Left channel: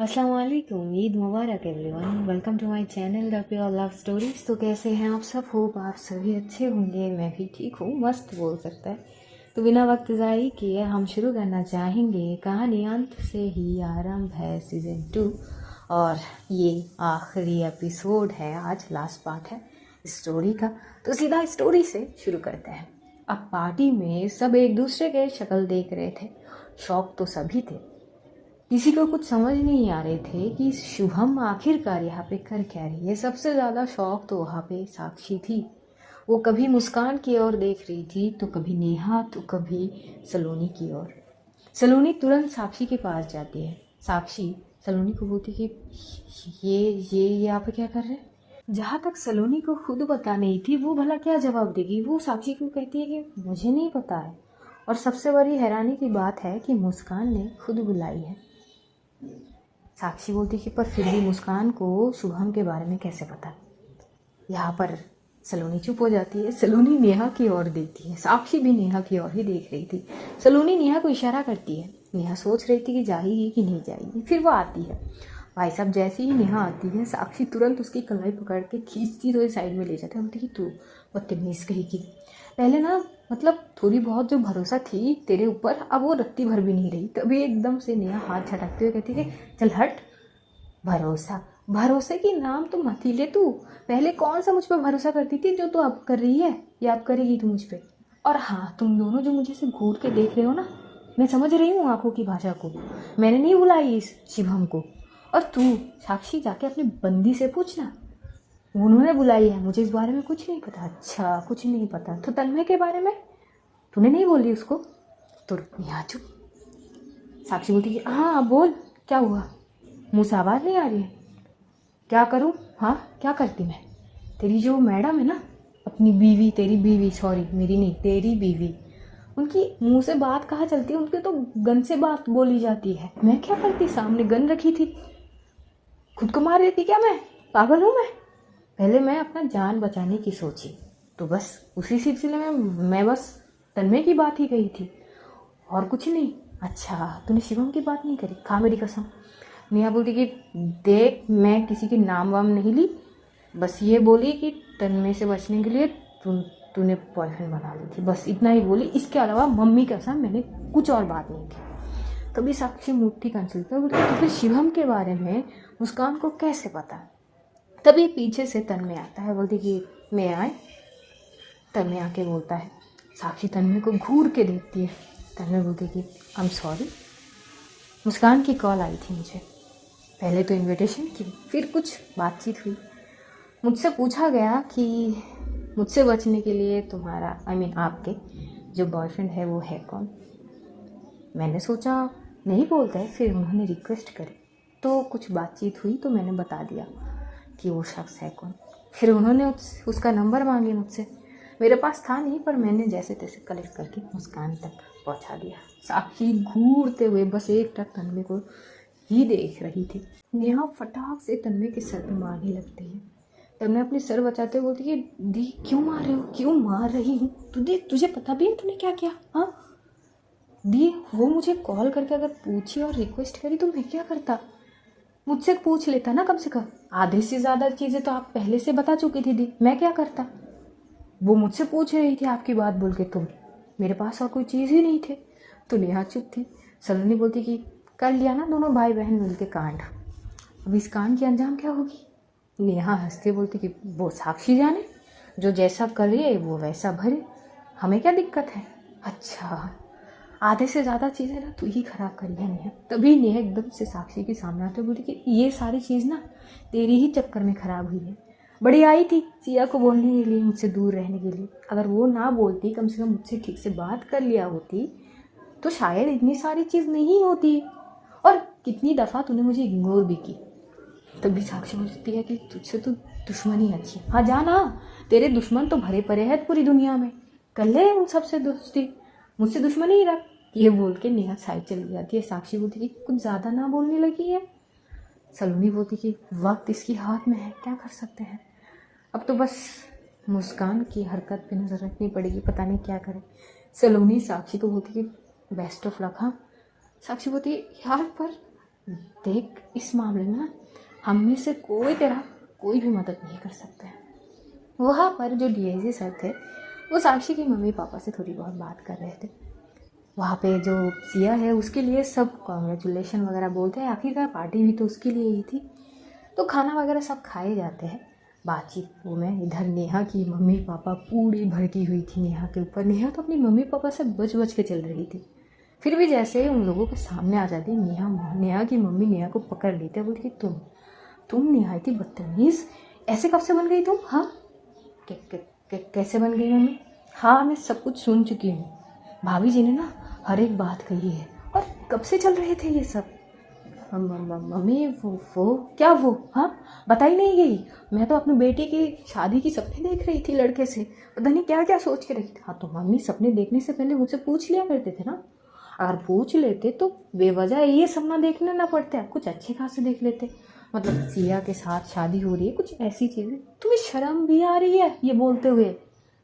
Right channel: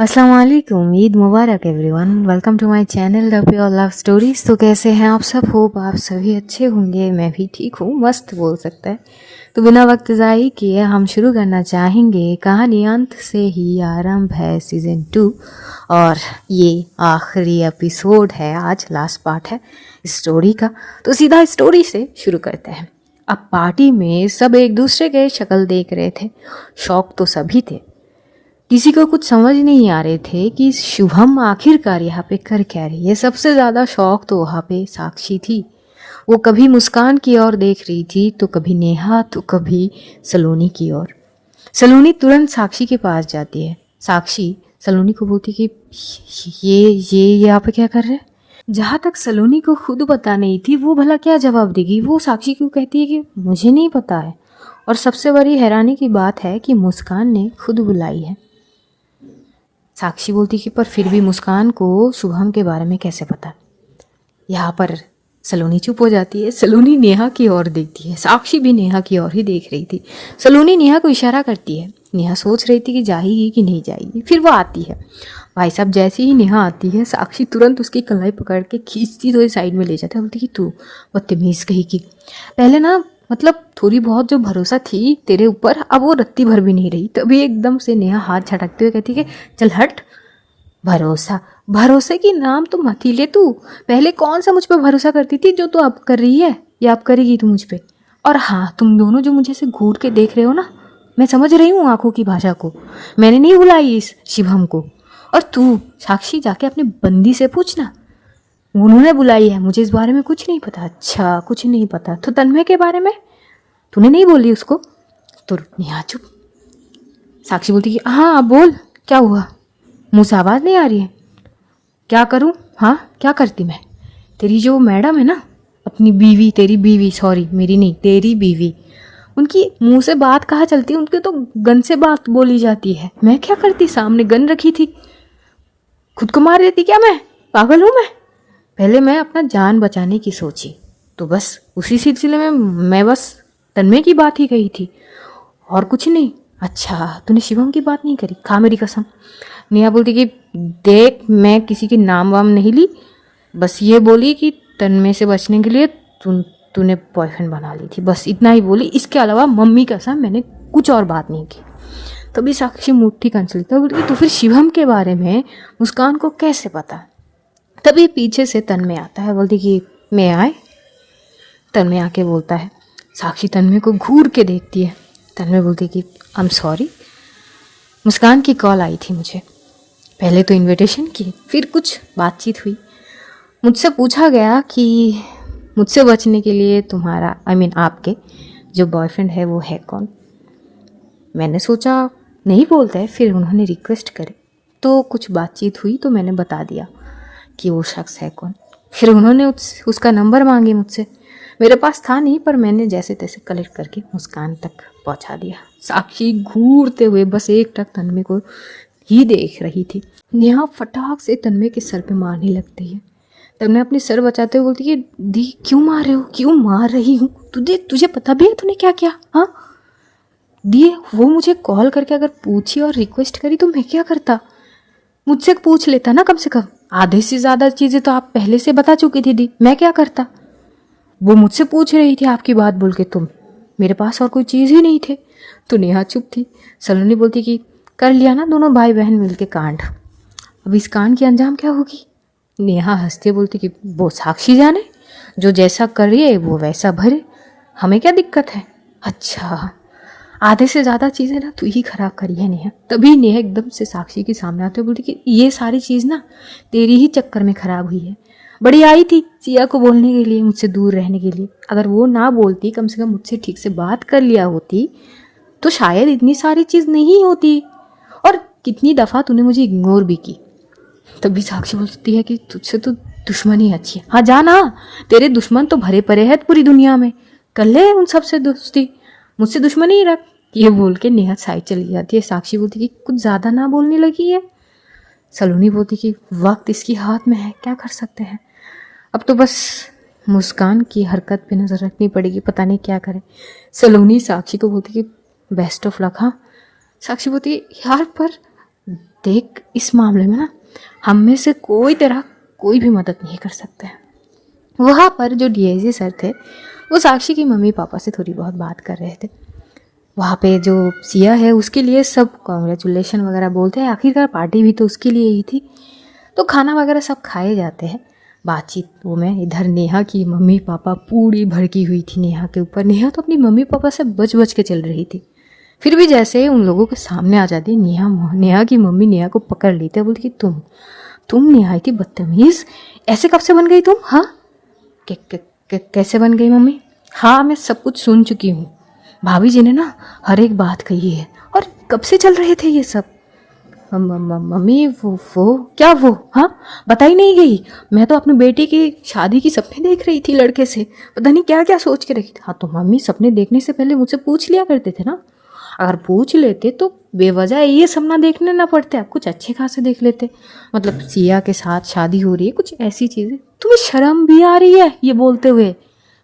अस्सलाम वालेकुम, ईद मुबारक everyone. Welcome to my channel the pure love stories. तो कैसे हैं आप सब? होप आप सभी अच्छे होंगे। मैं भी ठीक हूँ, मस्त बोल सकता है। तो बिना वक्त ज़ाय किए हम शुरू करना चाहेंगे। कहानी अंत से ही आरंभ है सीज़न 2 और ये आखिरी एपिसोड है, आज लास्ट पार्ट है स्टोरी का। तो सीधा स्टोरी से शुरू करते हैं। अब पार्टी में सब एक दूसरे के शक्ल देख रहे थे। शौक तो सभी थे, किसी को कुछ समझ नहीं आ रहे थे कि शुभम आखिरकार यहाँ पे कर क्या रही है। सबसे ज़्यादा शौक तो वहाँ पे साक्षी थी। वो कभी मुस्कान की ओर देख रही थी, तो कभी नेहा, तो कभी सलोनी की ओर। सलोनी तुरंत साक्षी के पास जाती है। साक्षी सलोनी को बोलती कि ये यहाँ पे क्या कर रहे हैं। जहाँ तक सलोनी को खुद पता नहीं थी, वो भला क्या जवाब देगी। वो साक्षी को कहती है कि मुझे नहीं पता है। और सबसे बड़ी हैरानी की बात है कि मुस्कान ने खुद बुलाई है। साक्षी बोलती कि पर फिर भी मुस्कान को शुभम के बारे में कैसे पता। यहाँ पर सलोनी चुप हो जाती है। सलोनी नेहा की ओर देखती है। साक्षी भी नेहा की ओर ही देख रही थी। सलोनी नेहा को इशारा करती है। नेहा सोच रही थी कि जाएगी कि नहीं जाएगी। फिर वो आती है। भाई साहब, जैसे ही नेहा आती है, साक्षी तुरंत उसकी कलाई पकड़ के खींचती तो साइड में ले जाता है। बोलती कि तू बदतमीज़ कही की, पहले ना मतलब थोड़ी बहुत जो भरोसा थी तेरे ऊपर, अब वो रत्ती भर भी नहीं रही। तभी एकदम से नेहा हाथ झटकते हुए कहती है कि चल हट। भरोसा, भरोसे की नाम तो मत ही ले तू। पहले कौन सा मुझ पर भरोसा करती थी जो तू अब कर रही है, या अब करेगी तू मुझ पे। और हाँ, तुम दोनों जो मुझे से घूर के देख रहे हो ना, मैं समझ रही हूँ आंखों की भाषा को। मैंने नहीं बुलाई इस शिवम को। और तू साक्षी जाके अपनी बंदी से पूछना, उन्होंने बुलाई है। मुझे इस बारे में कुछ नहीं पता। अच्छा, कुछ नहीं पता तो तन्मय के बारे में तूने नहीं बोली उसको? तो नेहा चुप। साक्षी बोलती कि हाँ बोल, क्या हुआ? मुँह से आवाज़ नहीं आ रही है? क्या करूँ? हाँ क्या करती मैं? तेरी जो मैडम है ना, अपनी बीवी, तेरी बीवी, सॉरी मेरी नहीं, तेरी बीवी, उनकी मुंह से बात कहाँ चलती है? उनके तो गन से बात बोली जाती है। मैं क्या करती? सामने गन रखी थी, खुद को मार देती क्या? मैं पागल हूँ मैं? पहले मैं अपना जान बचाने की सोची, तो बस उसी सिलसिले में मैं बस तन्मय की बात ही कही थी और कुछ नहीं। अच्छा, तूने शिवम की बात नहीं करी? खा मेरी कसम। नेहा बोलती कि देख, मैं किसी के नाम वाम नहीं ली, बस ये बोली कि तन्मय से बचने के लिए तूने बॉयफ्रेंड बना ली थी, बस इतना ही बोली। इसके अलावा मम्मी कसम मैंने कुछ और बात नहीं की। तभी साक्षी मुट्ठी कंचली तो बोलती तो फिर शिवम के बारे में मुस्कान को कैसे पता? तभी पीछे से तन्मय आता है। बोलती कि मैं आए। तन्मय आके बोलता है। साक्षी तन्मय को घूर के देखती है। तन्मय बोलती कि आई एम सॉरी, मुस्कान की कॉल आई थी मुझे। पहले तो इनविटेशन की, फिर कुछ बातचीत हुई। मुझसे पूछा गया कि मुझसे बचने के लिए तुम्हारा आपके जो बॉयफ्रेंड है वो है कौन। मैंने सोचा नहीं बोलते हैं, फिर उन्होंने रिक्वेस्ट करी तो कुछ बातचीत हुई, तो मैंने बता दिया कि वो शख्स है कौन। फिर उन्होंने उसका नंबर मांगी मुझसे। मेरे पास था नहीं, पर मैंने जैसे तैसे कलेक्ट करके मुस्कान तक पहुंचा दिया। साक्षी घूरते हुए बस एक टक तन्मय को ही देख रही थी। नेहा फटाक से तन्मय के सर पे मारने लगती है। तन्मय अपने सर बचाते हुए बोलती है दी क्यों मार रहे हो, क्यों मार रही हूँ? तुझे पता भी है तूने क्या किया? हाँ दी, वो मुझे कॉल करके अगर पूछी और रिक्वेस्ट करी तो मैं क्या करता? मुझसे पूछ लेता ना कम से कम। आधे से ज़्यादा चीज़ें तो आप पहले से बता चुकी थी दी, मैं क्या करता? वो मुझसे पूछ रही थी आपकी बात बोल के, तुम, मेरे पास और कोई चीज़ ही नहीं थे। तो नेहा चुप थी। सलोनी बोलती कि कर लिया ना दोनों भाई बहन मिलके कांड, अब इस कांड की अंजाम क्या होगी? नेहा हंसते बोलती कि वो साक्षी जाने, जो जैसा कर रही है वो वैसा भरे, हमें क्या दिक्कत है? अच्छा, आधे से ज़्यादा चीज़ें ना तू ही खराब करी है नेहा। तभी नेहा एकदम से साक्षी के सामने आते बोलती कि ये सारी चीज़ ना तेरी ही चक्कर में ख़राब हुई है। बड़ी आई थी सिया को बोलने के लिए, मुझसे दूर रहने के लिए। अगर वो ना बोलती, कम से कम मुझसे ठीक से बात कर लिया होती, तो शायद इतनी सारी चीज़ नहीं होती। और कितनी दफ़ा तूने मुझे इग्नोर भी की। तभी साक्षी बोलती है कि तुझसे तो दुश्मनी अच्छी है। हाँ जाना, तेरे दुश्मन तो भरे पड़े हैं पूरी दुनिया में, कर ले उन सबसे दोस्ती, मुझसे दुश्मनी ही रख। ये बोल के नेहा साइड चली जाती है। साक्षी बोलती कि कुछ ज़्यादा ना बोलने लगी है। सलोनी बोलती कि वक्त इसकी हाथ में है, क्या कर सकते हैं। अब तो बस मुस्कान की हरकत पे नज़र रखनी पड़ेगी, पता नहीं क्या करे। सलोनी साक्षी को बोलती कि बेस्ट ऑफ लक। हाँ। साक्षी बोलती यार, पर देख, इस मामले में ना हम में से कोई तेरा कोई भी मदद नहीं कर सकता है। वहाँ पर जो डीआईजी सर थे वो साक्षी की मम्मी पापा से थोड़ी बहुत बात कर रहे थे। वहाँ पे जो सिया है उसके लिए सब कॉन्ग्रेचुलेशन वगैरह बोलते हैं, आखिरकार पार्टी भी तो उसके लिए ही थी। तो खाना वगैरह सब खाए जाते हैं, बातचीत वो में इधर नेहा की मम्मी पापा पूरी भड़की हुई थी नेहा के ऊपर। नेहा तो अपनी मम्मी पापा से बच बच के चल रही थी, फिर भी जैसे उन लोगों के सामने आ जाती नेहा की मम्मी नेहा को पकड़ लेते, बोलती कि तुम नेहा थी बदतमीज़, ऐसे कब से बन गई तुम? हाँ कैसे बन गई मम्मी? हाँ मैं सब कुछ सुन चुकी हूँ, भाभी जी ने ना हर एक बात कही है। और कब से चल रहे थे ये सब? मम्मी वो क्या वो? हाँ बताई नहीं गई? मैं तो अपनी बेटी की शादी की सपने देख रही थी लड़के से, पता नहीं क्या क्या सोच के रखी थी। हाँ तो मम्मी सपने देखने से पहले मुझसे पूछ लिया करते थे ना, अगर पूछ लेते तो बेवजह ये सपना देखने ना पड़ते, आप कुछ अच्छे खासे देख लेते। मतलब सिया के साथ शादी हो रही है, कुछ ऐसी चीज़ें। तुम्हें शर्म भी आ रही है ये बोलते हुए?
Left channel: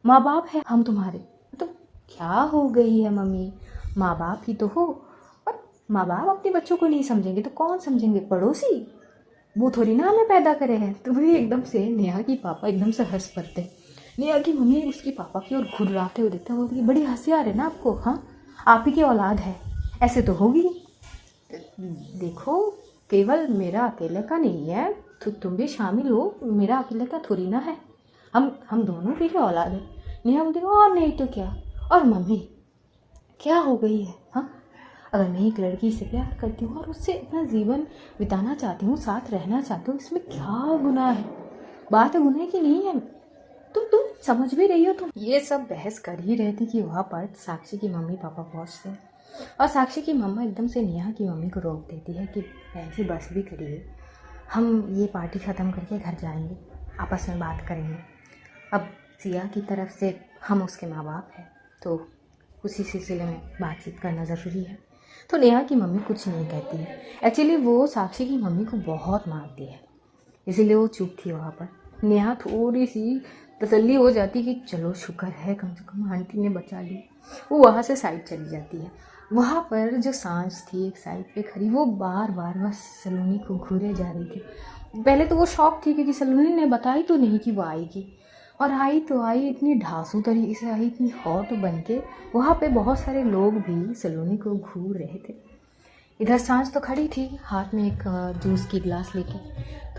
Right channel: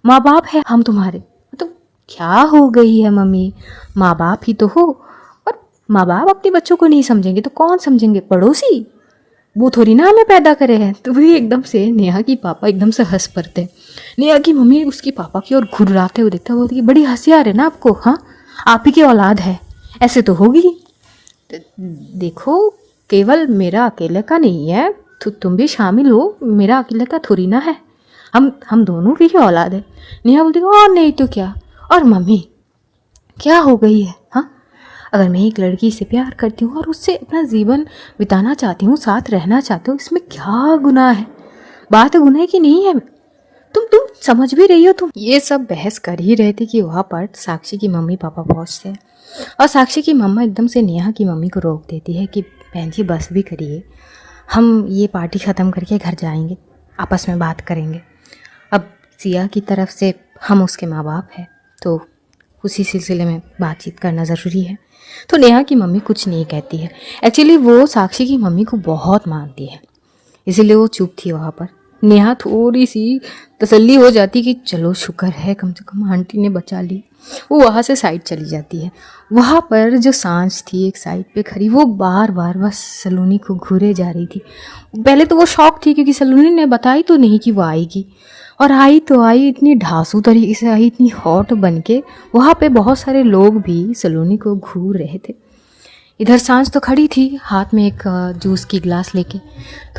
माँ बाप है हम तुम्हारे, तो क्या हो गई है मम्मी, माँ बाप ही तो हो। और माँ बाप अपने बच्चों को नहीं समझेंगे तो कौन समझेंगे? पड़ोसी, वो थोड़ी ना हमें पैदा करे हैं। तो भी एकदम से नेहा की पापा एकदम से हंस पड़ते। नेहा की मम्मी उसकी पापा की ओर घुर्राते हुए देखते, बोलती बड़ी हंसी आ रही है ना आपको? हाँ आप ही की औलाद है, ऐसे तो होगी। देखो केवल मेरा अकेले का नहीं है, तो तुम भी शामिल हो, मेरा अकेले का थोड़ी ना है, हम दोनों की ही औलाद है। नेहा बोलती और नहीं तो क्या। और मम्मी क्या हो गई है? हाँ अगर मैं एक लड़की से प्यार करती हूँ और उससे अपना जीवन बिताना चाहती हूँ, साथ रहना चाहती हूँ, इसमें क्या गुनाह है? बात गुनाह की नहीं है। तुम समझ भी रही हो? तुम ये सब बहस कर ही रहे थे कि वहाँ पर साक्षी की मम्मी पापा पहुँचते हैं और साक्षी की मम्मा एकदम से नेहा की मम्मी को रोक देती है कि बहन जी बस भी करिए, हम ये पार्टी ख़त्म करके घर जाएंगे, आपस में बात करेंगे। अब सिया की तरफ से हम उसके माँ बाप हैं, तो उसी सिलसिले में बातचीत करना ज़रूरी है। तो नेहा की मम्मी कुछ नहीं कहती है। एक्चुअली वो साक्षी की मम्मी को बहुत मानती है, इसीलिए वो चुप थी वहाँ पर। नेहा थोड़ी सी तसल्ली हो जाती कि चलो शुक्र है कम से कम आंटी ने बचा ली। वो वहाँ से साइड चली जाती है। वहाँ पर जो सांझ थी एक साइड पे खड़ी, वो बार बार बस सलोनी को घूरे जा रही थी। पहले तो वो शौक थी क्योंकि सलोनी ने बताई तो नहीं कि वो आएगी, और आई तो आई इतनी ढांसू तरीके से आई, इतनी हॉट बन के। वहाँ पे बहुत सारे लोग भी सलोनी को घूर रहे थे। इधर सांझ तो खड़ी थी हाथ में एक जूस की गिलास लेके,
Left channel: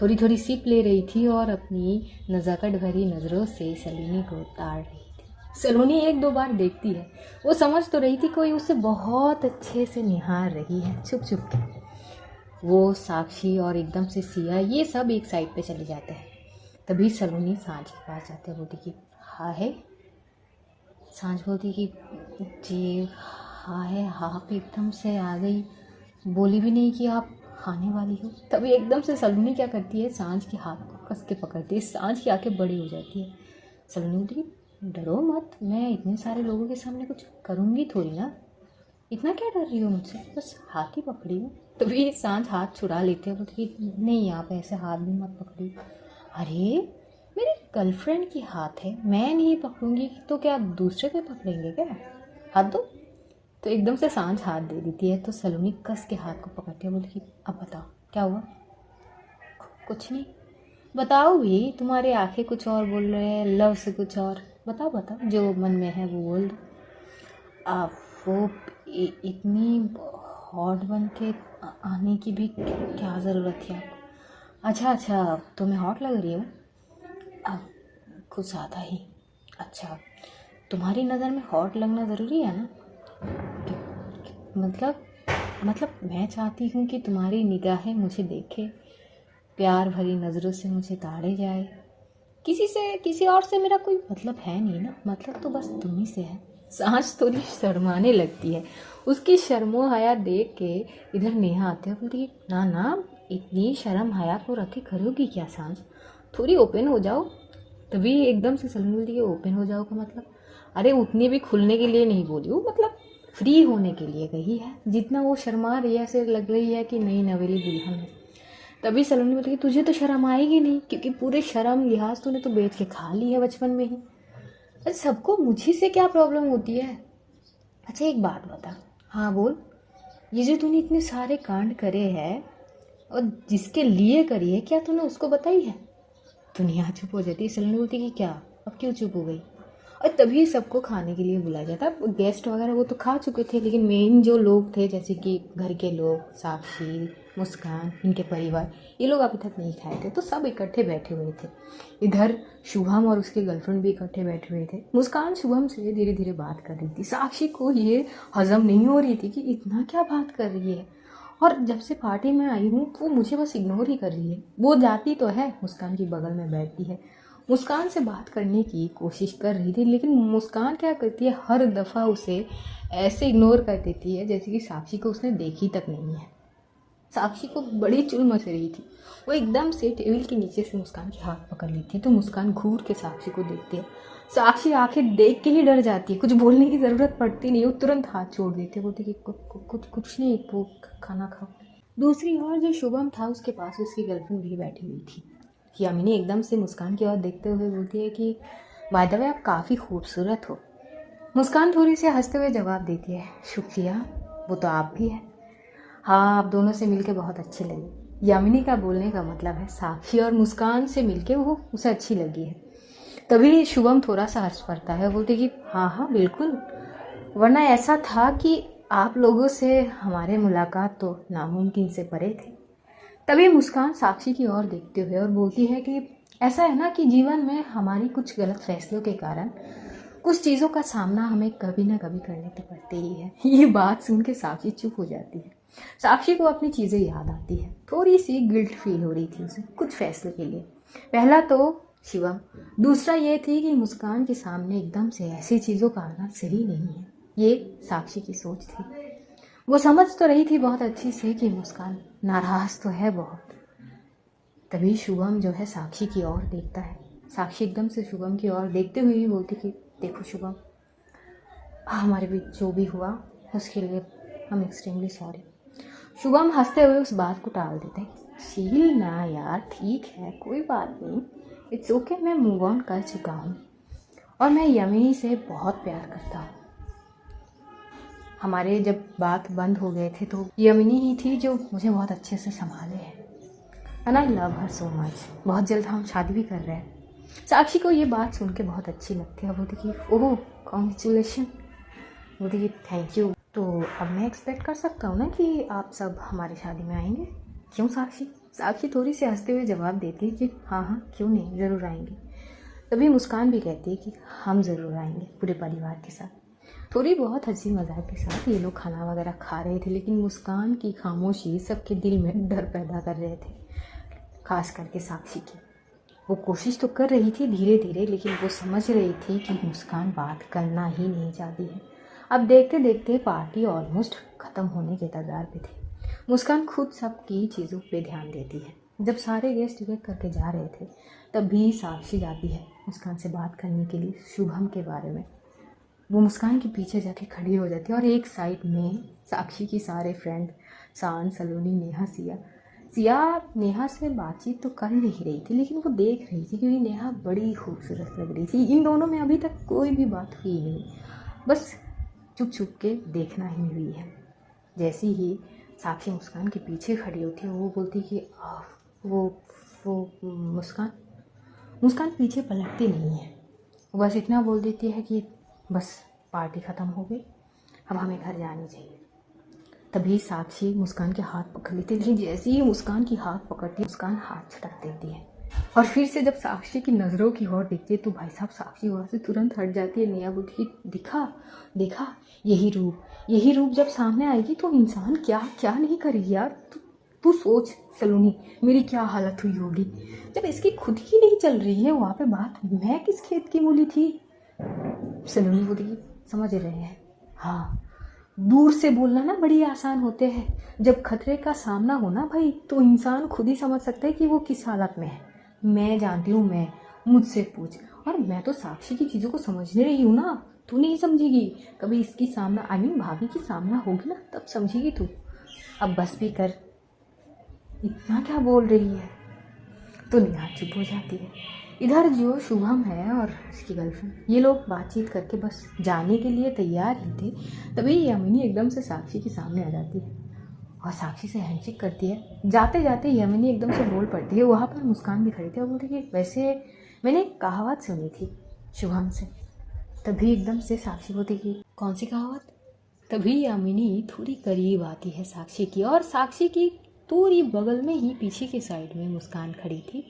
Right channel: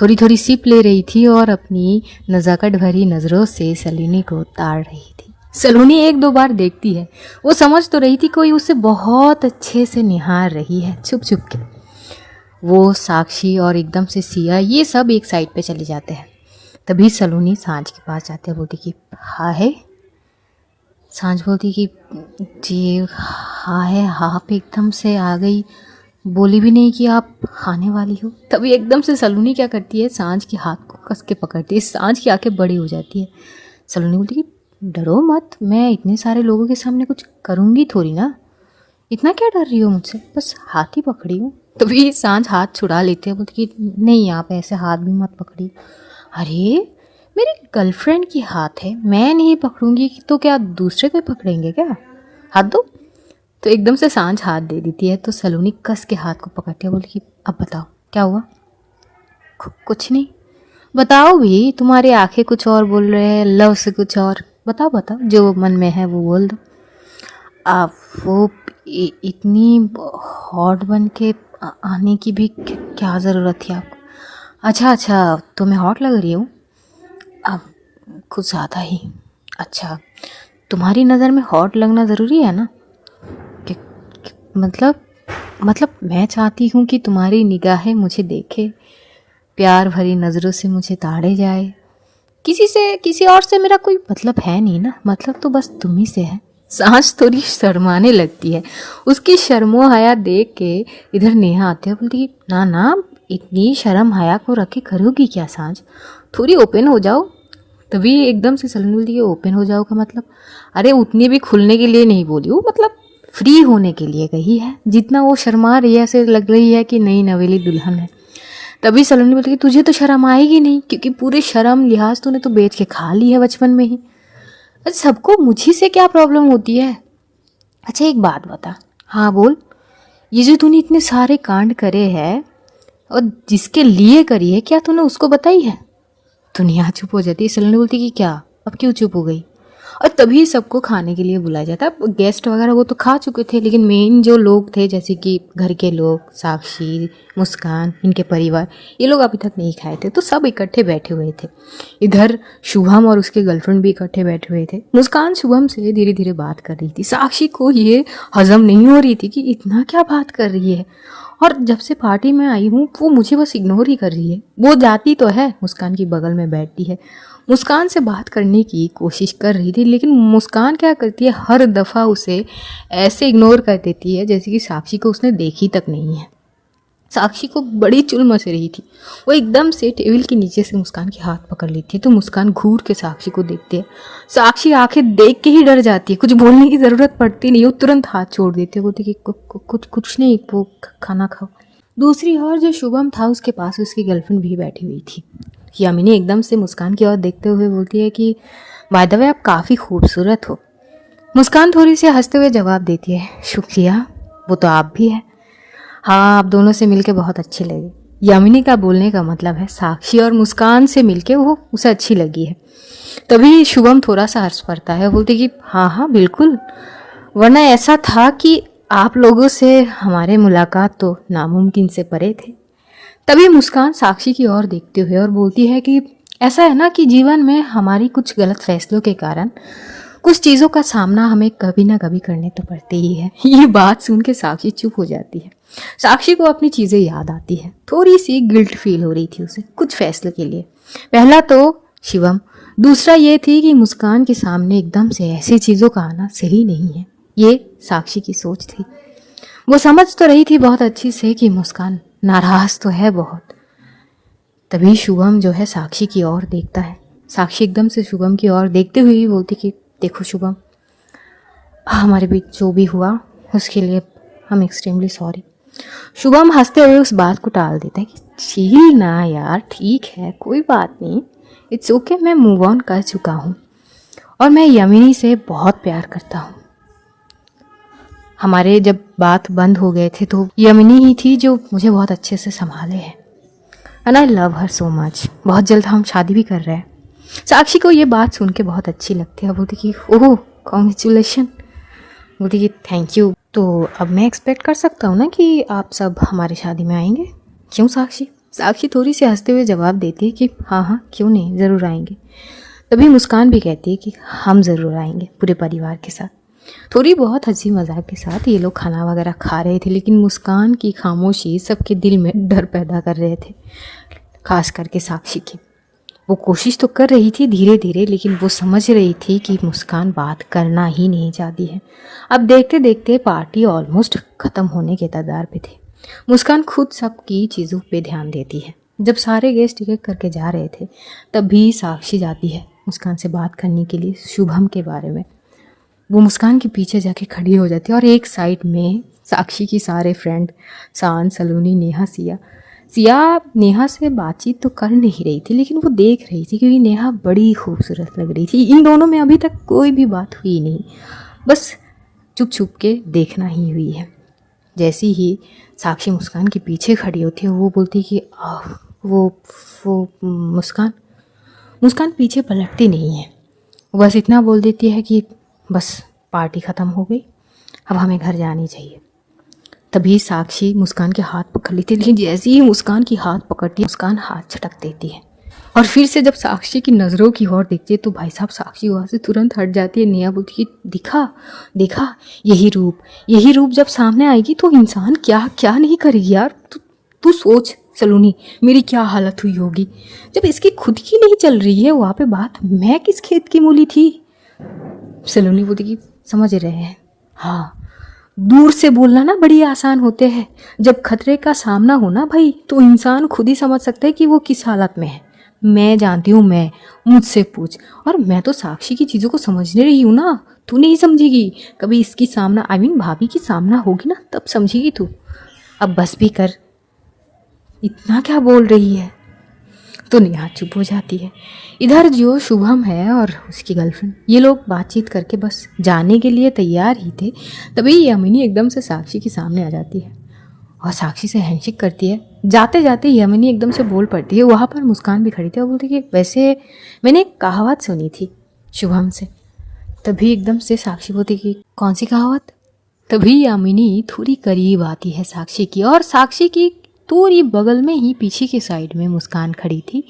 थोड़ी थोड़ी सिप ले रही थी और अपनी नज़ाकत भरी नज़रों से सलोनी को ताड़ रही थी। सलोनी एक दो बार देखती है, वो समझ तो रही थी कोई उसे बहुत अच्छे से निहार रही है छुप छुप के। वो साक्षी और एकदम से सिया ये सब एक साइड पे चले जाते हैं। तभी सलोनी सांझ के पास जाते हैं, बोलती कि हाँ है। सांझ बोलती कि जी हाँ है। हाँ पे एकदम से आ गई, बोली भी नहीं कि आप खाने वाली हो। तभी एकदम से सलोनी क्या करती है, सांझ के हाथ को कस के पकड़ती है। सांझ की आंखें बड़ी हो जाती है। सलोनी बोलती कि डरो मत, मैं इतने सारे लोगों के सामने कुछ करूँगी थोड़ी ना, इतना क्या डर रही हो मुझसे, बस हाथ ही पकड़ी हूँ। तभी सांझ हाथ छुड़ा लेते हैं, बोलती कि नहीं आप ऐसे हाथ भी मत पकड़ी। अरे मेरी गर्लफ्रेंड की हाथ है, मैं नहीं पकड़ूंगी तो क्या दूसरे कोई पकड़ेंगे क्या? हाथ दो। तो एकदम से सांझ हाथ दे देती है। तो सलोनी कस के हाथ को पकड़ती है, बोली कि अब बताओ क्या हुआ? कुछ नहीं। बताओ भी, तुम्हारी आंखें कुछ और बोल रहे हैं, लव से कुछ और। बताओ बताओ, जो मन में है वो बोल दो। आप वो इतनी हॉट बन के आने की भी क्या ज़रूरत थी आपको? अच्छा तो मैं हॉट लग रही हूँ? अब कुछ ज़्यादा ही। अच्छा तुम्हारी नज़र में हॉट लगना ज़रूरी है ना? मतलब मैं चाहती हूँ कि तुम्हारी निगाहें मुझे देखे, प्यार भरी नज़रों से मुझे ताड़े जाए। किसी और से मेरा कोई मतलब है नहीं ना, मतलब तो बस तुम ही से है। सांझ थोड़ी शर्माने लगती है। उसकी शर्मो हया देख के इधर नेहा आती है, बोलती ना ना इतनी शर्म हया को रखे करोगी क्या सांझ, थोड़ी ओपन हो जाओ। तभी एकदम से सलोनी बोलती है ओपन हो जाओ का मतलब? अरे उतनी भी खुलने के लिए नहीं बोली हूँ, मतलब फ्री होने के लिए कही है। जितना वो शर्मा रही है ऐसे लग रही है कि नई नवेली दुल्हन है। तभी सलोनी बोलती है तुझे तो शर्म आएगी नहीं, क्योंकि पूरे शर्म लिहाज तूने तो बेच के खा ली है बचपन में ही। अरे सबको मुझी से क्या प्रॉब्लम होती है? अच्छा एक बात बता। हाँ बोल। ये जो तूने इतने सारे कांड करे हैं और जिसके लिए करी है, क्या तूने उसको बताई है? दुनिया चुप हो जाती है। सलोनी बोलती कि क्या, अब क्यों चुप हो गई? और तभी सबको खाने के लिए बुलाया जाता है। गेस्ट वगैरह वो तो खा चुके थे, लेकिन मेन जो लोग थे जैसे कि घर के लोग, साक्षी, मुस्कान, इनके परिवार, ये लोग अभी तक नहीं खाए थे, तो सब इकट्ठे बैठे हुए थे। इधर शुभम और उसके गर्लफ्रेंड भी इकट्ठे बैठे हुए थे। मुस्कान शुभम से धीरे धीरे बात कर रही थी। साक्षी को ये हजम नहीं हो रही थी कि इतना क्या बात कर रही है, और जब से पार्टी में आई हूँ वो मुझे बस इग्नोर ही कर रही है। वो जाती तो है, मुस्कान की बगल में बैठती है, मुस्कान से बात करने की कोशिश कर रही थी, लेकिन मुस्कान क्या करती है, हर दफ़ा उसे ऐसे इग्नोर कर देती है जैसे कि साक्षी को उसने देखी तक नहीं है। साक्षी को बड़ी चुल मच रही थी। वो एकदम से टेबल के नीचे से मुस्कान के हाथ पकड़ लेती है, तो मुस्कान घूर के साक्षी को देखती है। साक्षी आंखें देख के ही डर जाती है, कुछ बोलने की ज़रूरत पड़ती नहीं, वो तुरंत हाथ छोड़ देती है, बोलती कि कुछ नहीं, वो खाना खाओ। दूसरी ओर जो शुभम था उसके पास उसकी गर्लफ्रेंड भी बैठी हुई थी। यामिनी एकदम से मुस्कान की ओर देखते हुए बोलती है कि बाय द वे आप काफ़ी खूबसूरत हो। मुस्कान थोड़ी सी हंसते हुए जवाब देती है, शुक्रिया, वो तो आप भी है। हाँ, आप दोनों से मिलके बहुत अच्छी लगी। यामिनी का बोलने का मतलब है साक्षी और मुस्कान से मिलके वो उसे अच्छी लगी है। तभी शुभम थोड़ा सा हंस पड़ता है, बोलते कि हाँ हाँ बिल्कुल, वरना ऐसा था कि आप लोगों से हमारे मुलाकात तो नामुमकिन से परे थे। तभी मुस्कान साक्षी की ओर देखते हुए और बोलती है कि ऐसा है ना कि जीवन में हमारी कुछ गलत फैसलों के कारण कुछ चीज़ों का सामना हमें कभी ना कभी करने तो पड़ते ही है। ये बात सुन के साक्षी चुप हो जाती है। साक्षी को अपनी चीज़ें याद आती है, थोड़ी सी गिल्ट फील हो रही थी उसे कुछ फैसले के लिए। पहला तो शिवम, दूसरा ये थी कि मुस्कान के सामने एकदम से ऐसी चीज़ों का आना सही नहीं है। ये साक्षी की सोच थी। वो समझ तो रही थी बहुत अच्छी से कि मुस्कान नाराज तो है बहुत। तभी शुभम जो है साक्षी की ओर देखता है। साक्षी एकदम से शुभम की ओर देखते हुए ही बोलती कि देखो शुभम, हमारे बीच जो भी हुआ उसके लिए हम एक्सट्रीमली सॉरी। शुभम हंसते हुए उस बात को टाल देता है कि चील ना यार, ठीक है, कोई बात नहीं, इट्स ओके, मैं मूव ऑन कर चुका हूँ और मैं यमिनी से बहुत प्यार करता हूँ। हमारे जब बात बंद हो गए थे तो यमिनी ही थी जो मुझे बहुत अच्छे से संभाले है, and I love her so much. बहुत जल्द हम शादी भी कर रहे हैं। साक्षी को ये बात सुन के बहुत अच्छी लगती है। बोलती कि ओह कॉन्ग्रेचुलेशन। बोलती कि थैंक यू। तो अब मैं एक्सपेक्ट कर सकता हूँ ना कि आप सब हमारी शादी में आएंगे? क्यों साक्षी? साक्षी थोड़ी सी हंसते हुए जवाब देती है कि हाँ हाँ क्यों नहीं, ज़रूर आएंगे। तभी मुस्कान भी कहती है कि हम ज़रूर आएंगे पूरे परिवार के साथ। थोड़ी बहुत हंसी मजाक के साथ ये लोग खाना वगैरह खा रहे थे, लेकिन मुस्कान की खामोशी सबके दिल में डर पैदा कर रहे थे, खास करके साक्षी की। वो कोशिश तो कर रही थी धीरे धीरे, लेकिन वो समझ रही थी कि मुस्कान बात करना ही नहीं चाहती है। अब देखते देखते पार्टी ऑलमोस्ट ख़त्म होने के कगार पे थी। मुस्कान खुद सबकी चीज़ों पे ध्यान देती है। जब सारे गेस्ट टिकट करके जा रहे थे तब भी साक्षी जाती है मुस्कान से बात करने के लिए शुभम के बारे में। वो मुस्कान के पीछे जाके खड़ी हो जाती है और एक साइड में साक्षी की सारे फ्रेंड शान, सलोनी, नेहा, सिया नेहा से बातचीत तो कर नहीं रही थी, लेकिन वो देख रही थी क्योंकि नेहा बड़ी खूबसूरत लग रही थी। इन दोनों में अभी तक कोई भी बात हुई नहीं, बस चुप चुप के देखना ही हुई है। जैसी ही साक्षी मुस्कान के पीछे खड़ी होती है वो बोलती कि वो मुस्कान पीछे पलटती नहीं है। वो बस इतना बोल देती है कि बस पार्टी ख़त्म हो गई, अब हमें घर जानी चाहिए। तभी साक्षी मुस्कान के हाथ पकड़ लेती है, लेकिन जैसे ही मुस्कान की हाथ पकड़ती है मुस्कान हाथ झटक देती है और फिर से जब साक्षी की नज़रों की ओर देखती है तो भाई साहब साक्षी वहाँ से तुरंत हट जाती है। नेहा बोलती है देखा यही रूप जब सामने आएगी तो इंसान क्या क्या नहीं करेगी यार। तू सोच सलोनी, मेरी क्या हालत हुई होगी जब इसकी खुद की नहीं चल रही है वहाँ पे बात, मैं किस खेत की मूली थी। सलोनी बोलती कि समझ रहे हैं, हाँ दूर से बोलना ना बड़ी आसान होते हैं, जब खतरे का सामना हो ना भाई तो इंसान खुद ही समझ सकता है कि वो किस हालत में है। मैं जानती हूँ, मैं मुझसे पूछ, और मैं तो साक्षी की चीज़ों को समझने रही हूँ ना, तू नहीं समझेगी कभी इसकी सामना भाभी की सामना होगी ना तब समझेगी तू। अब बस भी कर, इतना क्या बोल रही है। तो नेहा चुप हो जाती है। इधर जो शुभम है और उसकी गर्लफ्रेंड ये लोग बातचीत करके बस जाने के लिए तैयार ही थे। तभी यामिनी एकदम से साक्षी के सामने आ जाती है। और साक्षी से हैंडशेक करती है। जाते जाते यमिनी एकदम से बोल पड़ती है। वहाँ पर मुस्कान भी खड़ी थी और बोलती कि वैसे मैंने एक कहावत सुनी थी शुभम से। तभी एकदम से साक्षी बोलती कि कौन सी कहावत? तभी यामिनी थोड़ी करीब आती है साक्षी की, और साक्षी की थोड़ी बगल में ही पीछे की साइड में मुस्कान खड़ी थी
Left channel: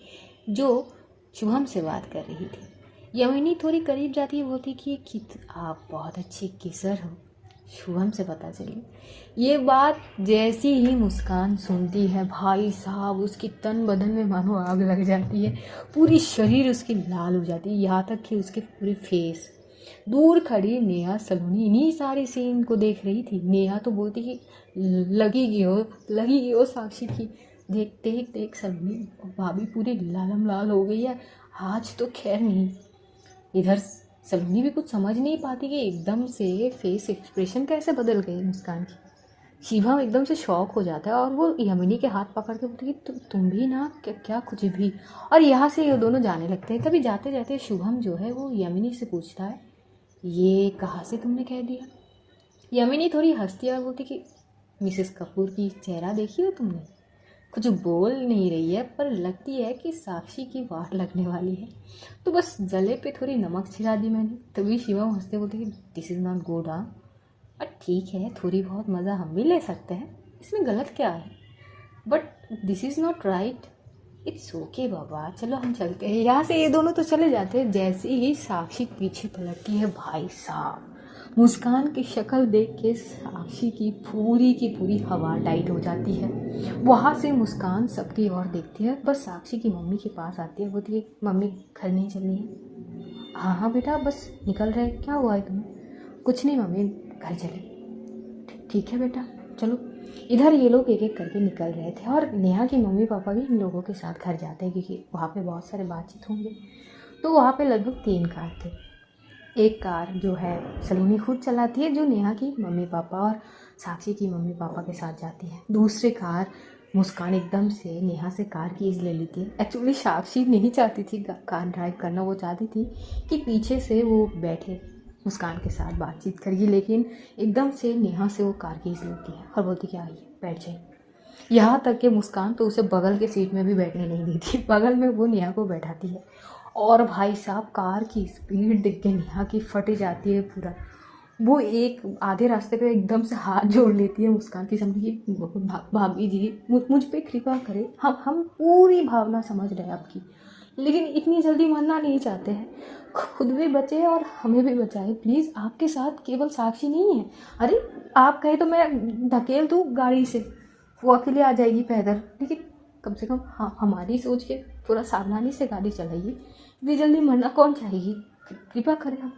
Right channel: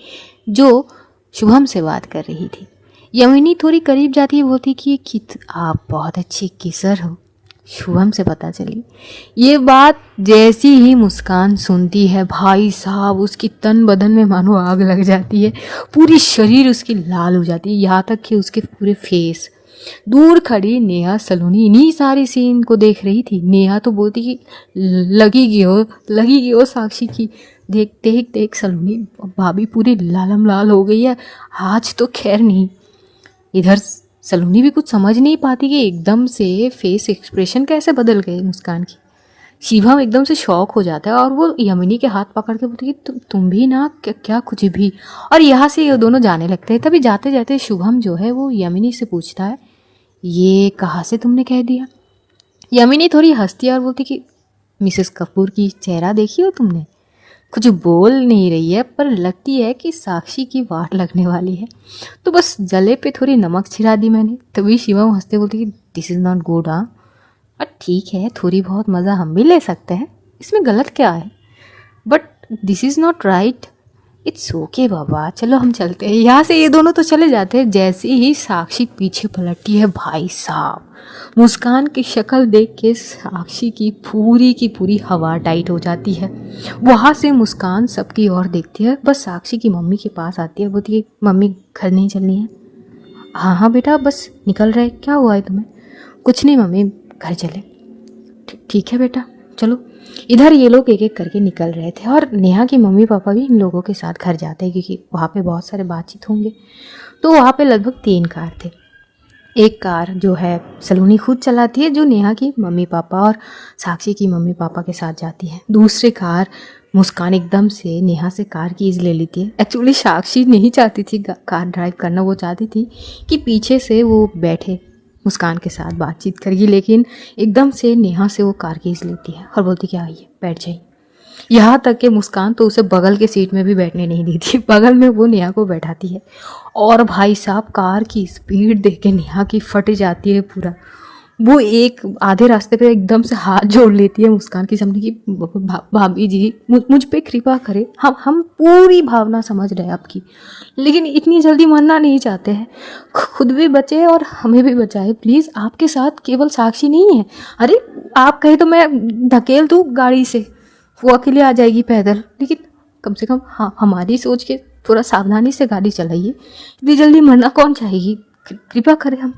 जो शुभम से बात कर रही थी। यामिनी थोड़ी करीब जाती है, बोलती कि आप बहुत अच्छी किसर हो। शुभम से पता चली ये बात जैसी ही मुस्कान सुनती है, भाई साहब उसकी तन बदन में मानो आग लग जाती है, पूरी शरीर उसकी लाल हो जाती है, यहाँ तक कि उसके पूरे फेस। दूर खड़ी नेहा सलोनी इन्हीं सारे सीन को देख रही थी। नेहा तो बोलती कि लगी गई हो साक्षी की। देखते ही देख सलोनी भाभी पूरी लालम लाल हो गई है। आज तो खैर नहीं। इधर सलोनी भी कुछ समझ नहीं पाती कि एकदम से फेस एक्सप्रेशन कैसे बदल गए मुस्कान की। शिवम एकदम से शॉक हो जाता है और वो यमिनी के हाथ पकड़ के बोलती कि तुम भी ना क्या कुछ भी। और यहाँ से ये दोनों जाने लगते हैं। तभी जाते जाते शुभम जो है वो यमिनी से पूछता है, ये कहाँ से तुमने कह दिया? यमिनी थोड़ी हंसती है और बोलती कि मिसेस कपूर की चेहरा देखी हो तुमने? कुछ बोल नहीं रही है पर लगती है कि साक्षी की वाट लगने वाली है, तो बस जले पे थोड़ी नमक छिड़ा दी मैंने। तभी शिवम हंसते बोलती कि दिस इज़ नॉट गुड। हाँ और ठीक है, थोड़ी बहुत मज़ा हम भी ले सकते हैं, इसमें गलत क्या है? But this is not right. It's okay बाबा, चलो हम चलते हैं यहाँ से। ये दोनों तो चले जाते हैं। जैसे ही साक्षी पीछे पलटती है, भाई साहब मुस्कान की शक्ल देख के साक्षी की पूरी हवा टाइट हो जाती है। वहाँ से मुस्कान सबकी ओर देखती है, बस साक्षी की मम्मी के पास आती है। बोलती है मम्मी घर नहीं चलनी है? हाँ हाँ बेटा बस निकल रहे, क्या हुआ है तुम्हें? कुछ नहीं मम्मी, घर चले। ठीक है बेटा चलो। इधर ये लोग एक एक करके निकल रहे थे और नेहा की मम्मी पापा भी इन लोगों के साथ घर जाते हैं क्योंकि वहाँ पे बहुत सारे बातचीत होंगे। तो वहाँ पे लगभग 3 कार थे। एक कार जो है सलोनी खुद चलाती है, जो नेहा की मम्मी पापा और साक्षी की मम्मी पापा के साथ जाती है। दूसरी कार मुस्कान एकदम से नेहा से कार कीज़ ले लेती है। एक्चुअली साक्षी नहीं चाहती थी कार ड्राइव करना, वो चाहती थी कि पीछे से वो बैठे मुस्कान के साथ बातचीत करेगी, लेकिन एकदम से नेहा से वो कार कीज़ लेती है और बोलती कि आइए बैठ जाइए। यहाँ तक कि मुस्कान तो उसे बगल के सीट में भी बैठने नहीं देती, बगल में वो नेहा को बैठाती है। और भाई साहब कार की स्पीड देख के नेहा की फट जाती है पूरा। वो एक आधे रास्ते पे एकदम से हाथ जोड़ लेती है मुस्कान की सामने की, भाभी जी मुझ पे कृपा करें, हम पूरी भावना समझ रहे हैं आपकी, लेकिन इतनी जल्दी मरना नहीं चाहते हैं। खुद भी बचे और हमें भी बचाए प्लीज़। आपके साथ केवल साक्षी नहीं है। अरे आप कहे तो मैं धकेल दूँ गाड़ी से, वो अकेले आ जाएगी पैदल, लेकिन कम से कम हाँ हमारी सोच के थोड़ा सावधानी से गाड़ी चलाइए। इतनी जल्दी मरना कौन चाहेगी, कृपा करें हम।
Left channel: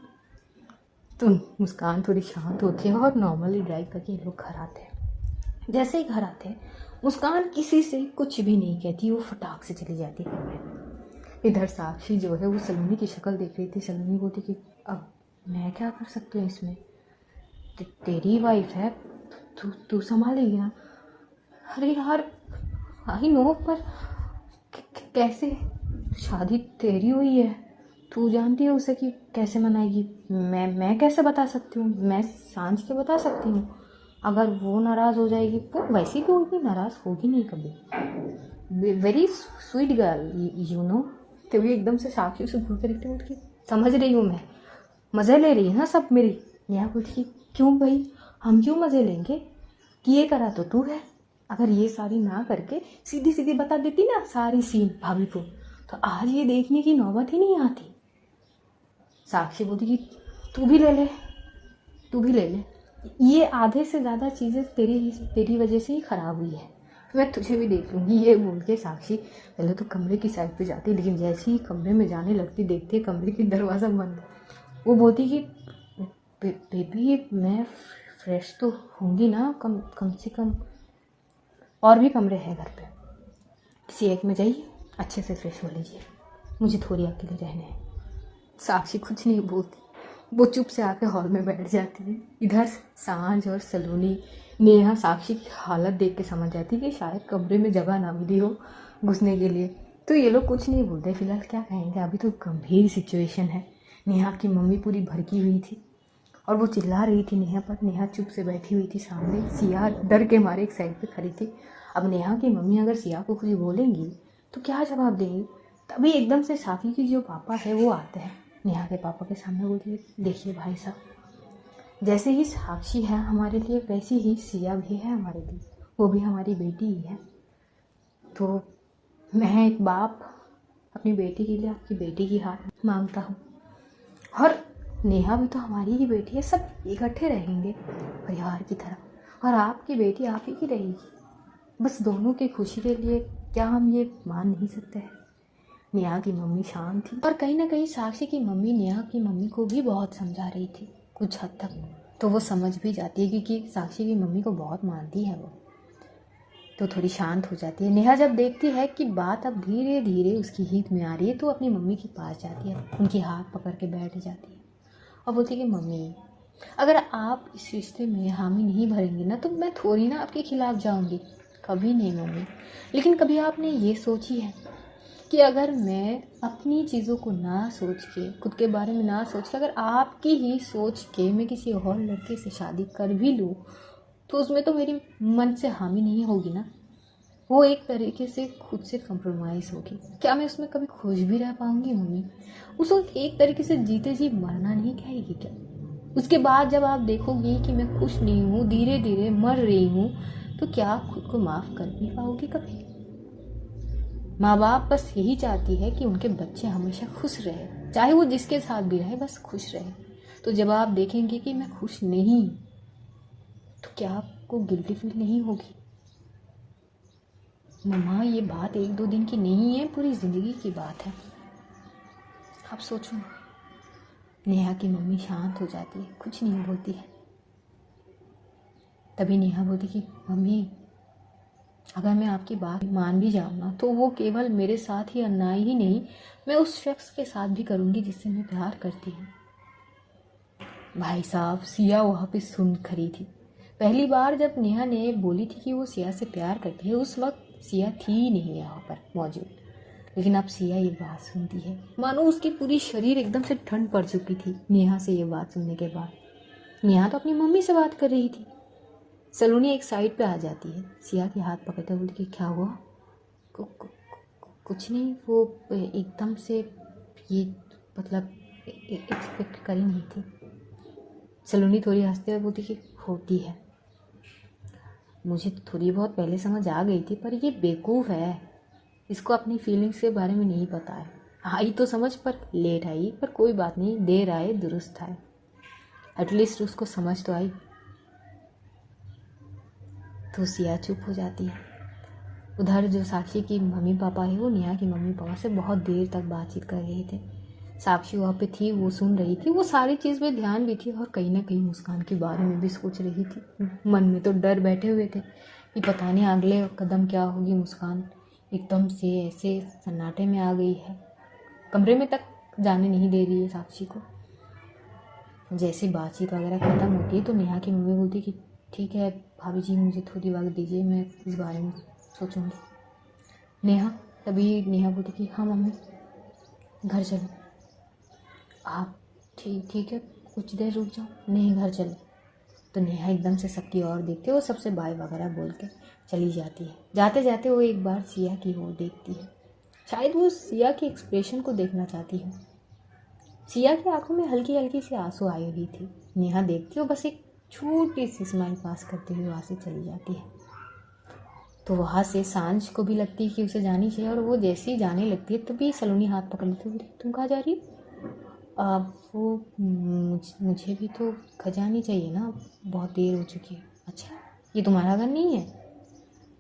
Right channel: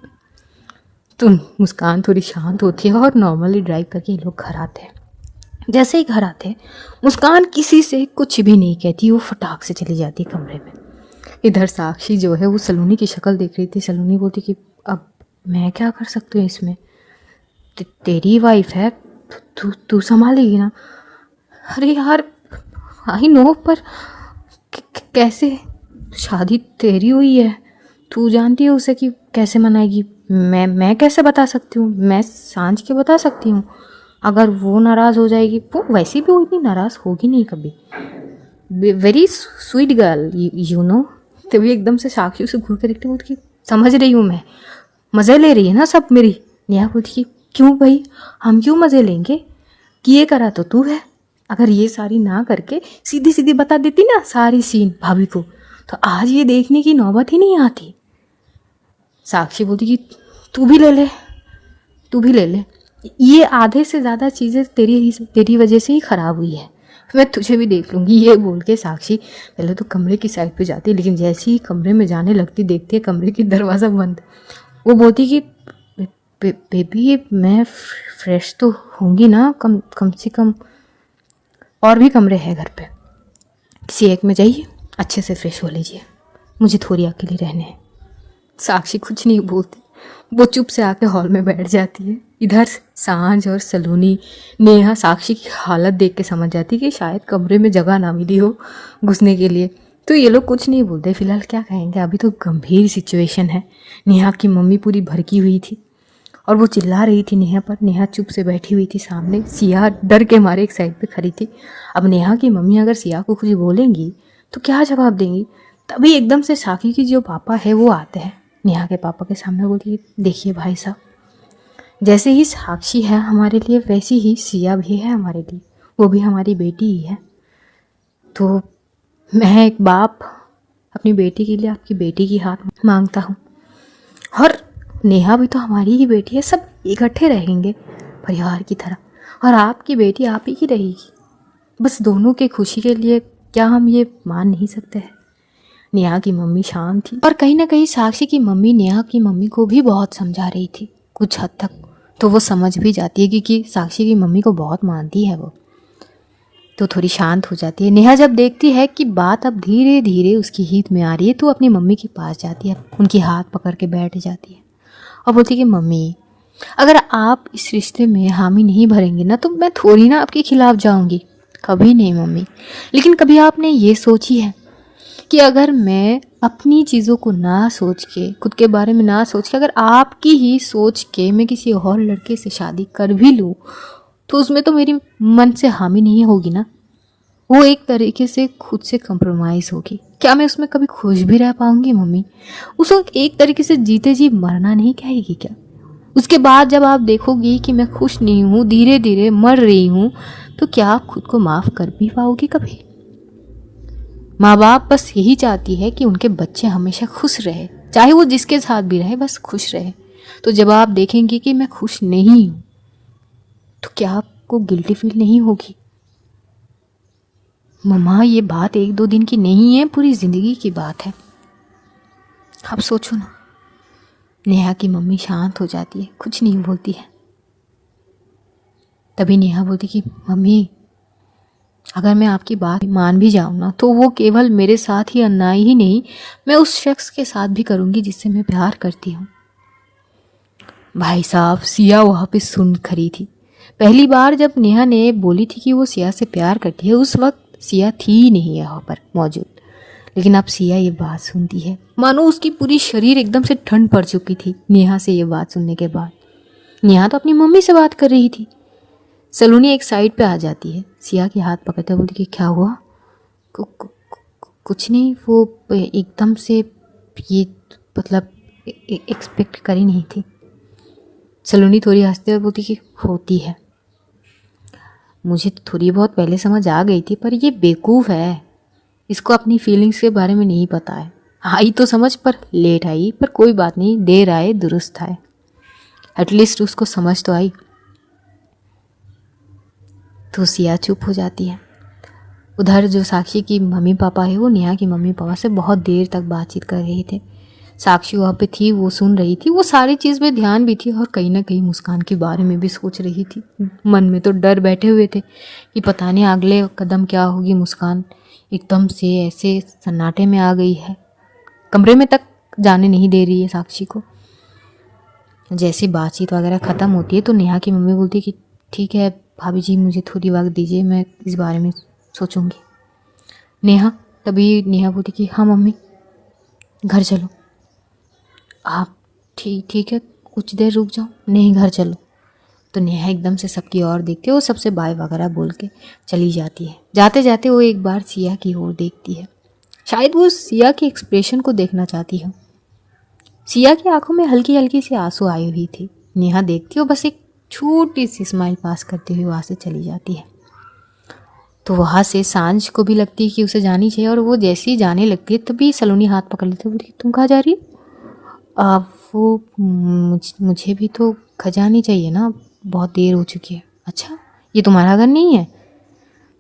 तो मुस्कान थोड़ी शांत होती है और नॉर्मली ड्राइव करके ये लोग घर आते हैं। जैसे ही घर आते हैं मुस्कान किसी से कुछ भी नहीं कहती, वो फटाक से चली जाती है कमरे में। इधर साक्षी जो है वो सलोनी की शक्ल देख रही थी। सलोनी बोलती कि अब मैं क्या कर सकती हूँ इसमें, तेरी वाइफ है, तू संभालेगी ना? अरे यार आई नो, पर कैसे? शादी तेरी हुई है, तू जानती है उसे कि कैसे मनाएगी। मैं कैसे बता सकती हूँ? मैं सांझ के बता सकती हूँ। अगर वो नाराज़ हो जाएगी, वो वैसे भी वो इतनी नाराज़ होगी नहीं कभी। Very sweet girl you know. तभी एकदम से साक्षी उसे घूर कर देखते बोलती कि समझ रही हूँ मैं, मज़े ले रही है ना सब मेरी। नेहा बोलती कि क्यों भाई, हम क्यों मज़े लेंगे, किए करा तो तू है। अगर ये सारी ना करके सीधी सीधी बता देती ना सारी सीन भाभी को, तो आज ये देखने की नौबत ही नहीं आती। साक्षी बोलती कि तू भी ले ले, तू भी ले ले, ये आधे से ज़्यादा चीज़ें तेरी वजह से ही ख़राब हुई है, मैं तुझे भी देख लूँगी। ये बोल के साक्षी पहले तो कमरे की साइड पे जाती, लेकिन जैसे ही कमरे में जाने लगती देखती है कमरे की दरवाज़ा बंद। वो बोलती कि बेबी मैं फ्रेश तो होंगी ना, कम से कम और भी कमरे हैं घर पे, किसी एक में जाइए अच्छे से फ्रेश हो लीजिए, मुझे थोड़ी अकेली रहने हैं। साक्षी कुछ नहीं बोलती, वो चुप से आके हॉल में बैठ जाती है। इधर सांझ और सलोनी नेहा साक्षी की हालत देख के समझ जाती कि शायद कमरे में जगह ना मिली हो घुसने के लिए, तो ये लोग कुछ नहीं बोलते। फिलहाल क्या कहेंगे, अभी तो गंभीर सिचुएशन है। नेहा की मम्मी पूरी भड़की हुई थी और वो चिल्ला रही थी नेहा पर। नेहा चुप से बैठी हुई थी सामने, सिया डर के मारे एक साइड पे खड़ी थी। अब नेहा की मम्मी अगर सिया को कुछ बोलेंगी तो क्या जवाब देंगी। तभी एकदम से साक्षी की जो पापा है वो आते हैं नेहा के पापा के सामने, बोलती है देखिए भाई साहब, जैसे ही साक्षी है हमारे लिए वैसी ही सिया भी है हमारे लिए, वो भी हमारी बेटी ही है। तो मैं एक बाप अपनी बेटी के लिए आपकी बेटी की हाथ मांगता हूँ, और नेहा भी तो हमारी ही बेटी है, सब इकट्ठे रहेंगे परिवार की तरह, और आपकी बेटी आप ही की रहेगी। बस दोनों के खुशी के लिए क्या हम ये मान नहीं सकते हैं। नेहा की मम्मी शांत थी, और कहीं ना कहीं साक्षी की मम्मी नेहा की मम्मी को भी बहुत समझा रही थी कुछ हद तक। तो वो समझ भी जाती है क्योंकि साक्षी की मम्मी को बहुत मानती है वो, तो थोड़ी शांत हो जाती है। नेहा जब देखती है कि बात अब धीरे धीरे उसकी हित में आ रही है तो अपनी मम्मी के पास जाती है, उनकी हाथ पकड़ के बैठ जाती है और बोलती है कि मम्मी, अगर आप इस रिश्ते में हामी नहीं भरेंगे ना तो मैं थोड़ी ना आपके खिलाफ जाऊंगी, कभी नहीं मम्मी। लेकिन कभी आपने ये सोची है कि अगर मैं अपनी चीज़ों को ना सोच के, खुद के बारे में ना सोच के, अगर आपकी ही सोच के मैं किसी और लड़के से शादी कर भी लूँ तो उसमें तो मेरी मन से हामी नहीं होगी ना, वो एक तरीके से खुद से कंप्रोमाइज़ होगी। क्या मैं उसमें कभी खुश भी रह पाऊंगी मम्मी? उसको एक तरीके से जीते जी मरना नहीं कहेगी क्या? उसके बाद जब आप देखोगी कि मैं खुश नहीं हूँ, धीरे धीरे मर रही हूँ, तो क्या आप खुद को माफ़ कर भी पाओगी कभी? माँ बाप बस यही चाहती है कि उनके बच्चे हमेशा खुश रहे, चाहे वो जिसके साथ भी रहे, बस खुश रहे। तो जब आप देखेंगे कि मैं खुश नहीं हूँ तो क्या आपको गिल्टी फील नहीं होगी? मम्मा, ये बात एक दो दिन की नहीं है, पूरी ज़िंदगी की बात है, आप सोचो ना। नेहा की मम्मी शांत हो जाती है, कुछ नहीं बोलती है। तभी नेहा बोलती कि मम्मी, अगर मैं आपकी बात मान भी जाऊँ ना तो वो केवल मेरे साथ ही अन्याय ही नहीं, मैं उस शख्स के साथ भी करूँगी जिससे मैं प्यार करती हूँ। भाई साहब, सिया वहाँ पे सुन खड़ी थी। पहली बार जब नेहा ने बोली थी कि वो सिया से प्यार करती है, उस वक्त सिया थी ही नहीं यहाँ पर मौजूद। लेकिन अब सिया ये बात सुनती है, मानो उसकी पूरी शरीर एकदम से ठंड पड़ चुकी थी नेहा से ये बात सुनने के बाद। नेहा तो अपनी मम्मी से बात कर रही थी। सलोनी एक साइड पे आ जाती है, सिया के हाथ पकड़ते बोलती कि क्या हुआ? कुछ नहीं, वो एकदम से ये मतलब एक्सपेक्ट करी नहीं थी। सलोनी थोड़ी हंसते हुए बोलती कि होती है, मुझे तो थोड़ी बहुत पहले समझ आ गई थी, पर ये बेवकूफ़ है, इसको अपनी फीलिंग्स के बारे में नहीं पता है। आई तो समझ पर लेट आई, पर कोई बात नहीं, देर आए दुरुस्त आए, एटलीस्ट उसको समझ तो आई। तो सिया चुप हो जाती है। उधर जो साक्षी की मम्मी पापा है वो नेहा की मम्मी पापा से बहुत देर तक बातचीत कर रहे थे। साक्षी वहाँ पे थी, वो सुन रही थी, वो सारी चीज़ में ध्यान भी थी, और कहीं ना कहीं मुस्कान के बारे में भी सोच रही थी। मन में तो डर बैठे हुए थे कि पता नहीं अगले कदम क्या होगी। मुस्कान एकदम से ऐसे सन्नाटे में आ गई है, कमरे में तक जाने नहीं दे रही है साक्षी को। जैसे बातचीत वगैरह ख़त्म होती है तो नेहा की मम्मी बोलती कि ठीक है भाभी जी, मुझे थोड़ी वक्त दीजिए, मैं इस बारे में सोचूंगी। तभी नेहा बोलती कि हाँ मम्मी, घर चलो। आप ठीक है, कुछ देर रुक जाओ। नहीं, घर चलो। तो नेहा एकदम से सबकी ओर देखती है, वो सबसे बाय वगैरह बोल के चली जाती है। जाते जाते वो एक बार सिया की ओर देखती है, शायद वो सिया के एक्सप्रेशन को देखना चाहती है। सिया की आंखों में हल्की हल्की सी आंसू आई हुई थी। नेहा देखती है, बस एक छोटी सी स्माइल पास करते हुए वहाँ से चली जाती है। तो वहाँ से सांझ को भी लगती है कि उसे जानी चाहिए, और वो जैसे ही जाने लगती है तभी सलोनी हाथ पकड़ लेती है, बोलती तुम कहाँ जा रही हो? वो मुझे भी तो घर जानी चाहिए ना, बहुत देर हो चुकी है। अच्छा, ये तुम्हारा घर नहीं है?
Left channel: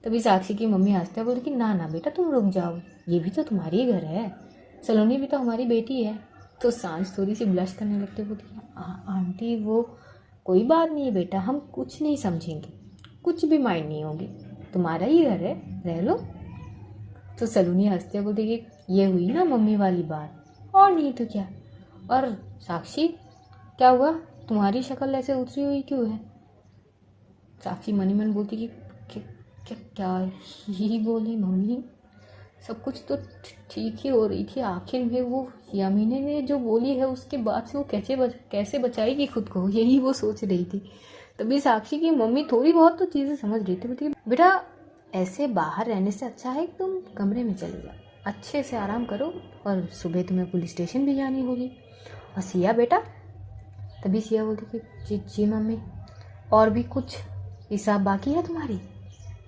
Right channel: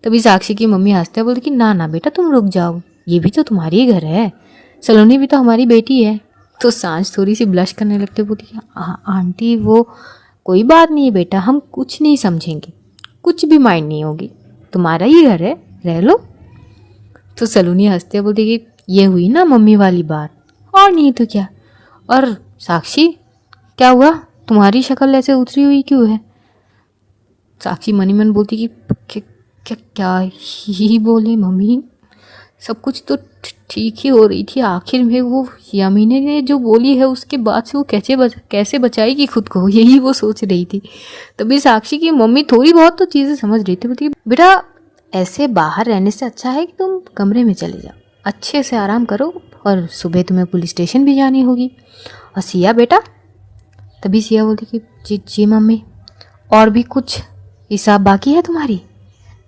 तभी साक्षी की मम्मी हंसते बोलती कि ना ना बेटा, तुम रुक जाओ, ये भी तो तुम्हारी घर है, सलोनी भी तो हमारी बेटी है। तो सांझ थोड़ी सी ब्लश करने लगती, बोलती आंटी वो कोई बात नहीं है बेटा, हम कुछ नहीं समझेंगे, कुछ भी माइंड नहीं होगी, तुम्हारा ही घर है, रह लो। तो सलोनी हंसते बोलती कि ये हुई ना मम्मी वाली बात, और नहीं तो क्या। और साक्षी, क्या हुआ, तुम्हारी शक्ल ऐसे उतरी हुई क्यों है? साक्षी मनी मन बोलती कि क्या क्या ही बोले मम्मी, सब कुछ तो ठीक ही हो रही थी, आखिर में वो यामिनी ने जो बोली है उसके बाद से वो कैसे बचाएगी खुद को, यही वो सोच रही थी। तभी साक्षी की मम्मी थोड़ी बहुत तो चीज़ें समझ रही थी, बोलती बेटा ऐसे बाहर रहने से अच्छा है कि तुम कमरे में चले जाओ, अच्छे से आराम करो, और सुबह तुम्हें पुलिस स्टेशन भी जानी होगी। और सिया बेटा, तभी सिया बोलती कि जी जी मम्मी, और भी कुछ हिसाब बाकी है तुम्हारी?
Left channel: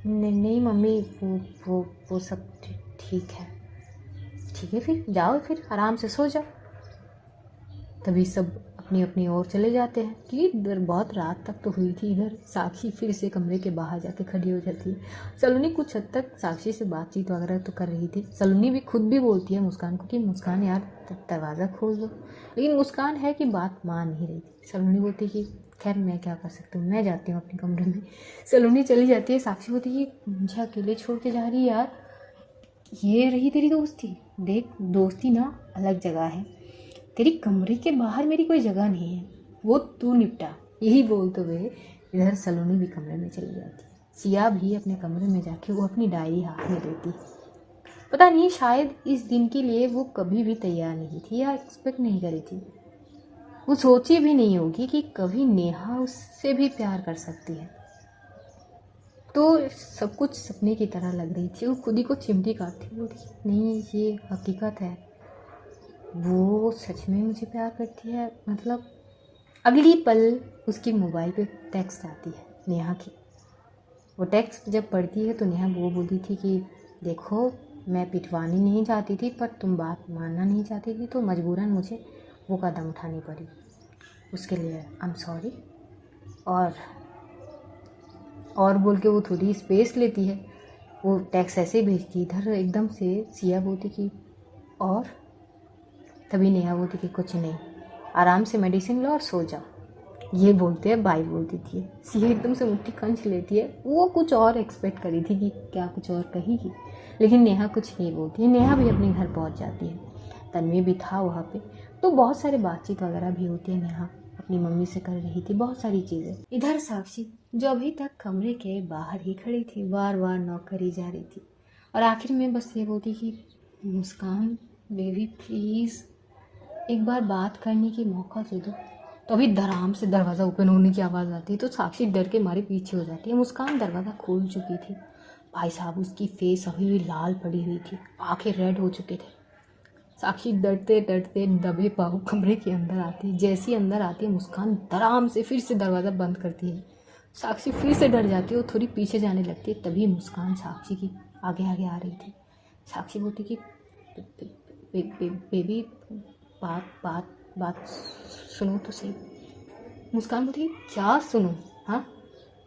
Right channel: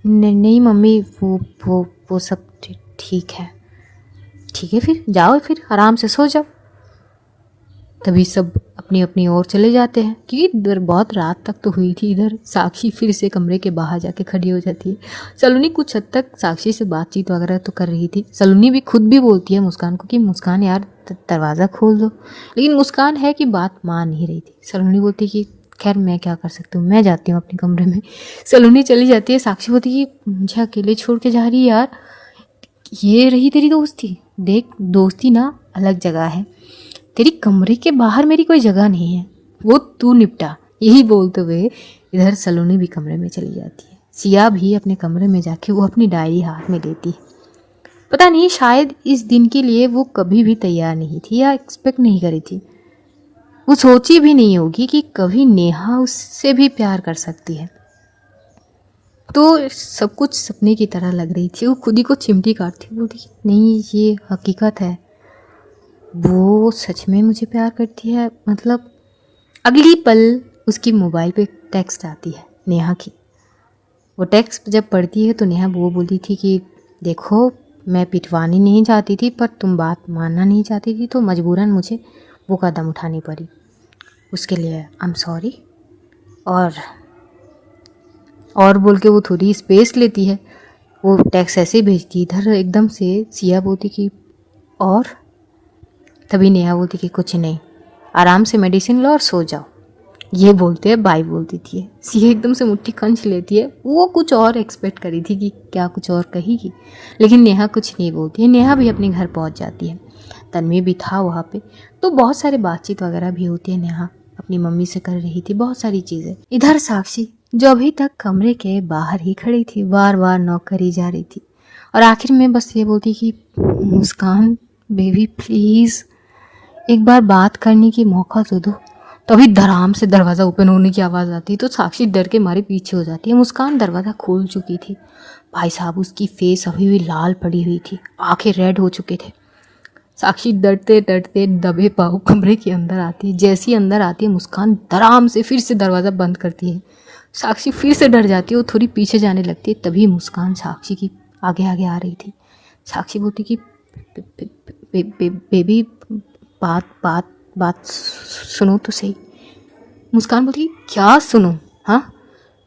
नहीं मम्मी, वो सब ठीक है। ठीक है, फिर जाओ, फिर आराम से सो जाओ। तभी सब अपनी अपनी ओर चले जाते हैं, क्योंकि इधर बहुत रात तक तो हुई थी। इधर साक्षी फिर से कमरे के बाहर जाके खड़ी हो जाती है। सलोनी कुछ हद तक साक्षी से बातचीत वगैरह तो कर रही थी। सलोनी भी खुद भी बोलती है मुस्कान को कि मुस्कान यार दरवाज़ा खोल दो, लेकिन मुस्कान है कि बात मान नहीं रही थी। सलोनी बोलती कि खैर मैं क्या कर सकती हूँ, मैं जाती हूँ अपने कमरे में। सलोनी चली जाती है। साक्षी बोलती कि मुझे अकेले छोड़ के जा रही है यार, ये रही तेरी दोस्ती। देख दोस्ती ना अलग जगह है, तेरी कमरे के बाहर मेरी कोई जगह नहीं है, वो तू निपटा। यही बोलते हुए इधर सलोनी भी कमरे में चली जाती है। सिया भी अपने कमरे में जाके वो अपनी डायरी हाथ में लेती है। पता नहीं शायद इस दिन के लिए वो कभी भी तैयार नहीं थी या एक्सपेक्ट नहीं करी थी। वो सोची भी नहीं होगी कि कभी नेहा उससे भी प्यार कर सकती है। तो सब कुछ सपने की तरह लग रही थी। वो खुद ही को चिमटी काटती, बोलती नहीं ये हकीकत है, वो सच में मुझे प्यार करती है। मतलब अगली पल उसकी मोबाइल पे टेक्स्ट आती है नेहा की। वो टेक्स्ट जब पढ़ती है तो नेहा वो बोलती थी कि देखो मैं पिटवानी नहीं चाहती थी, पर तुम बात मानना नहीं चाहती थी तो मजबूरन मुझे वो कदम उठानी पड़ी, उसके लिए आई एम सॉरी। और बोल के वो थोड़ी स्पेस लेती है। वो टेक्स्ट ऐसे भेजती, इधर एकदम से सिया बोलती कि और, तभी नेहा बोलती कि कुछ नहीं, आराम से मेडिसिन लो और सो जाओ। ये बोलते हैं बाई बोलती थी। सिया एकदम से मुट्ठी खंच लेती है। वो कुछ और एक्सपेक्ट करी थी कि क्या कुछ और कहेगी, लेकिन नेहा कुछ नहीं बोलती है। नेहा भी अपने घर पहुंच जाती है। तन्वी भी था वहाँ पे, तो बहुत सारे बातचीत वगैरह भी होती है। नेहा अपनी मम्मी से कर रही थी बहुत सारी चीज़ें। इधर साक्षी जो अभी तक कमरे के बाहर ही खड़ी थी, बार बार नॉक करी जा रही थी, और आखिर में बस ये बोलती कि मुस्कान बेबी प्लीज़ एक बार बात करने की मौका तो दो। तभी धड़ाम से दरवाज़ा ओपन होने की आवाज़ आती है, तो साक्षी डर के मारे पीछे हो जाती है। मुस्कान दरवाज़ा खोल चुकी थी। भाई साहब उसकी फेस अभी भी लाल पड़ी हुई थी, आंखें रेड हो चुके थे। साक्षी डरते डरते दबे पाँव कमरे के अंदर आती है। जैसी अंदर आती है मुस्कान धड़ाम से फिर से दरवाज़ा बंद करती है। साक्षी फिर से डर जाती है, वो थोड़ी पीछे जाने लगती है। तभी मुस्कान साक्षी की आगे आगे आ रही थी। साक्षी बोलती कि बेबी बात बात बात सुनो तो सही। मुस्कान बोलती क्या सुनो? हाँ,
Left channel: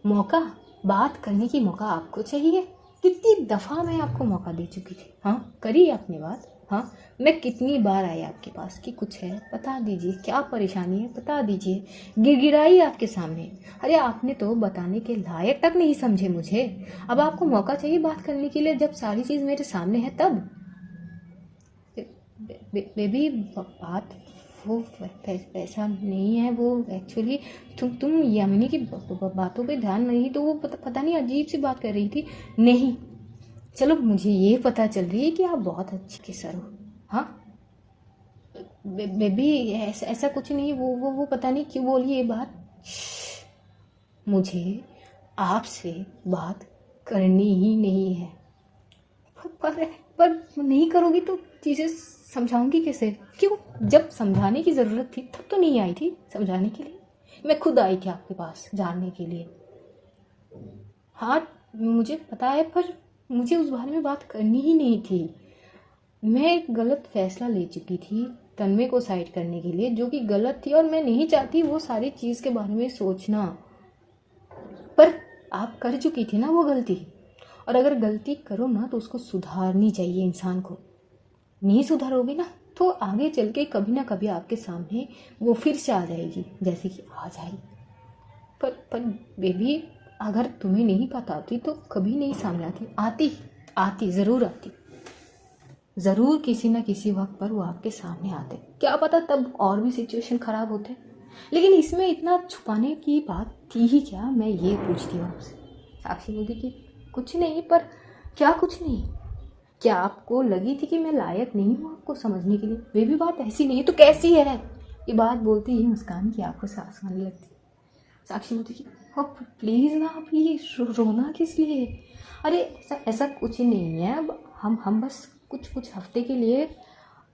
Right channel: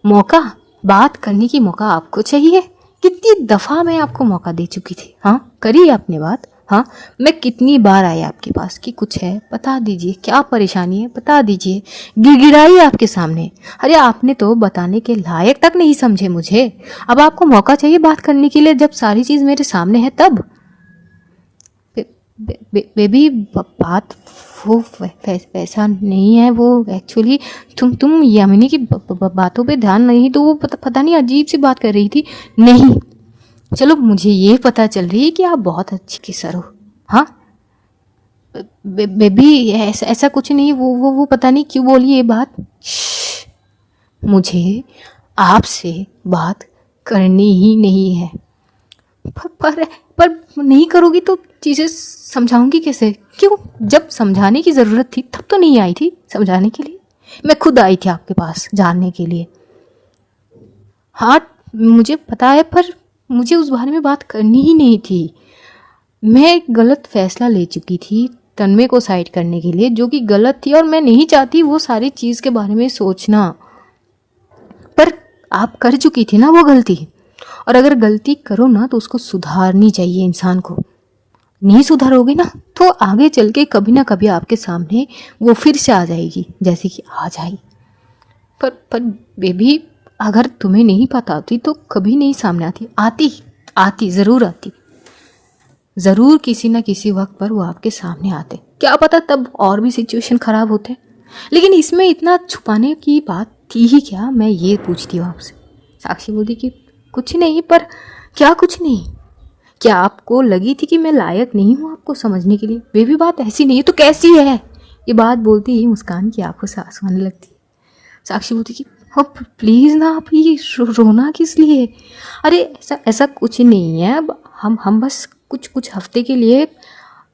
मौका, बात करने की मौका आपको चाहिए। कितनी दफ़ा मैं आपको मौका दे चुकी थी। हाँ, करी आपने बात? हाँ, मैं कितनी बार आई आपके पास कि कुछ है बता दीजिए, क्या परेशानी है बता दीजिए, गिड़गिड़ाई आपके सामने। अरे आपने तो बताने के लायक तक नहीं समझे मुझे। अब आपको मौका चाहिए बात करने के लिए, जब सारी चीज़ मेरे सामने है तब। बेबी बात वो वैसा नहीं है। वो एक्चुअली तुम यामिनी की बातों पे ध्यान नहीं, तो वो पता नहीं अजीब सी बात कर रही थी। नहीं, चलो मुझे ये पता चल रही है कि आप बहुत अच्छी किसर हो। हाँ बेबी ऐसा कुछ नहीं। वो पता नहीं क्यों बोली ये बात। मुझे आपसे बात करनी ही नहीं है। पर नहीं करोगी तो चीज़ें समझाऊंगी कैसे? क्यों, जब समझाने की ज़रूरत थी तब तो नहीं आई थी समझाने के लिए। मैं खुद आई थी आपके पास जानने के लिए। हाँ मुझे पता है, पर मुझे उस बारे में बात करनी ही नहीं थी। मैं एक गलत फैसला ले चुकी थी तन्मय को साइड करने के लिए, जो कि गलत थी, और मैं नहीं चाहती वो सारी चीज़ के बारे में सोचना। पर आप कर चुकी थी ना वो गलती, और अगर गलती करो ना तो उसको सुधारनी चाहिए इंसान को। नहीं सुधारोगे ना तो आगे चल के कभी ना कभी आपके सामने वो फिर से आ जाएगी, जैसे कि आज आई। पर बेबी अगर तुम्हें नहीं पता होती तो कभी नहीं सामने आती ज़रूर आती। ज़रूर किसी ना किसी वक्त पर वो आपके सामने आते। क्या पता तब और भी सिचुएशन ख़राब होते। लेकिन इसमें इतना छुपाने की बात थी ही क्या, मैं ये पूछती हूँ आपसे। साक्षी बोलती कि कुछ नहीं। पर क्या कुछ नहीं? क्या आपको लगी थी कि मैं लायक नहीं हूँ आपको समझने के लिए? बेबी बात ऐसी नहीं है तो कैसी है? ये बात बोलती ही मुस्कान की आंखों से आंसू आने लगती है। साक्षी बोलती कि अब प्लीज़ ना, आप ये रोना किस लिए? अरे ऐसा ऐसा कुछ नहीं है, अब हम बस कुछ कुछ हफ्ते के लिए।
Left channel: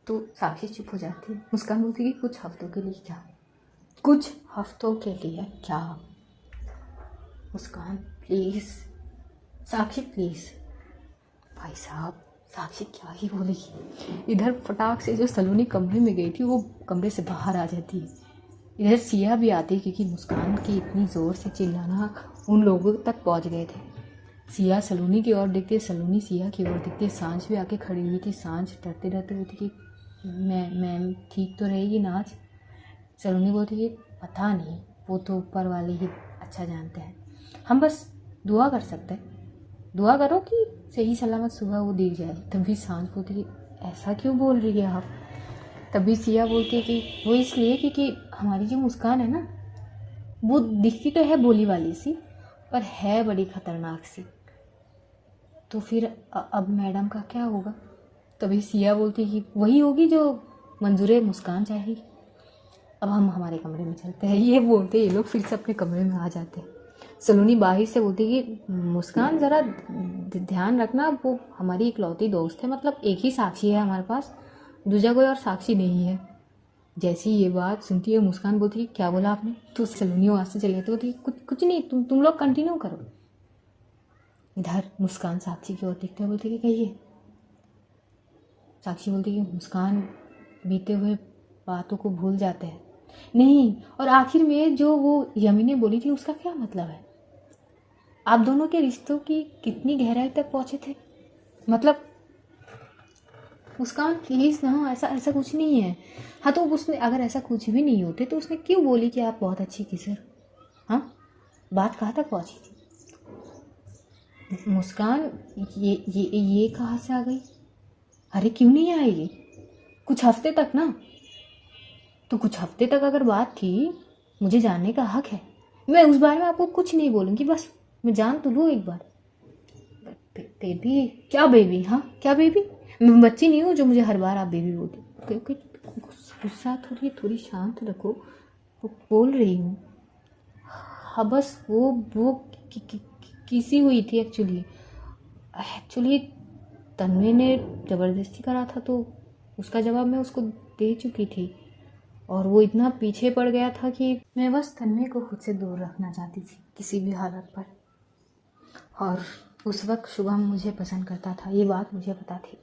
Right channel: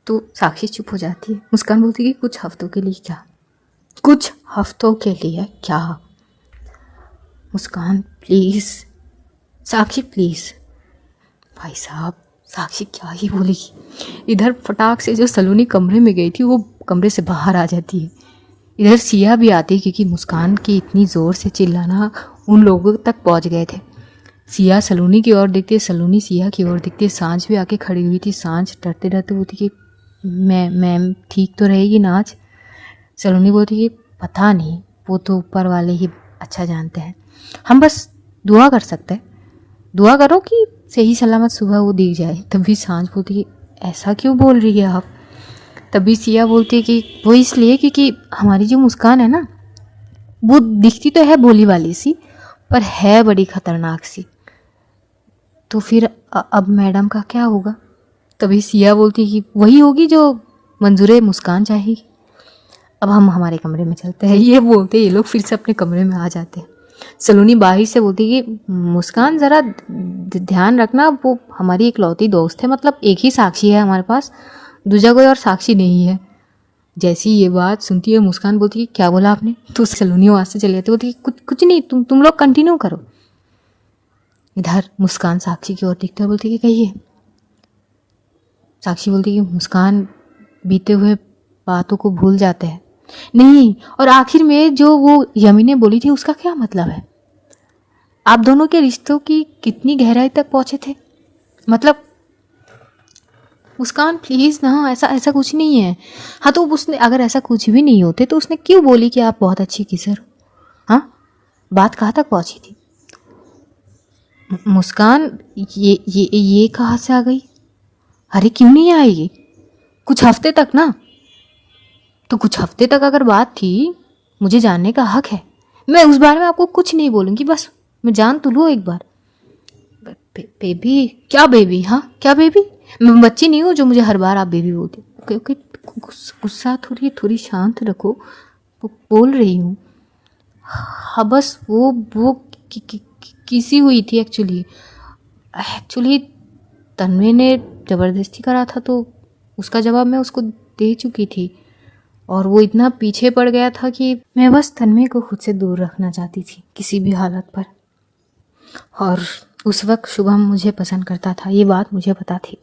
तो साक्षी चुप हो जाती है। मुस्कान बोलती है कि कुछ हफ्तों के लिए क्या? कुछ हफ्तों के लिए क्या? मुस्कान प्लीज़, साक्षी प्लीज़। भाई साहब, साक्षी क्या ही बोलेगी। इधर फटाक से जो सलोनी कमरे में गई थी वो कमरे से बाहर आ जाती है। इधर सिया भी आती है क्योंकि मुस्कान की इतनी ज़ोर से चिल्लाना उन लोगों तक पहुंच गए थे। सिया सलोनी की ओर दिखती है, सलोनी सिया की ओर दिखती है। सांझ भी आके खड़ी हुई थी। सांझ डरते डरते बोलती कि मैम ठीक तो रहेगी ना आज? सलोनी बोलती कि पता नहीं, वो तो ऊपर वाले ही अच्छा जानते हैं, हम बस दुआ कर सकते हैं, दुआ करो कि सही सलामत सुबह वो दिख जाए। तभी सांझ बोलती कि ऐसा क्यों बोल रही है आप? तभी सिया बोलती है कि वो इसलिए क्योंकि हमारी जो मुस्कान है ना, वो दिखती तो है भोली वाली सी, पर है बड़ी खतरनाक सी। तो फिर अब मैडम का क्या होगा? तभी सिया बोलती है कि वही होगी जो मंजूरे मुस्कान चाहेगी। अब हम हमारे कमरे में चलते हैं। ये बोलते ये लोग फिर से अपने कमरे में आ जाते हैं। सलोनी बाहर से बोलती है कि मुस्कान ज़रा ध्यान रखना, वो हमारी इकलौती दोस्त है, मतलब एक ही साक्षी है हमारे पास, दूसरा कोई और साक्षी नहीं है। जैसी ये बात सुनती है मुस्कान बोलती है क्या बोला आपने? तो सलोनी वहाँ से चले जाती, बोलती है कुछ कुछ नहीं, तुम लोग कंटिन्यू करो। इधर मुस्कान साक्षी की ओर देखते हुए बोलती है कि कहिए। साक्षी बोलती है कि मुस्कान बीते हुए बातों को भूल जाते हैं। नहीं, और आखिर में जो वो यमी ने बोली थी उसका क्या मतलब है? आप दोनों के रिश्तों की कितनी गहराई तक पहुंचे थे? मतलब मुस्कान प्लीज़ ना, ऐसा ऐसा कुछ नहीं है। हाँ तो उसने अगर ऐसा कुछ भी नहीं होते तो उसने क्यों बोली कि आप बहुत अच्छी किसर हो? हाँ, बात कहाँ तक पहुंची थी? मुस्कान ये कहाँ से आ गई? अरे क्यों नहीं आएगी? कुछ हफ्ते तक ना, तो कुछ हफ्ते तक अगर बात थी, मुझे जानने का हक है। मैं उस बारे में आपको कुछ नहीं बोलूँगी, बस मैं जान तो लूँ एक बार। बेबी? क्या बेबी? हाँ क्या बेबी? मैं बच्ची नहीं हूँ जो मुझे हर बार आप बेबी बोलते। क्योंकि गुस्सा थोड़ी शांत रखो, बोल रही हूँ। हाँ बस वो किसी हुई थी एक्चुअली तन्मय ने ज़बरदस्ती करा था तो उसका जवाब मैं उसको दे चुकी थी, और वो इतना पीछे पड़ गया था कि मैं बस तन्मय को खुद से दूर रखना चाहती थी किसी भी हालत पर। और उस वक्त शुभम मुझे पसंद करता था, ये बात मुझे पता थी।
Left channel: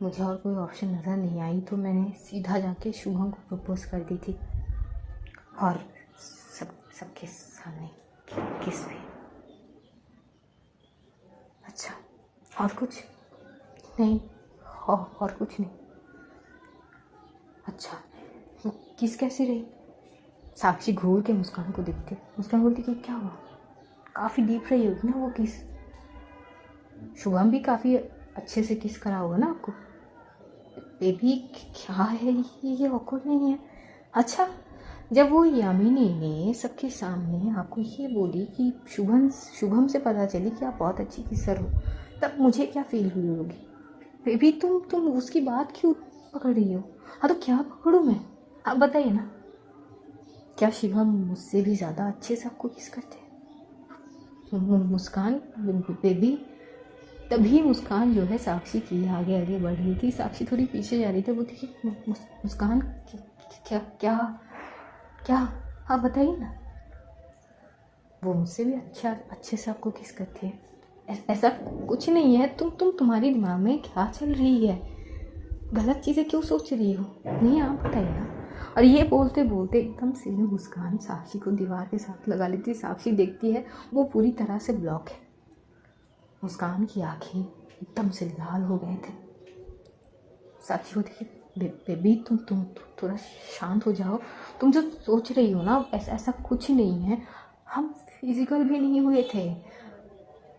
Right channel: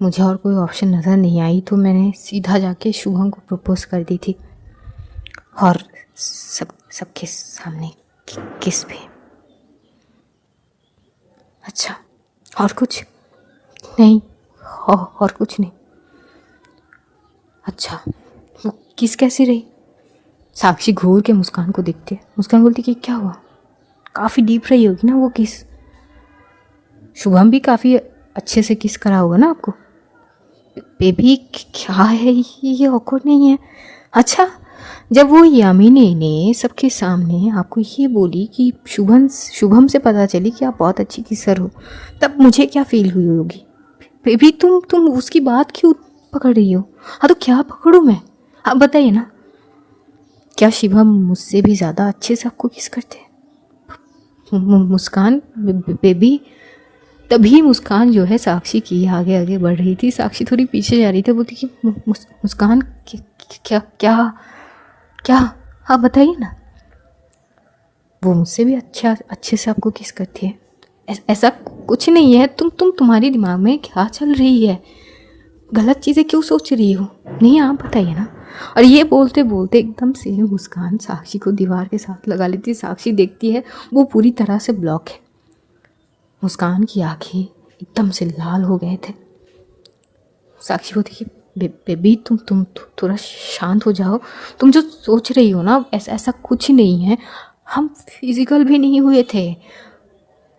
मुझे और कोई ऑप्शन नज़र नहीं आई तो मैंने सीधा जाके शुभम को प्रपोज कर दी थी, और सबके सामने किस भी। अच्छा, और कुछ नहीं? और कुछ नहीं। अच्छा, वो किस कैसी रही? साक्षी घूर के मुस्कान को देखती है। मुस्कान बोलती कि क्या हुआ? काफ़ी डीप रही होगी ना वो किस? शुभम भी काफ़ी अच्छे से किस करा होगा ना आपको? बेबी क्या है ये ऑकवर्ड नहीं है? अच्छा, जब वो यामिनी ने सबके सामने आपको ये बोली कि शुभम से पता चली कि आप बहुत अच्छी किसर हो, तब मुझे क्या फील हुई होगी? बेबी तुम उसकी बात क्यों पकड़ रही हो? हाँ तो क्या पकड़ूँ मैं? आप बताइए ना, क्या शिवम मुझसे भी ज़्यादा अच्छे से आपको किस करते हैं? मुस्कान बेबी। तभी मुस्कान जो है साक्षी की आगे आगे बढ़ रही थी। साक्षी थोड़ी पीछे जा रही थी, बोलती कि मुस्कान क्या क्या क्या? आप बताइए ना। वो मुझसे भी अच्छे से आपको किस करती है? ऐसा कुछ नहीं है। तुम्हारे दिमाग में क्या चल रही है? गलत चीज़ें क्यों सोच रही हो? नहीं आप बताइए ना। और ये बोलते बोलते एकदम से मुस्कान साक्षी को दीवार के साथ लगा लेती है। साक्षी देखती है वो पूरी तरह से ब्लॉक है। मुस्कान की आंखें एकदम से लाल हो गए थे। साक्षी को देखिए, बेबी तुम थोड़ा शांत हो जाओ। तुम जो सोच रही हो ना, ऐसा कुछ नहीं है। हम फिजिकल भी नहीं हुए थे,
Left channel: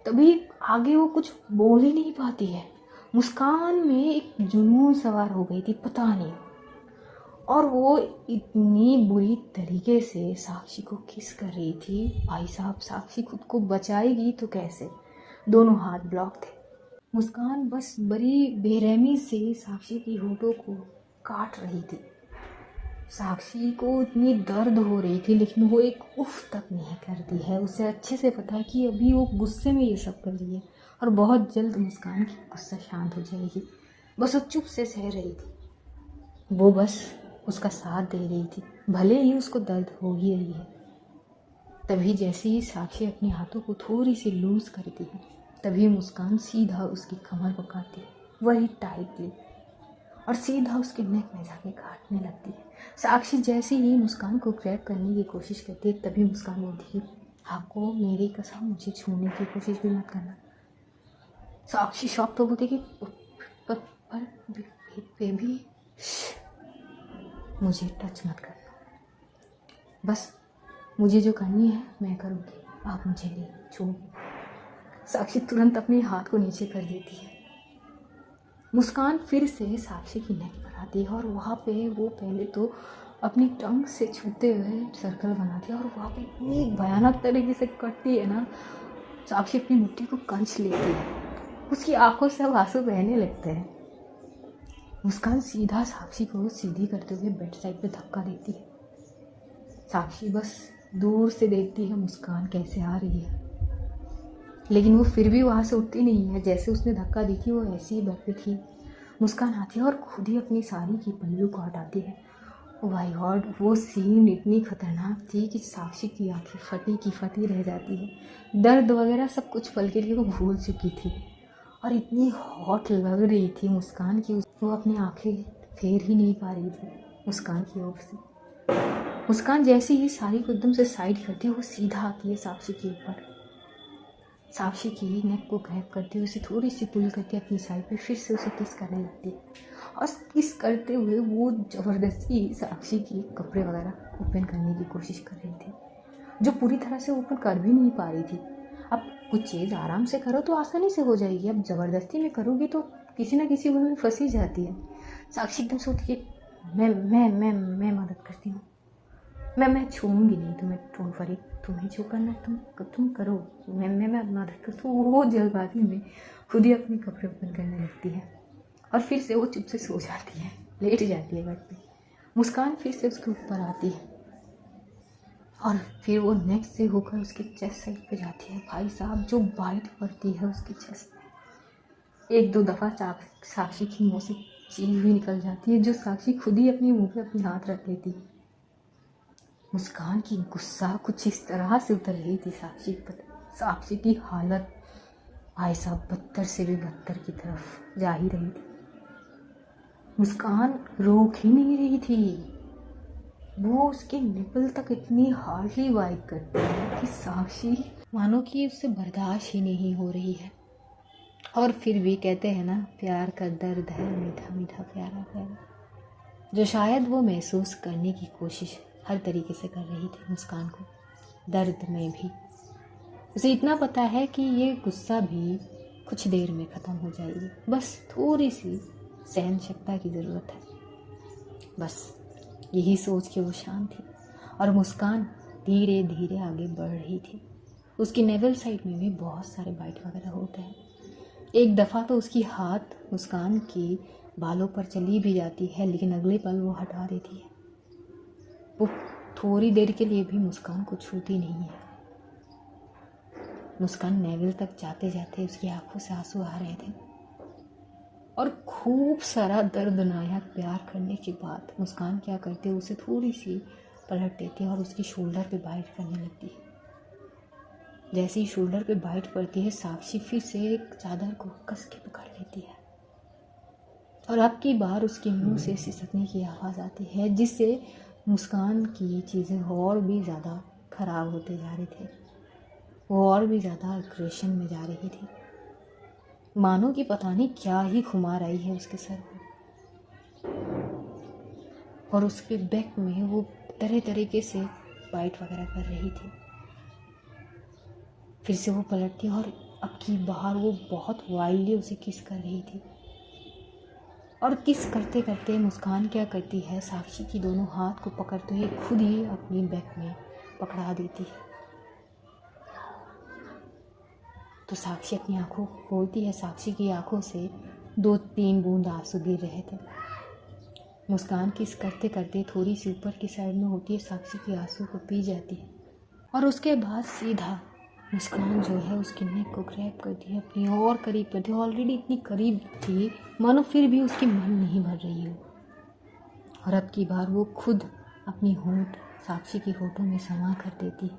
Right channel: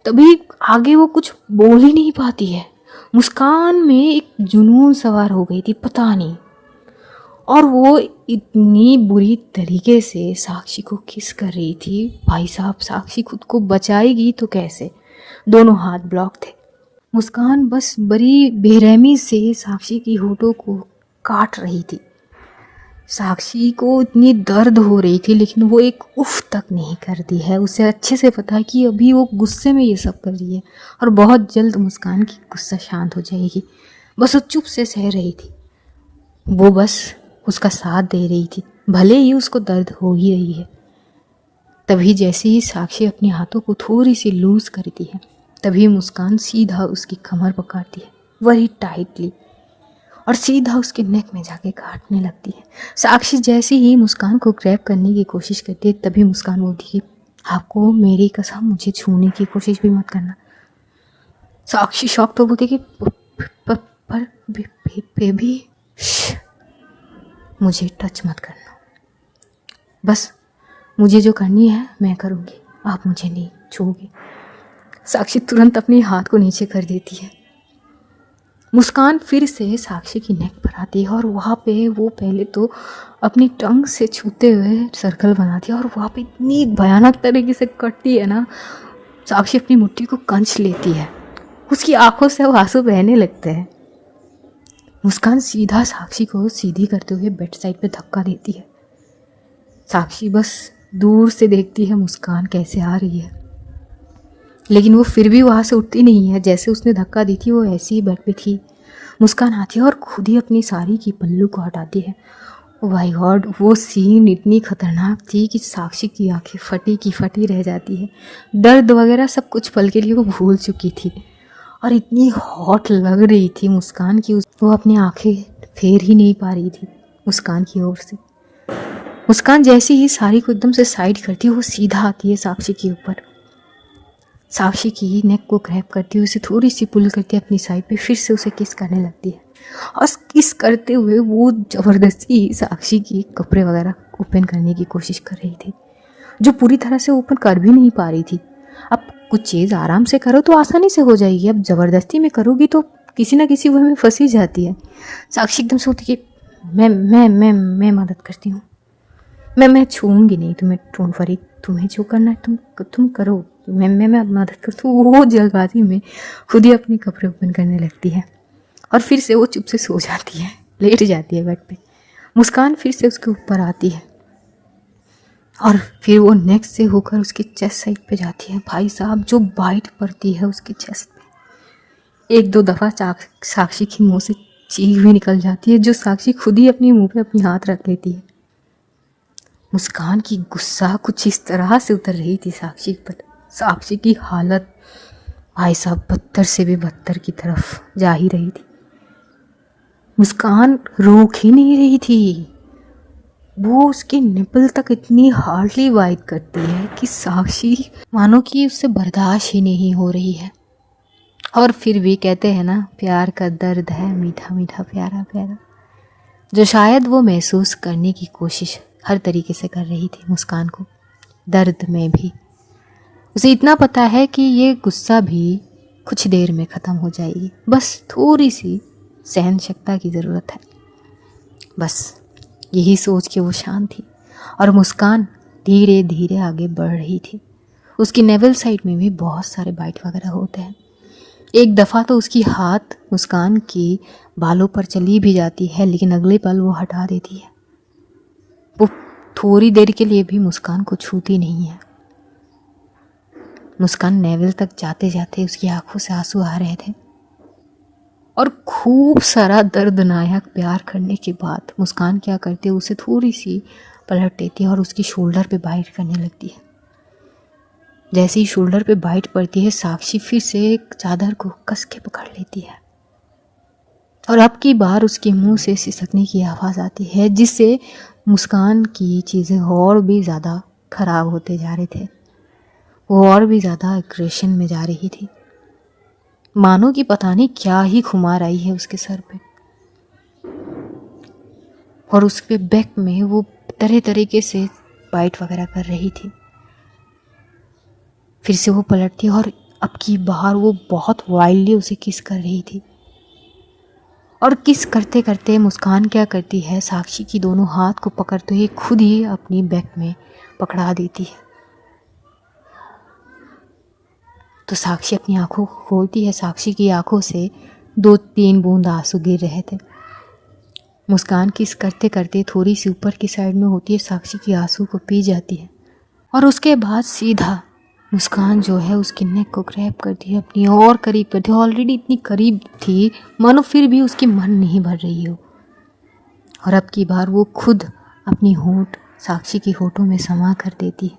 तभी आगे वो कुछ बोल ही नहीं पाती है। मुस्कान में एक जुनून सवार हो गई थी, पता नहीं, और वो इतनी बुरी तरीके से साक्षी को किस कर रही थी। भाई साहब, साक्षी खुद को बचाएगी तो कैसे? दोनों हाथ ब्लॉक थे। मुस्कान बस बड़ी बेरहमी से साक्षी की होठों को काट रही थी। साक्षी को इतनी दर्द हो रही थी लेकिन वो एक उफ तक नहीं करती है। उसे अच्छे से पता है कि अभी वो गुस्से में ये सब कर रही है और बहुत जल्द मुस्कान की गुस्सा शांत हो जाएगी। बस वो चुप से सह रही थी। वो बस उसका साथ दे रही थी, भले ही उसको दर्द हो ही रही है। तभी जैसे ही साक्षी अपने हाथों को थोड़ी सी लूज करती है, तभी मुस्कान सीधा उसकी कमर पकड़ती है, वही टाइटली, और सीधा उसके नेक में जाके काटने लगती है। साक्षी जैसे ही मुस्कान को ग्रैब करने की कोशिश करती है, तभी मुस्कान बोलती है, आपको मेरी कसम मुझे छूने की कोशिश भी मत करना। साक्षी शॉक तो बोलती है कि पर बेबी मुझे टच मत करना, बस मुझे जो करनी है मैं करूँगी, आप मुझे नहीं छूओगे। साक्षी तुरंत अपने हाथ को नीचे कर देती है। मुस्कान फिर से साक्षी की नेक पर आती है और वहाँ पे वो पहले तो अपनी टंग से छूते हुए सर्कल बनाती है और वहाँ पे इतनी भयानक तरीके से कटती है ना, साक्षी अपनी मुट्ठी को कंच लेती है, उसकी आंखों से वो आंसू बहने लगते हैं। मुस्कान सीधा साक्षी को सीधी करते हुए बेड साइड पे धक्का देती है। साक्षी बस दूर से देखती है मुस्कान कैसे आ रही है, लेकिन वो फिर भी वहाँ से उठती नहीं है। जैसे उसने धक्का दी थी वो ऐसे ही बेड पे थी। मुस्कान आती है और खुद ही अपनी साड़ी की पल्लू को हटाती है। ओ माय गॉड, वो सीन इतनी खतरनाक थी कि साक्षी की आंखें फटी की फटी रह जाती है। दर्द वगैरह सब कुछ पल के लिए वो भूल चुकी थी और इतनी हॉट लग रही थी मुस्कान की, वो अपनी आंखें फेर ही नहीं पा रही थी मुस्कान की ओर से। मुस्कान जैसे ही साड़ी को एकदम से साइड करती है, वो सीधा आती है साक्षी के ऊपर। साक्षी की नेक को ग्रैब करती हुए उसे थोड़ी सी पुल करती है अपनी साइड पे, फिर से उसे किस करने लगती है और किस करते हुए वो ज़बरदस्ती साक्षी की कपड़े वगैरह ओपन करने की कोशिश कर रही थी, जो पूरी तरह से ओपन कर भी नहीं पा रही थी। अब कुछ चीज़ आराम से करो तो आसानी से हो जाएगी, अब ज़बरदस्ती में करोगी तो किसी ना किसी वे में फंसी जाती है। साक्षी एकदम से होती कि मैं मदद करती हूँ, मैं छूऊंगी नहीं तुम्हें, डोंट वरी, तुम्हें जो करना है तुम करो, मैं मदद करती हूँ। वो जल्दबाजी में खुद ही अपने कपड़े ओपन करने लगती है और फिर से वो चुप से सो जाती है, लेट जाती है बेड पे। मुस्कान फिर से उसके ऊपर आती है और फिर वो नेक से होकर उसकी चेस्ट साइड पे जाती है। भाई साहब, जो बाइट पड़ती है उसकी चेस्ट पे, एक दो दफ़ा साक्षी की मुँह से चीख भी निकल जाती है, जो साक्षी खुद ही अपनी मुँह पे अपनी हाथ रख लेती है। मुस्कान की गुस्सा कुछ इस तरह से उतर रही थी साक्षी पर। साक्षी की हालत भाई साहब बदतर से भी बदतर की तरफ जा ही रही थी। मुस्कान रोक ही नहीं रही थी, वो उसके निपल तक इतनी हार्डली वाइट करती है कि साक्षी मानो कि उससे बर्दाश्त ही नहीं हो रही है। और फिर भी कहते हैं ना, प्यार का दर्द है मीठा मीठा प्यारा प्यारा, जो शायद वो महसूस करने की कोशिश हर तरीके से कर रही थी मुस्कान को। दर्द में भी उसे इतना पता है कि ये गुस्सा भी कुछ देर में ख़त्म हो जाएगी, बस थोड़ी सी सहन शक्ति की ज़रूरत है। बस यही सोच के वो शांत थी और मुस्कान धीरे धीरे आगे बढ़ रही थी। उसकी नेवल साइड में भी बहुत सारे बाइट वगैरह होते हैं। एक दफ़ा तो उसकी हाथ मुस्कान की बालों पर चली भी जाती है, लेकिन अगले पल वो हटा देती है। वो थोड़ी देर के लिए भी मुस्कान को छूती नहीं है। मुस्कान नेवल तक जाते जाते उसकी आंखों से आंसू आ रहे थे और खूब सारा दर्दनायक प्यार करने के बाद मुस्कान क्या करती है, उसे थोड़ी सी पलट देती है और उसकी शोल्डर पे बाइट करने लगती है। जैसे ही शोल्डर पे बाइट पड़ती है, साक्षी फिर से एक चादर को कस के पकड़ लेती है और अब की बार उसके मुंह से सिसकने की आवाज़ आती है, जिससे मुस्कान की चीज़ें और भी ज़्यादा ख़राब होते जा रहे थे। वो और भी ज़्यादा एग्रेशन में जा रही थी, मानो कि पता नहीं क्या ही खुमार आई है उसके सर पे। और उसके बैक में वो तरह तरीके से बाइट वगैरह कर रही थी। फिर से वो पलटती और अब की बार वो बहुत वाइल्डली उसे किस कर रही थी। और किस करते करते मुस्कान क्या करती है, साक्षी की दोनों हाथ को पकड़ते हुए खुद ही अपनी बैक में पकड़ा देती है। तो साक्षी अपनी आंखों को खोलती है। साक्षी की आंखों से 2-3 बूंद आंसू गिर रहे थे। मुस्कान किस करते करते थोड़ी सी ऊपर की साइड में होती है, साक्षी की आंसू को पी जाती है और उसके बाद सीधा मुस्कान जो है उसकी नेक को ग्रैब करती है, अपनी और करीब करती है। ऑलरेडी इतनी करीब थी मानो फिर भी उसकी मन नहीं भर रही हो, और अब की बार वो खुद अपनी होंठ साक्षी की होठों में समा कर देती है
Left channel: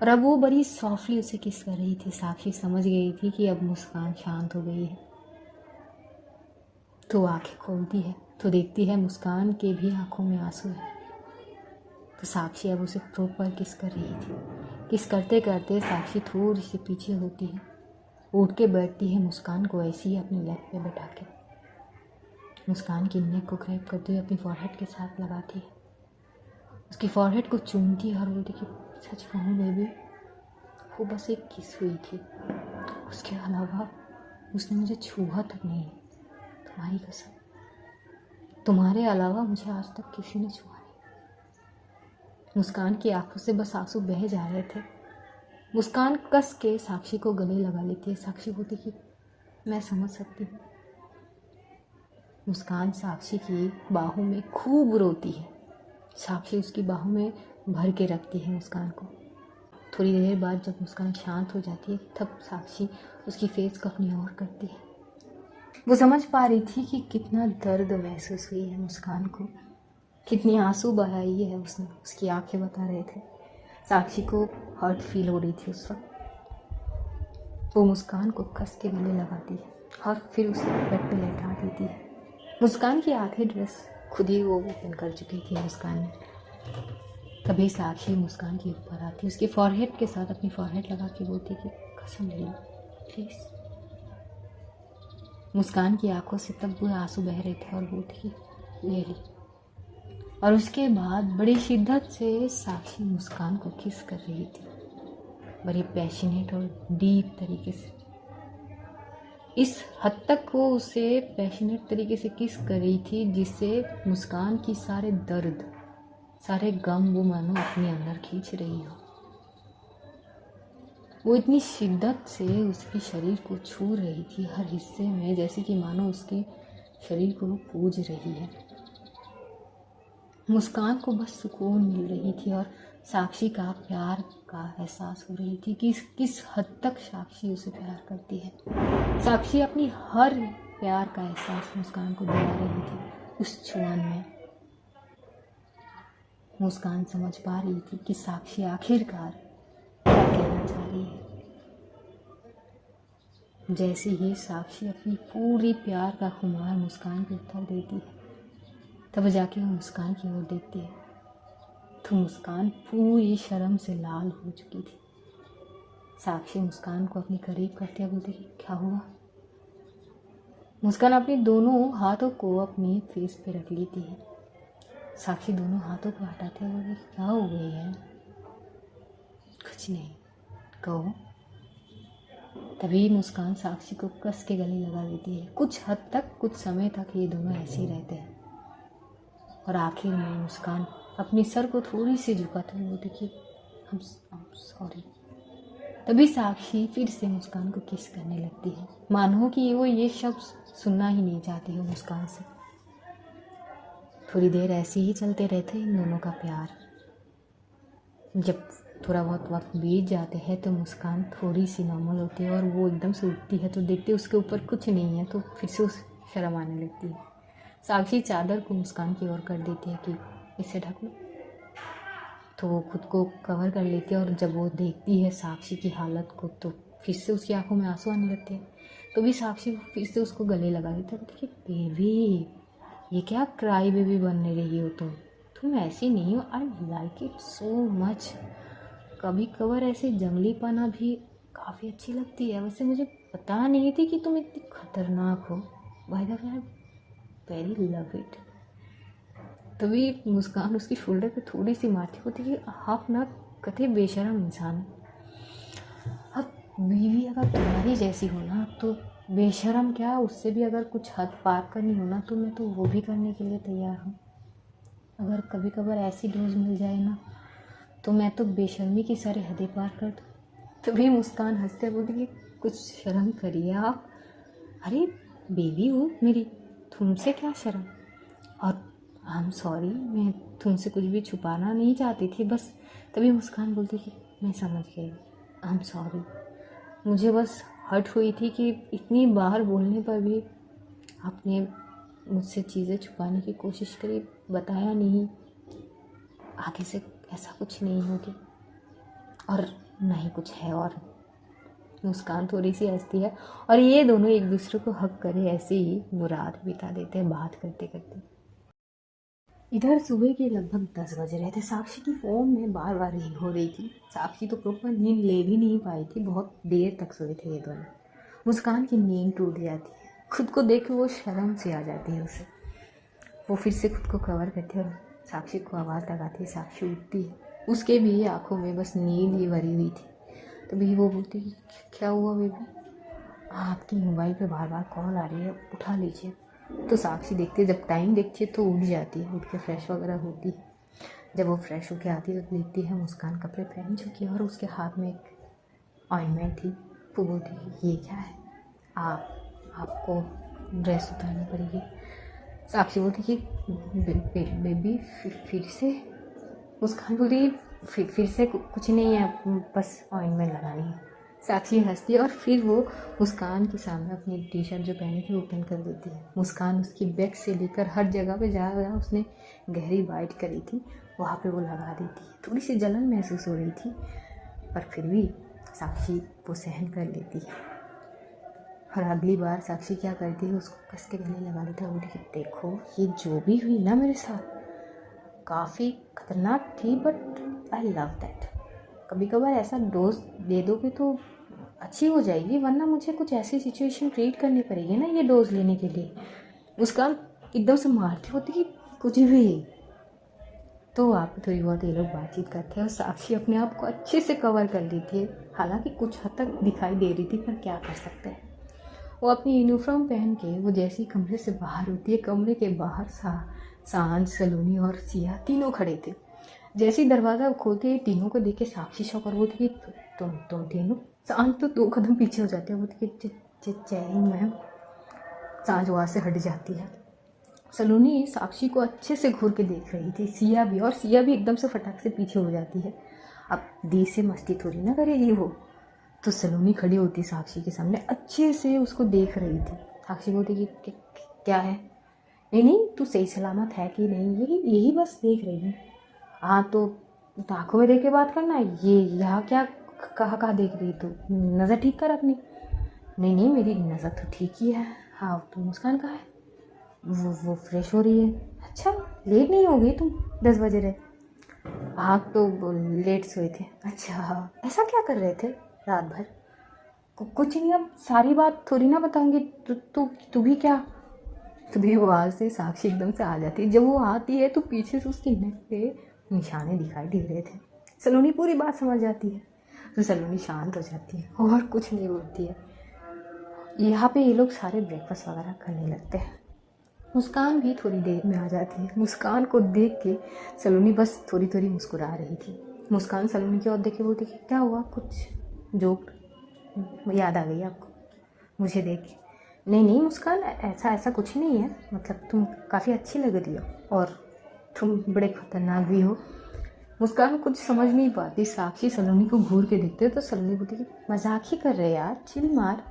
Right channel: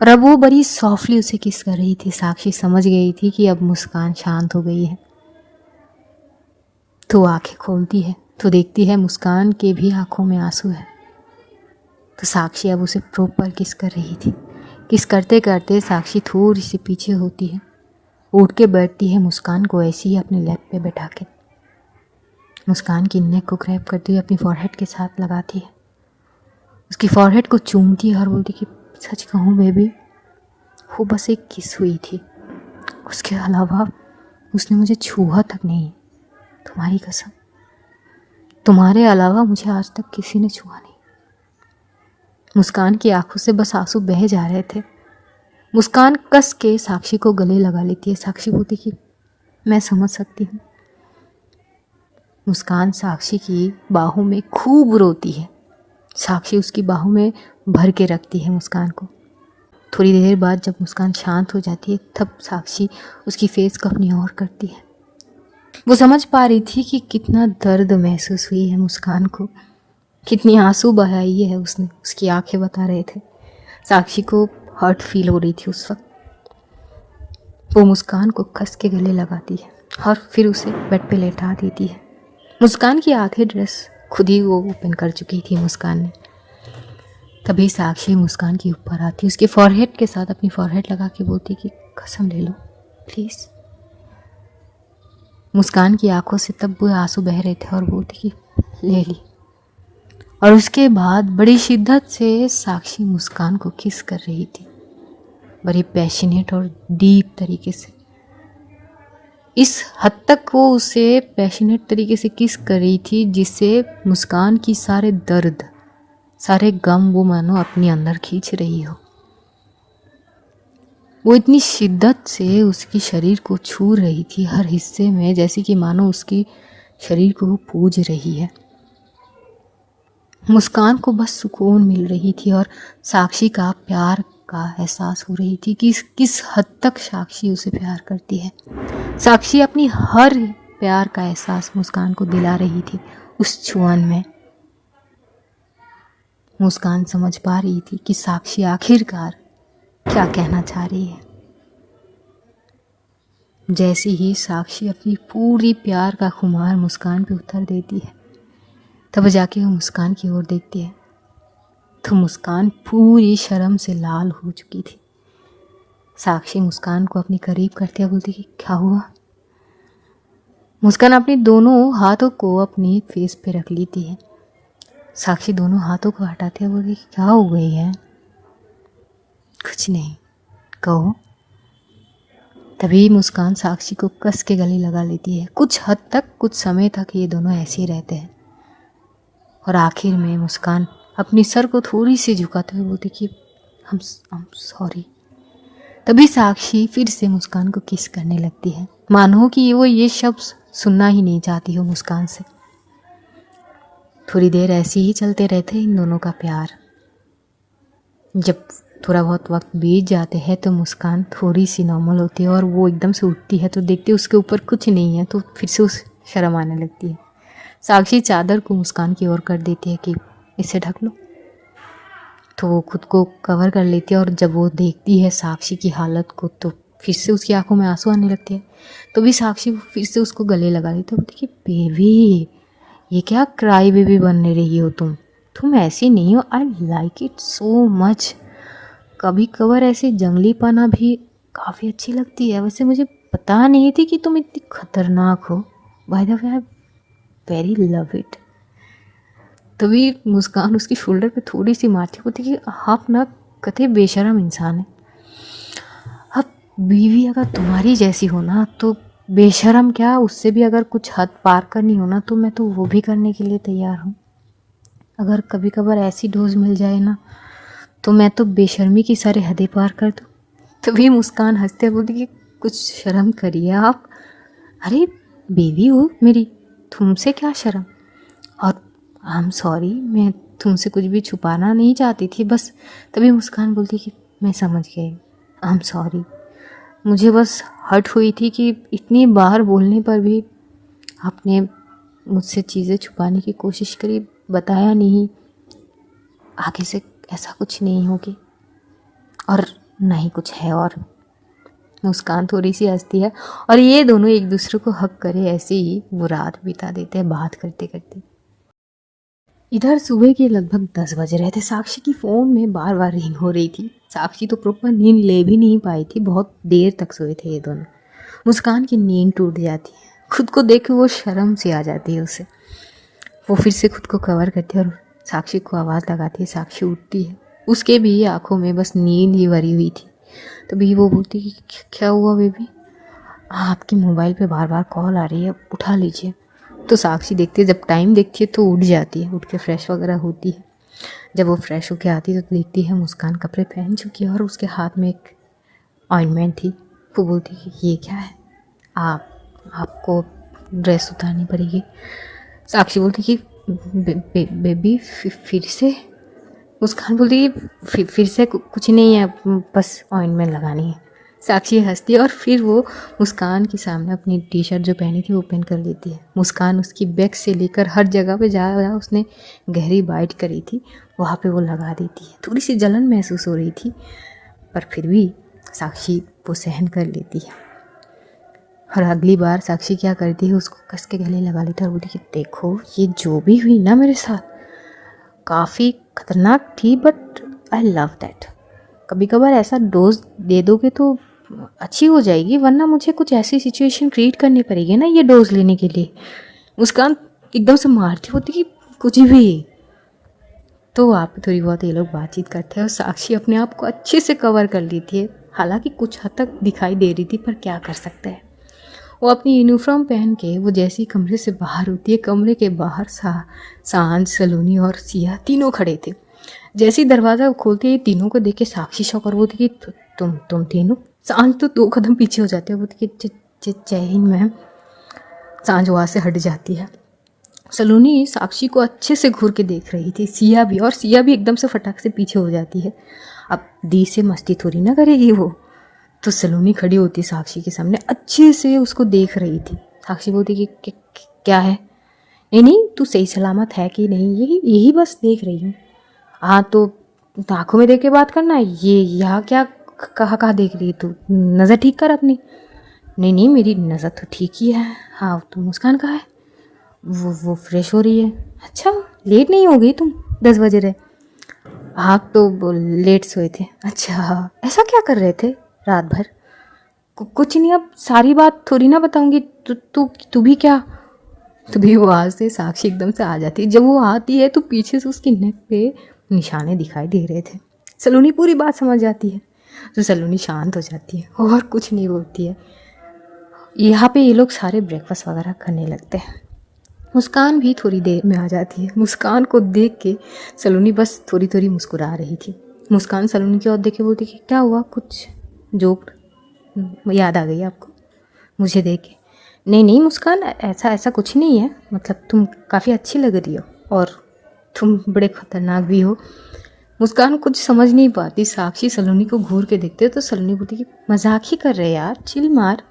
और अब वो बड़ी सॉफ्टली उसे किस कर रही थी। साक्षी समझ गई थी कि अब मुस्कान शांत हो गई है, तो आंखें खोलती है तो देखती है मुस्कान के भी आंखों में आंसू है। तो साक्षी अब उसे प्रॉपर किस कर रही थी। किस करते करते साक्षी थोड़ी सी पीछे होती है, उठ के बैठती है, मुस्कान को ऐसे ही अपने लैप पे बैठा के मुस्कान की नेक को ग्रैब करती हुई अपनी फॉरहेड के साथ लगाती है, उसकी फॉरहेड को चूमती है और बोलती कि सच कहूँ बेबी, वो बस एक किस हुई थी, उसके अलावा उसने मुझे छुआ तक नहीं। तुम्हारी कसम, तुम्हारे अलावा मुझे आज तक किसी ने छुआ नहीं। मुस्कान की आंखों से बस आंसू बह जा रहे थे। मुस्कान कस के साक्षी को गले लगा लेती है। साक्षी बोलती कि मैं समझ सकती हूँ। मुस्कान साक्षी की बाहों में खूब रोती है। साक्षी उसकी बाहों में भर के रखती है मुस्कान को। थोड़ी देर बाद जब मुस्कान शांत हो जाती है तब साक्षी उसकी फेस को अपनी ओर करती है। वो समझ पा रही थी कि कितना दर्द महसूस हुई है मुस्कान को, कितनी आंसू बहाई है उसने, उसकी आंखें बता रहे थे। साक्षी को हर्ट फील हो रही थी उस वक्त। वो मुस्कान को कस के गले लगाती है और फिर उसे बेड पे लेटा देती है। मुस्कान की आधी ड्रेस खुद ही वो ओपन कर चुकी थी मुस्कान ने। तभी साक्षी मुस्कान के ऊपर आती, उसके फॉरहेड के साथ अपनी फॉरहेड लगा के बोलती कि कसम ले लो प्लीज़। मुस्कान की आंखों से तब वो आंसू बह रहे थे और बोलती कि ले ली। और उसके बाद बड़ी शिद्दत से साक्षी मुस्कान को किस कर रही थी, बड़ी पैशनेट और डीप तरीके से। इस हद तक वो उसे पैशनेट तरीके से किस कर रही थी जिससे मुस्कान की सारे दर्द, सारे गम वो मानो अपने अंदर खींच रही हो। वो इतनी शिद्दत से उसकी शरीर को छू रही थी हर हिस्से में, जैसे कि मानो उसकी शरीर को वो पूज रही है। मुस्कान को बस सुकून मिल रही थी और साक्षी का प्यार का एहसास हो रही थी कि किस हद तक साक्षी उसे प्यार करती है। साक्षी अपनी हर प्यार का एहसास मुस्कान को दिला रही थी उस छुअन में। मुस्कान समझ पा रही थी कि साक्षी आखिरकार क्या कहना चाह रही है। जैसे ही साक्षी अपनी पूरी प्यार का खुमार मुस्कान पे उतर देती है तब जाके वो मुस्कान की ओर देखती है तो मुस्कान पूरी शर्म से लाल हो चुकी थी। साक्षी मुस्कान को अपनी करीब करते हुए बोलती कि क्या हुआ। मुस्कान अपने दोनों हाथों को अपनी फेस पे रख लेती है। साक्षी दोनों हाथों को हटाते हुए बोलती कि क्या हो गई है। कुछ नहीं, कहो। तभी मुस्कान साक्षी को कस के गले लगा लेती है। कुछ हद तक, कुछ समय तक ये दोनों ऐसे ही रहते हैं और आखिर में मुस्कान अपनी सर को थोड़ी सी झुकाते हुए बोलती कि I'm सॉरी। तभी साक्षी फिर से मुस्कान को किस करने लगती है, मानो कि वो ये शब्द सुनना ही नहीं चाहती हो मुस्कान से। थोड़ी देर ऐसे ही चलते रहते इन दोनों का प्यार। जब थोड़ा बहुत वक्त बीत जाते हैं तो मुस्कान थोड़ी सी नॉर्मल होती है और वो एकदम से उठती है तो देखते उसके ऊपर कुछ नहीं है, तो फिर से उस शर्म आने लगती है। साक्षी चादर को मुस्कान की ओर कर देती है कि इसे ढक लो, तो वो खुद को कवर कर लेती है और जब वो देखती है साक्षी की हालत को तो फिर से उसकी आंखों में आंसू आने लगते हैं। तो भी साक्षी फिर से उसको गले लगा लेती है, बोलती कि बेबी ये क्या क्राई बेबी बनने रही हो तुम ऐसी नहीं हो। I like it so much. कभी कभार ऐसे जंगलीपना भी काफ़ी अच्छी लगती है। वैसे मुझे पता नहीं थी कि तुम इतनी खतरनाक हो। By the way I very love it. तभी मुस्कान उसकी शोल्डर पे थोड़ी सी मारती होती कि आप ना कथे बेशरम इंसान है। अब बीवी अगर तुम्हारी जैसी हो ना तो बेशरम क्या, उससे भी अगर कुछ हद पार करनी हो ना तो मैं तो वो भी करने के लिए तैयार हूँ। अगर कभी कभार ऐसी डोज मिल जाए ना तो मैं तो बेशर्मी की सारी हदें पार कर दूँ। तभी मुस्कान हंसते बोलती कि कुछ शर्म करिए आप। अरे बेबी हो मेरी, तुमसे क्या शर्म। और आई एम सॉरी, मैं तुमसे कुछ भी छुपाना नहीं चाहती थी, बस तभी मुस्कान बोलती कि मैं समझ गई, आई एम सॉरी। मुझे बस हर्ट हुई थी कि इतनी बार बोलने पर भी आपने मुझसे चीज़ें छुपाने की कोशिश करी, बताया नहीं। आगे से ऐसा कुछ नहीं होगी और ना ही कुछ है। और मुस्कान थोड़ी सी हंसती है और ये दोनों एक दूसरे को हक करे ऐसे ही वो रात बिता देते हैं बात करते करते। इधर सुबह के लगभग 10 बज रहे थे। साक्षी की फ़ोन में बार बार रिंग हो रही थी। साक्षी तो प्रॉपर नींद ले भी नहीं पाई थी, बहुत देर तक सोए थे ये दोनों। मुस्कान की नींद टूट जाती है, खुद को देख के वो शर्म से आ जाती है उसे। वो फिर से खुद को कवर करती है और साक्षी को आवाज़ लगाती है। साक्षी उठती है, उसके भी आंखों में बस नींद ही भरी हुई थी। तभी वो बोलती कि क्या हुआ बेबी, आपके मोबाइल पे बार बार कॉल आ रही है, उठा लीजिए। तो साक्षी देखती है, जब टाइम देखती है तो उठ जाती है, उठ के फ्रेश वगैरह होती है। जब वो फ्रेश होके आती है तो देखती है मुस्कान कपड़े पहन चुकी है और उसके हाथ में एक ऑइंटमेंट थी। वो बोलती है ये क्या है, आपको ड्रेस उतारनी पड़ेगी। साक्षी बोलती कि बेबी फिर से। मुस्कान बोलती कि फिर से कुछ नहीं है, बस ऑइंटमेंट लगानी है। साक्षी हंसती है और फिर वो मुस्कान के सामने अपनी टी शर्ट जो पहनी थी वो पहन कर लेती है। मुस्कान उसकी बैग से लेकर हर जगह पे जहाँ उसने गहरी बाइट करी थी वहाँ पे वो लगा देती है। थोड़ी सी जलन महसूस हो रही थी पर फिर भी साक्षी वो सहन कर लेती है। और अगली बार साक्षी क्या करती है, उसको कस के गले लगा लेती है और बोलती कि देखो ये जो भी हुई ना मेरे साथ काफ़ी खतरनाक थी, बट आई लव दैट। कभी कभार ऐसा डोज दे दोगे तो अच्छी हो जाएगी, वरना मुझे कुछ ऐसी सिचुएशन क्रिएट करनी पड़ेगी ना ये डोज लेने के लिए। मुस्कान एकदम से मारती होती कि कुछ भी। तो वहाँ पे थोड़ी बहुत ये लोग बातचीत करते हैं और साक्षी अपने आप को अच्छे से कवर कर लेती है। हालांकि कुछ हद तक दिखाई दे रही थी पर क्या कर सकते हैं। वो अपनी यूनिफॉर्म पहन के वो जैसी कमरे से बाहर होती है, कमरे के बाहर सांझ, सलोनी और सिया तीनों खड़े थे। जैसे ही दरवाज़ा खोलते ही तीनों को देख के साक्षी शौक और बोलती कि तुम तीनों। सांझ तो 2 कदम पीछे हो जाते हैं, बोलती कि जय हिंद मैम। सांझ वहाँ से हट जाती है। सलोनी साक्षी को अच्छे से घूर के देख रही थी, सिया भी, और सिया भी एकदम से फटाक से पीछे हो जाती है। अब दी से मस्ती थोड़ी ना करेगी वो। तो सलोनी खड़ी होती साक्षी के सामने, अच्छे से उसको देख रही थी। साक्षी बोलती कि क्या है, नहीं तू सही सलामत है कि नहीं, यही बस देख रही हूँ। हाँ तो आँखों में देख के बात करना, ये यहाँ क्या कहाँ देख रही तू, नज़र ठीक कर अपनी। नहीं मेरी नज़र तो ठीक ही है। हाँ तो मुस्कान कहाँ है, वो फ्रेश हो रही है। अच्छा लेट नहीं हो गई तुम, 10 बजे रहे। हाँ तो लेट सोए थे। अच्छा ऐसा क्या कर रहे थे रात भर। कुछ नहीं, अब सारी बात थोड़ी ना बताऊंगी। तू भी क्या। तभी वो वहाँ से साक्षी एकदम से आ जाती है। जब वो आती है तो पीछे से उसकी नेक पे निशाने दिखाई दे रहे थे। सलोनी पूरी बात समझ जाती है तो सलोनी शांत हो जाती है और कुछ नहीं बोलती है। यहाँ पे ये लोग सारे ब्रेकफास्ट वगैरह करने लगते हैं। मुस्कान भी थोड़ी देर में आ जाती है। मुस्कान को देख के सलोनी बस थोड़ी थोड़ी मुस्कुरा रही थी। मुस्कान सलोनी की ओर देख के बोलती कि क्या हुआ, कुछ जोक याद आ गई आपको मुझे देख के। नहीं मुस्कान, ऐसा कुछ नहीं है, मतलब तुम काफ़ी अच्छी लग रही हो और तुम बड़े खतरनाक भी हो। मुस्कान कुछ समझ नहीं पाती। साक्षी सलोनी को घूर के देखते तो सलोनी बोलती कि मजाक ही कर रहे यार, चिल मार।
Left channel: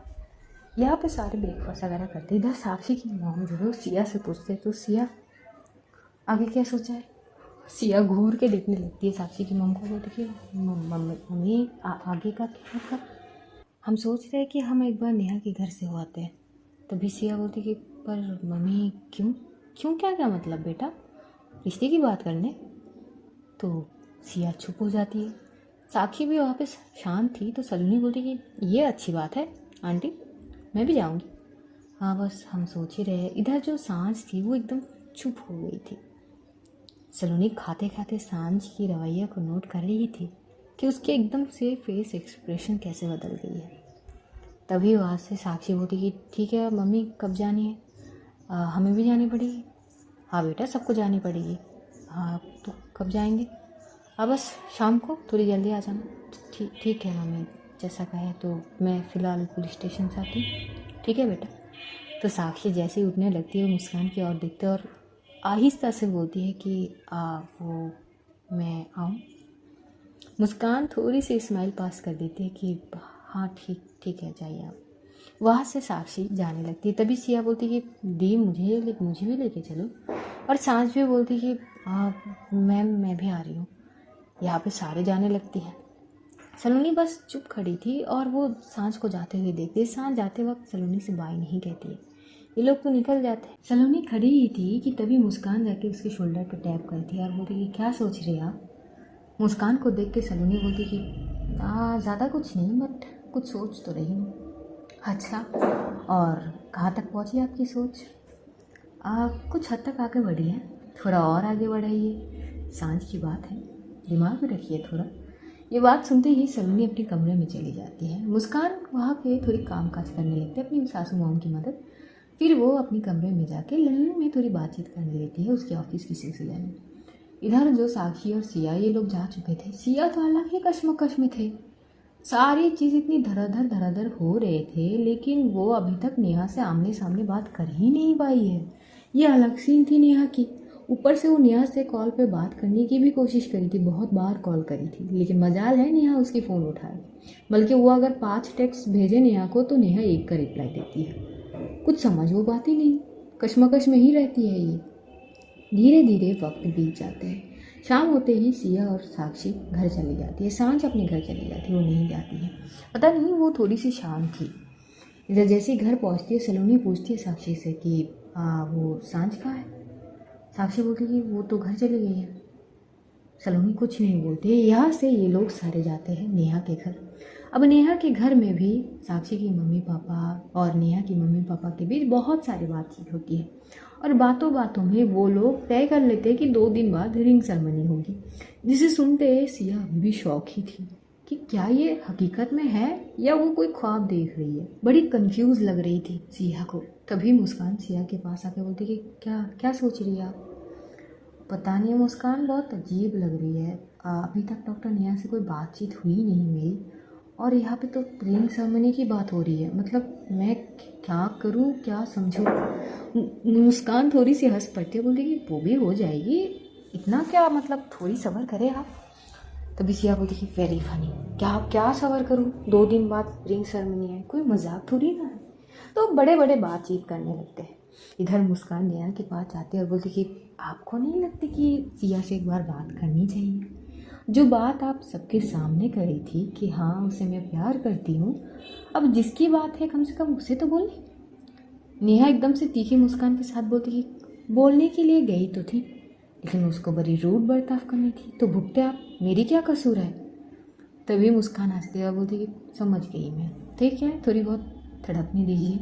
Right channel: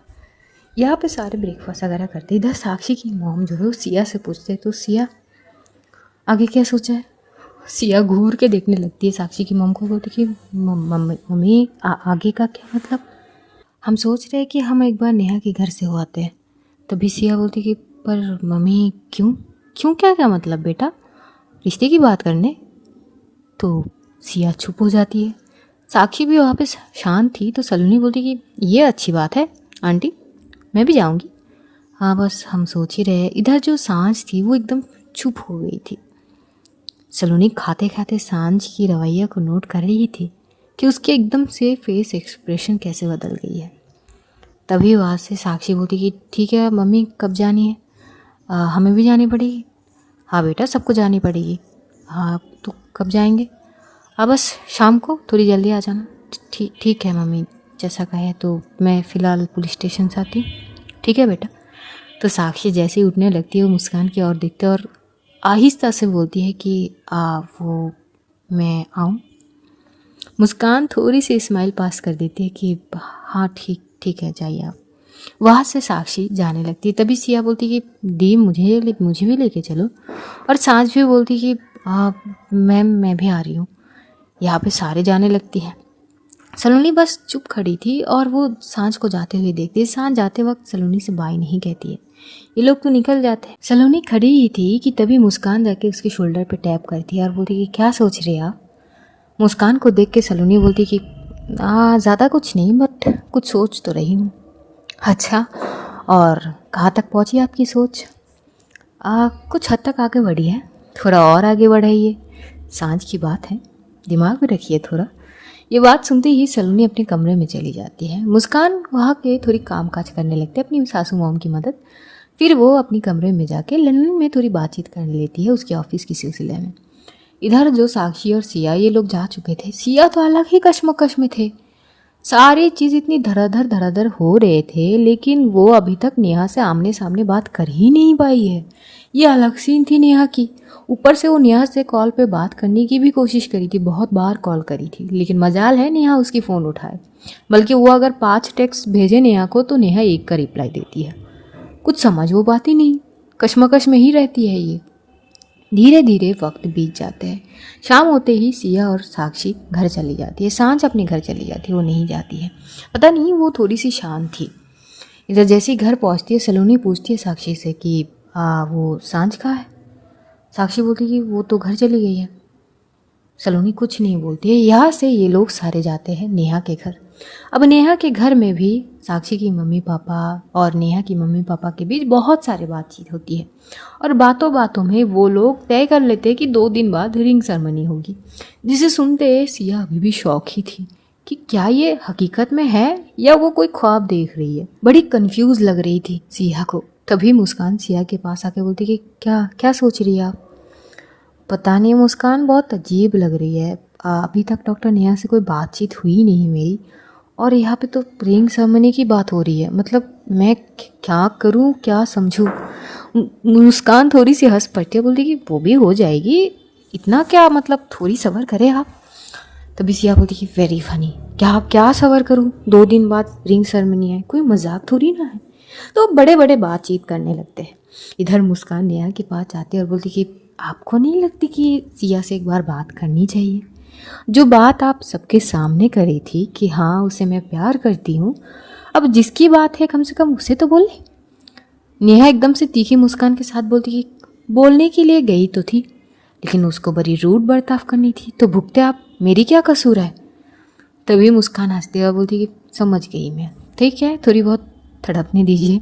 यहाँ पे सारे ब्रेकफास्ट वगैरह करते। इधर साक्षी की मॉम जो है वो सिया से पूछते तो सिया आगे क्या सोचा है। सिया घूर के देखने लगती है साक्षी की मॉम को, बोलती कि मम्मी आगे का क्या मतलब, हम सोच रहे हैं कि हम एक बार नेहा के घर से हो आते हैं। तभी सिया बोलती कि पर मम्मी क्यों क्या मतलब बेटा, रिश्ते की बात करने। तो सिया चुप हो जाती है। साक्षी भी वहाँ पे शांत थी तो सलोनी बोलती कि ये अच्छी बात है आंटी, मैं भी जाऊँगी। हाँ बस हम सोच ही रहे। इधर जो सांझ थी वो एकदम चुप हो गई थी। सलोनी खाते खाते सांझ की रवैया को नोट कर रही थी कि उसके एकदम से फेस एक्सप्रेशन कैसे बदल गई है। तभी वहाँ से साक्षी बोलती कि ठीक है मम्मी, कब जानी है, हमें भी जानी पड़ेगी। हाँ बेटा सबको जानी पड़ेगी। हाँ तो कब जाएंगे। हाँ बस शाम को थोड़ी जल्दी आ जाना। ठीक है मम्मी, जैसा कहे तो मैं फ़िलहाल पुलिस स्टेशन से आती हूँ, ठीक है बेटा। तो साक्षी जैसे ही उठने लगती है वो मुस्कान की ओर देखते और आहिस्ता से बोलती है कि वो मैं आऊँ। मुस्कान थोड़ी सी स्माइल पास कर देती है कि हाँ ठीक ठीक है, जाइए आप। वहाँ से साक्षी जाने लगती है। तभी सिया बोलती कि दी मुझे भी लेके चलो। और सांझ भी बोलती कि मैम मैं भी आ रही हूँ। यहाँ पे सारे जाने लगती हैं। सलोनी बस चुप खड़ी थी और वो सांझ को जाते हुए देखती है। सांझ जाते वक्त सलोनी से बाय नहीं कहती है, ये लोग तो निकल जाते हैं। सलोनी खड़ी ही थी कि तभी मुस्कान जाके उसके शोल्डर पे टैप करती है और बोलती कि क्या सोच रहे हैं आप। मुस्कान को देख के सलोनी बोलती कि ज़्यादा कुछ नहीं, बट कुछ सोच तो रही हूँ। अच्छा, और कहाँ तक पहुँची आपकी सोच। कुछ हद तक आगे बढ़ी है, थोड़ा और आगे बढ़ाइए, सांझ की बात है, दिमाग में रखिए थोड़ा। ये बात सुनते ही सलोनी अपने कमरे में चली जाती है। मुस्कान वहाँ के थोड़ी काम काज करने लगती है, अपनी सासू मॉम की मदद। फिर वो अपनी कमरे में जाके लंदन में थोड़ी बातचीत कर लेती है उसके ऑफिस की सिलसिले में। इधर जो साक्षी और सिया ये लोग जा चुके थे। सिया तो अलग ही कश्मकश में थे, सारी चीज़ इतनी धराधर हो रहे थे, लेकिन वो अभी तक नेहा से आमने सामने बात कर ही नहीं पाई है। ये अलग सीन थी नेहा की। ऊपर से वो नेहा से कॉल पे बात करने की भी कोशिश करी थी, बहुत बार कॉल करी थी, लेकिन मजाल है नेहा उसकी फ़ोन उठाए। बल्कि वो अगर 5 टेक्स्ट भेजे नेहा को तो नेहा 1 का रिप्लाई देती है। कुछ समझ वो बात ही नहीं, कश्मकश में ही रहती है ये। धीरे धीरे वक्त बीत जाते हैं। शाम होते ही सिया और साक्षी घर चली जाती है। सांझ अपने घर चली जाती है, वो नहीं जाती है। पता नहीं, वो थोड़ी सी शांत थी। इधर जैसे ही घर पहुंचती है सलोनी पूछती है साक्षी से कि वो सांझ कहाँ है। साक्षी बोलती कि वो तो घर चली गई है। सलोनी कुछ नहीं बोलती है। यहाँ से ये लोग सारे जाते हैं नेहा के घर। अब नेहा के घर में भी साक्षी की मम्मी पापा और नेहा की मम्मी पापा के बीच बहुत सारी बातचीत होती है और बातों बातों में वो लोग तय कर लेते हैं कि 2 दिन बाद रिंग सेरेमनी होगी, जिसे सुनते सिया अभी भी शौक ही थी कि क्या ये हकीकत में है या वो कोई ख्वाब देख रही है। बड़ी कंफ्यूज लग रही थी सिया को। तभी मुस्कान सिया के पास आके बोलती कि क्या क्या सोच रही है आप। पता नहीं मुस्कान, बहुत अजीब लग रही है। अभी तक डॉक्टर नेहा से कोई बातचीत हुई नहीं मेरी, और यहाँ पे तो रिंग सेरेमनी की बात हो रही है। मतलब मैं क्या करूँ, क्या समझूँ। मुस्कान थोड़ी सी हंस पड़ती है, बोलती कि वो भी हो जाएगी, इतना क्या, मतलब थोड़ी सब्र करें आप। तभी सिया बोलती कि वेरी फनी, क्या क्या सब्र करूँ, 2 दिन बाद रिंग सेरेमनी है, कोई मजाक थोड़ी ना है। तो बड़े बड़े बातचीत करने लगते हैं। इधर मुस्कान नेहा के पास जाती है और बोलती कि आपको नहीं लगती कि सिया से एक बार बात करनी चाहिए। जो बात आप सबके सामने करी थी कि हाँ उसे मैं प्यार करती हूँ, अब जिसकी बात है कम से कम उसे तो बोले। नेहा एकदम से तीखी मुस्कान के साथ बोलती कि बोलने के लिए गई तो थी, लेकिन उसको बड़ी रूड बर्ताव करनी थी तो भुगते आप, मेरी क्या कसूर है। तभी मुस्कान हंसते हुए बोलती कि समझ गई मैं, ठीक है थोड़ी बहुत थड़पने दीजिए।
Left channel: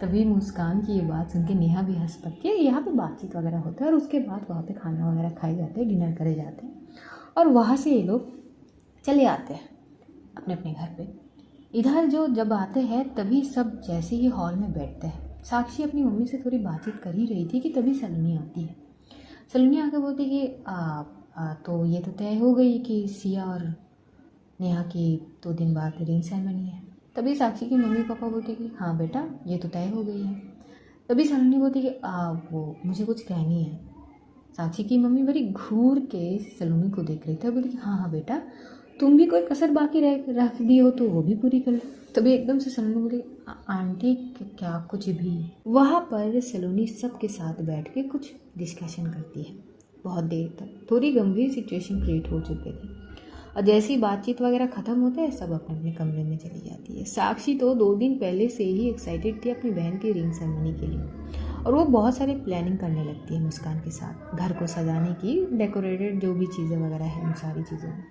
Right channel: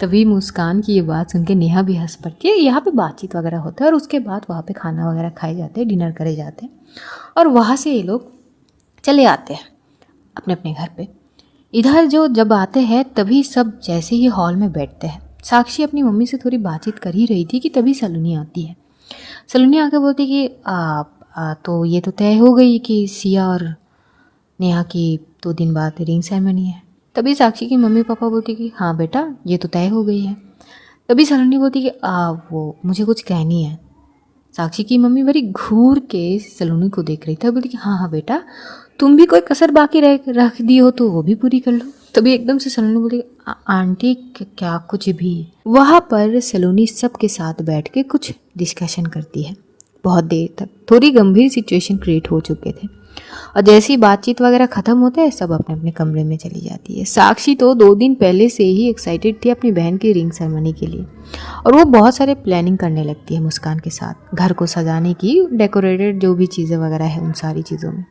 तभी मुस्कान की ये बात सुन के नेहा भी हंस पड़ती है। यहाँ पे बातचीत वगैरह होता है और उसके बाद वहाँ पे खाना वगैरह खाए जाते हैं, डिनर करे जाते हैं और वहाँ से ये लोग चले आते हैं अपने अपने घर पे। इधर जो जब आते हैं तभी सब जैसे ही हॉल में बैठते हैं। साक्षी अपनी मम्मी से थोड़ी बातचीत कर ही रही थी कि तभी सलोनी आती है। सलोनी आके बोलती कि तो ये तो तय हो गई कि सिया और नेहा की 2 दिन बाद रिंग सेरेमनी है। तभी साक्षी की मम्मी पापा बोलती कि हाँ बेटा ये तो तय हो गई है। तभी सलोनी बोलती कि वो मुझे कुछ कहनी है। साक्षी की मम्मी बड़ी घूर के सलोनी को देख रही थी, बोलती कि हाँ हाँ बेटा, तुम भी कोई कसर बाकी रख दी हो तो वो भी पूरी कर लो। तभी एकदम से सलोनी बोली आंटी क्या कुछ भी। वहाँ पर सलोनी सबके साथ बैठ के कुछ डिस्कशन करती है बहुत देर तक। थोड़ी गंभीर सिचुएशन क्रिएट हो चुके थे और जैसे ही बातचीत वगैरह ख़त्म होता है सब अपने अपने कमरे में चली जाती है। साक्षी तो 2 दिन पहले से ही एक्साइटेड थी अपनी बहन की रिंग सेरेमनी के लिए और वो बहुत सारे प्लानिंग करने लगती है मुस्कान के साथ, घर को सजाने की, डेकोरेटेड जो भी चीज़ें वगैरह है उन सारी चीज़ों में